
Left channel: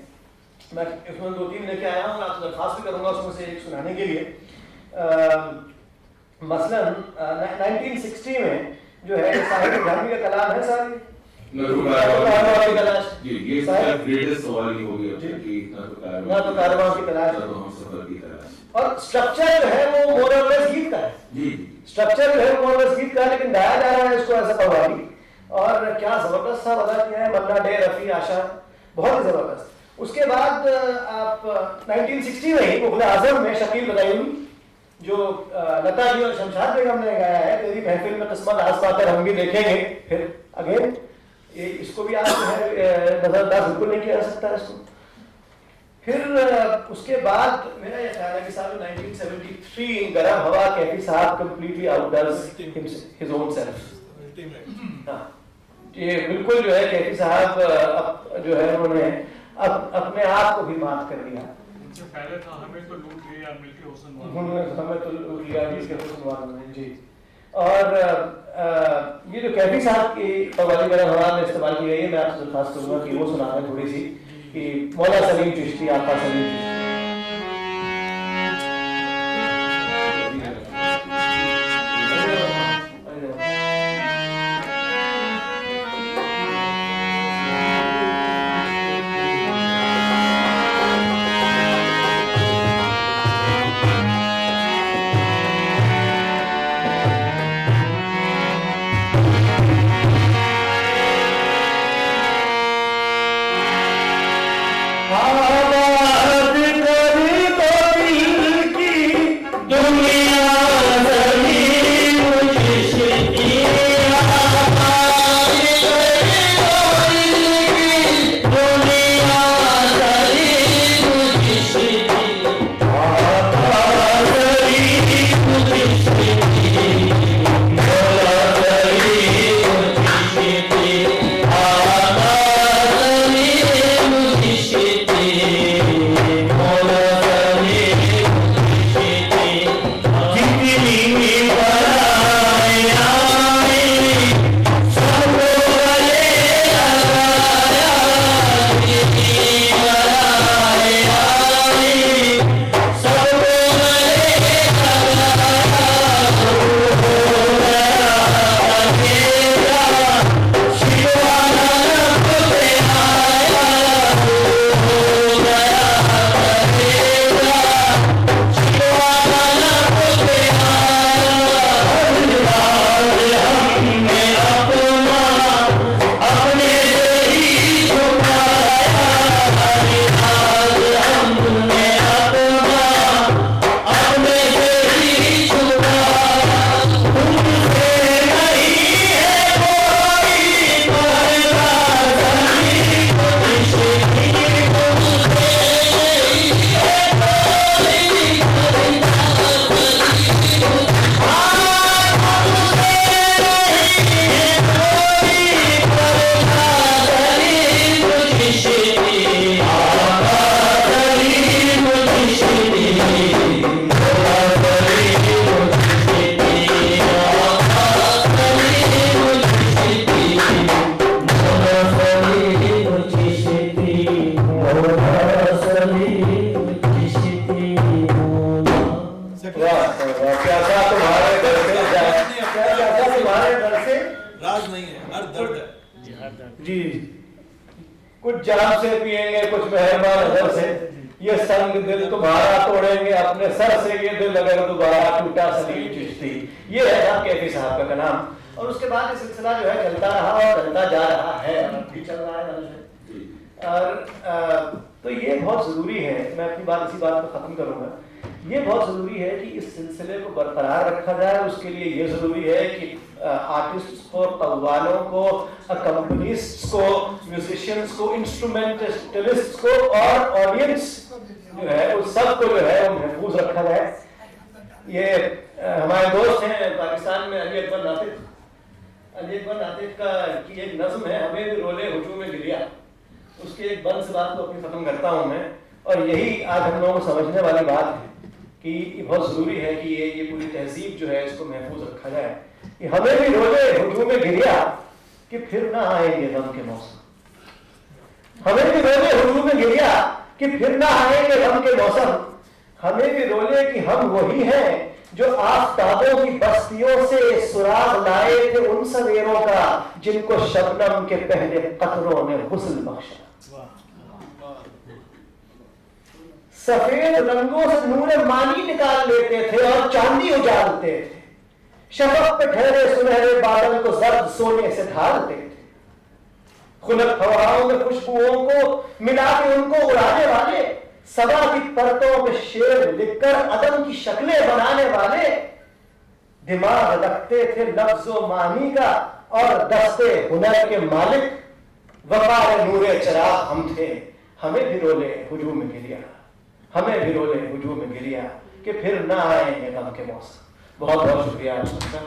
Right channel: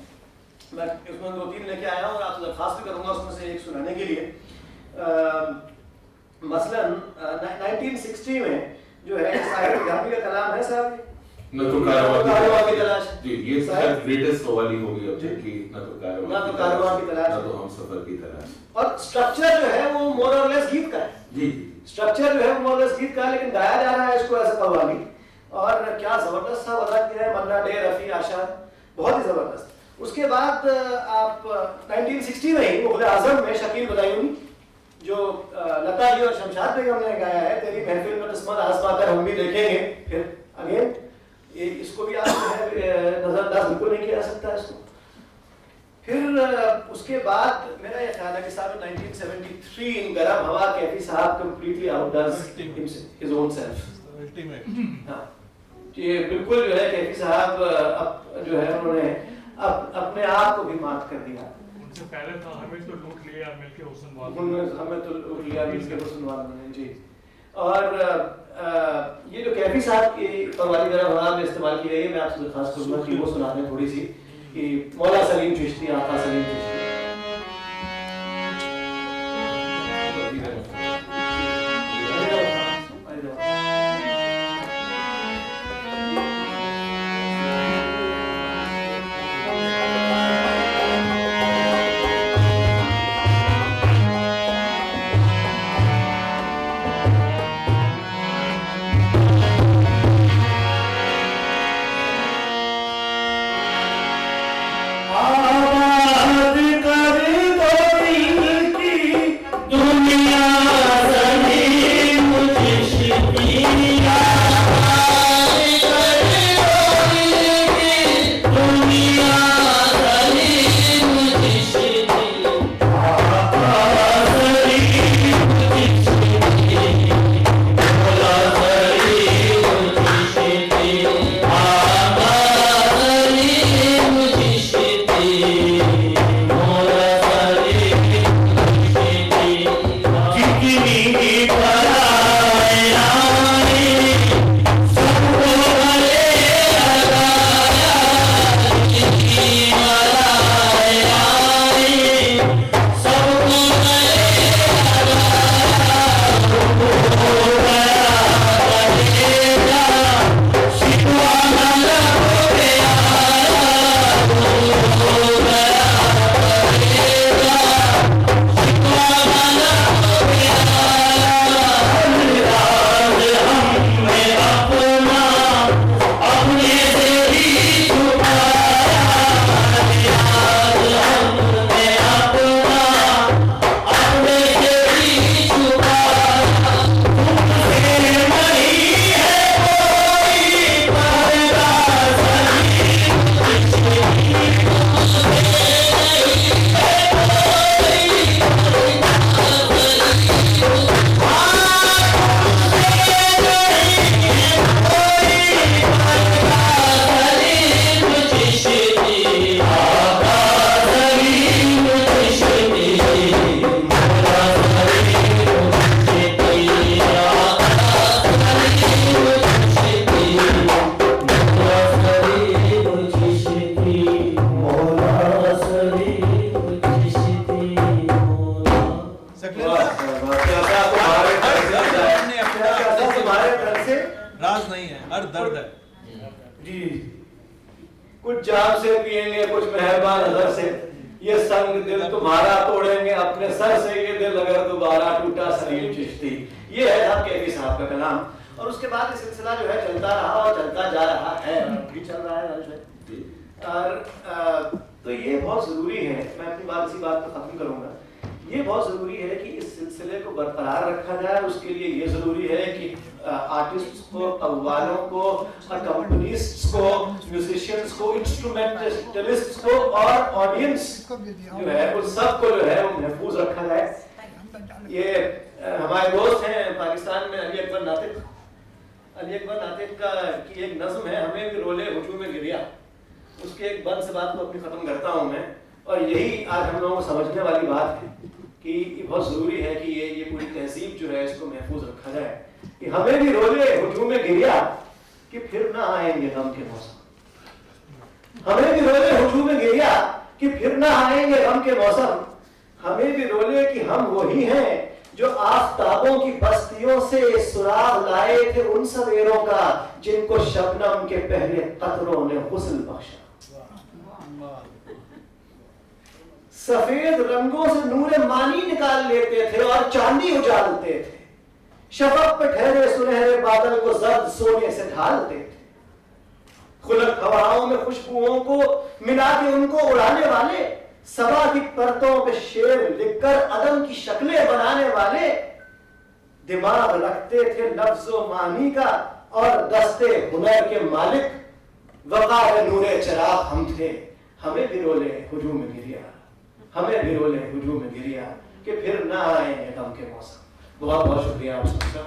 मैं उसमें 2-3 लेके आया हूँ, आपसे दरख्वास्त भी करूँगा उसमें से एक सुनाने के लिए। मसलन 1960 में जो है साहिर जामी का कलाम है साहब, न तो कारवां की तलाश जी, ये ग्रेटेस्ट कव्वाली होगी अब तक की, न तो कारवां की तलाश, न तो हमसफर की तलाश। और स्ट्रक्चर जो है वो मोर और लेस गीत का है जी, स्ट्रक्चर जो है वो मोर और लेस गीत का है, लेकिन गाया जा रहा है इसको ऐसा कव्वाली। और क्या जबरदस्त था अदा किया है मन्ना डे, रफी, आशा, बहुत ही जबरदस्त। उसके बाद आप 1960 में ही मुग़ल आज़म में शकील बदायूनी, जो लता जी और शमशाद बेगम ने गाया है, तेरी महफिल में किस्मत आस पाकर हम भी देखेंगे फिर अगेन, ये इसको भी आप नजरअंदाज बिल्कुल नहीं किया जा सकता है इसको। फिर उसके बाद मेरा यह ख्याल है कि साहब 1973 इन गरम हवा कैफी साहब कंप्लीटली आउटडज हिज ओन सेल्फ। हाँ, ये बिल्कुल जो है कैफी साहब अब जो है उन्होंने अपने आप को भी मात कर दिया। उनसे पहले था हमें तो लूट लिया मिलके हुस्न वालों हमें तो लूट लिया मिलके हुस्न वालों ने जी। और ये जो कैफी साहब की कव्वाली गरम हवा में इस्तेमाल की गई है, मैं आपसे दरख्वास्त करूंगा कि वो सुना दें थोड़ी सी, कि मौला सलीम चिश्ती, आपका सलीम चिश्ती। आबाद दर्द है। जी कुछ जान से पिएंगे कुछ मेहरबान नजर से, ये संग दिल तुम्हारा तोड़ेंगे अपने सर से, ये दिल अगर दोबारा टूटा सलीम चिश्ती। ये है साहब कैफी साहब का कलाम। और उसके बाद ये सिलसिला जो है चलता रहा और चलता जा रहा है, अभी चल रहा है और तो ये बहुत ज़रूरी है, मैं अपनी बात इसी बात पर ख़त्म करूँगा। ये बहुत ज़रूरी है कि इस सिलसिले को बरकरार रखा जाए। उसके लिए ये ज़रूरी है कि आर्टिस्ट्स को, कव्वालों को, कंपनीस्ट्स को, म्यूजिशियंस को, इंस्ट्रूमेंटलिस्ट्स को और ऑडियंस जो है उन सबको जो है वो महफूज रखा जाए। ये हमारे दोस्त हैं पाकिस्तान में अली अकबर नातिक, अली अकबर नातिक का की एक नज़्म है, हमें भी रोले हुजूम में गिरिया। उसके एक बंद से बात को अपनी ख़त्म करता हूँ मैं, और यही आज हम लोगों को समझने वाली बात है कि ये बहुत ज़रूरी है कि ये पूरी तहजीब जो है इसको महफूज रखा जाए कि हमें भी रोले हुजूम में गिरिया कि फिर ना आएंगे गम के मौसम। हमें भी रोले हुजूम में गिरिया कि फिर ना आएंगे गम के मौसम। हमें भी रोले कि हम वही हैं जो आफताबों की बस्तियों से सुराग लाए थे उन सवेरों का जिनको शबनम के पहले कतरों ने हुस्न बख्शा। सफेद रंगों से नूरे मानी निकाल लेते थे और चांदी उजालते थे, शफक पे ठहरे सुनहरे बादल को जर्द सोने से ढालते थे। खुलक हवाओं में खुशबुओं को मिला के उनको उड़ाने वाले, सबा की परतों पे शेर लिखकर अदम की शक्लें बनाने वाले, दिमाग रखते थे लफ्जो मानी का और दस्ते हुनर के मालिक। वफा नूरे चिराग हम थे, हमें भी रोले हुजूम में गिरिया, हमें भी रोले हुजूम में गिरिया कि फिर ना आएंगे गम के मौसम। बहुत बहुत शुक्रिया आप सबका।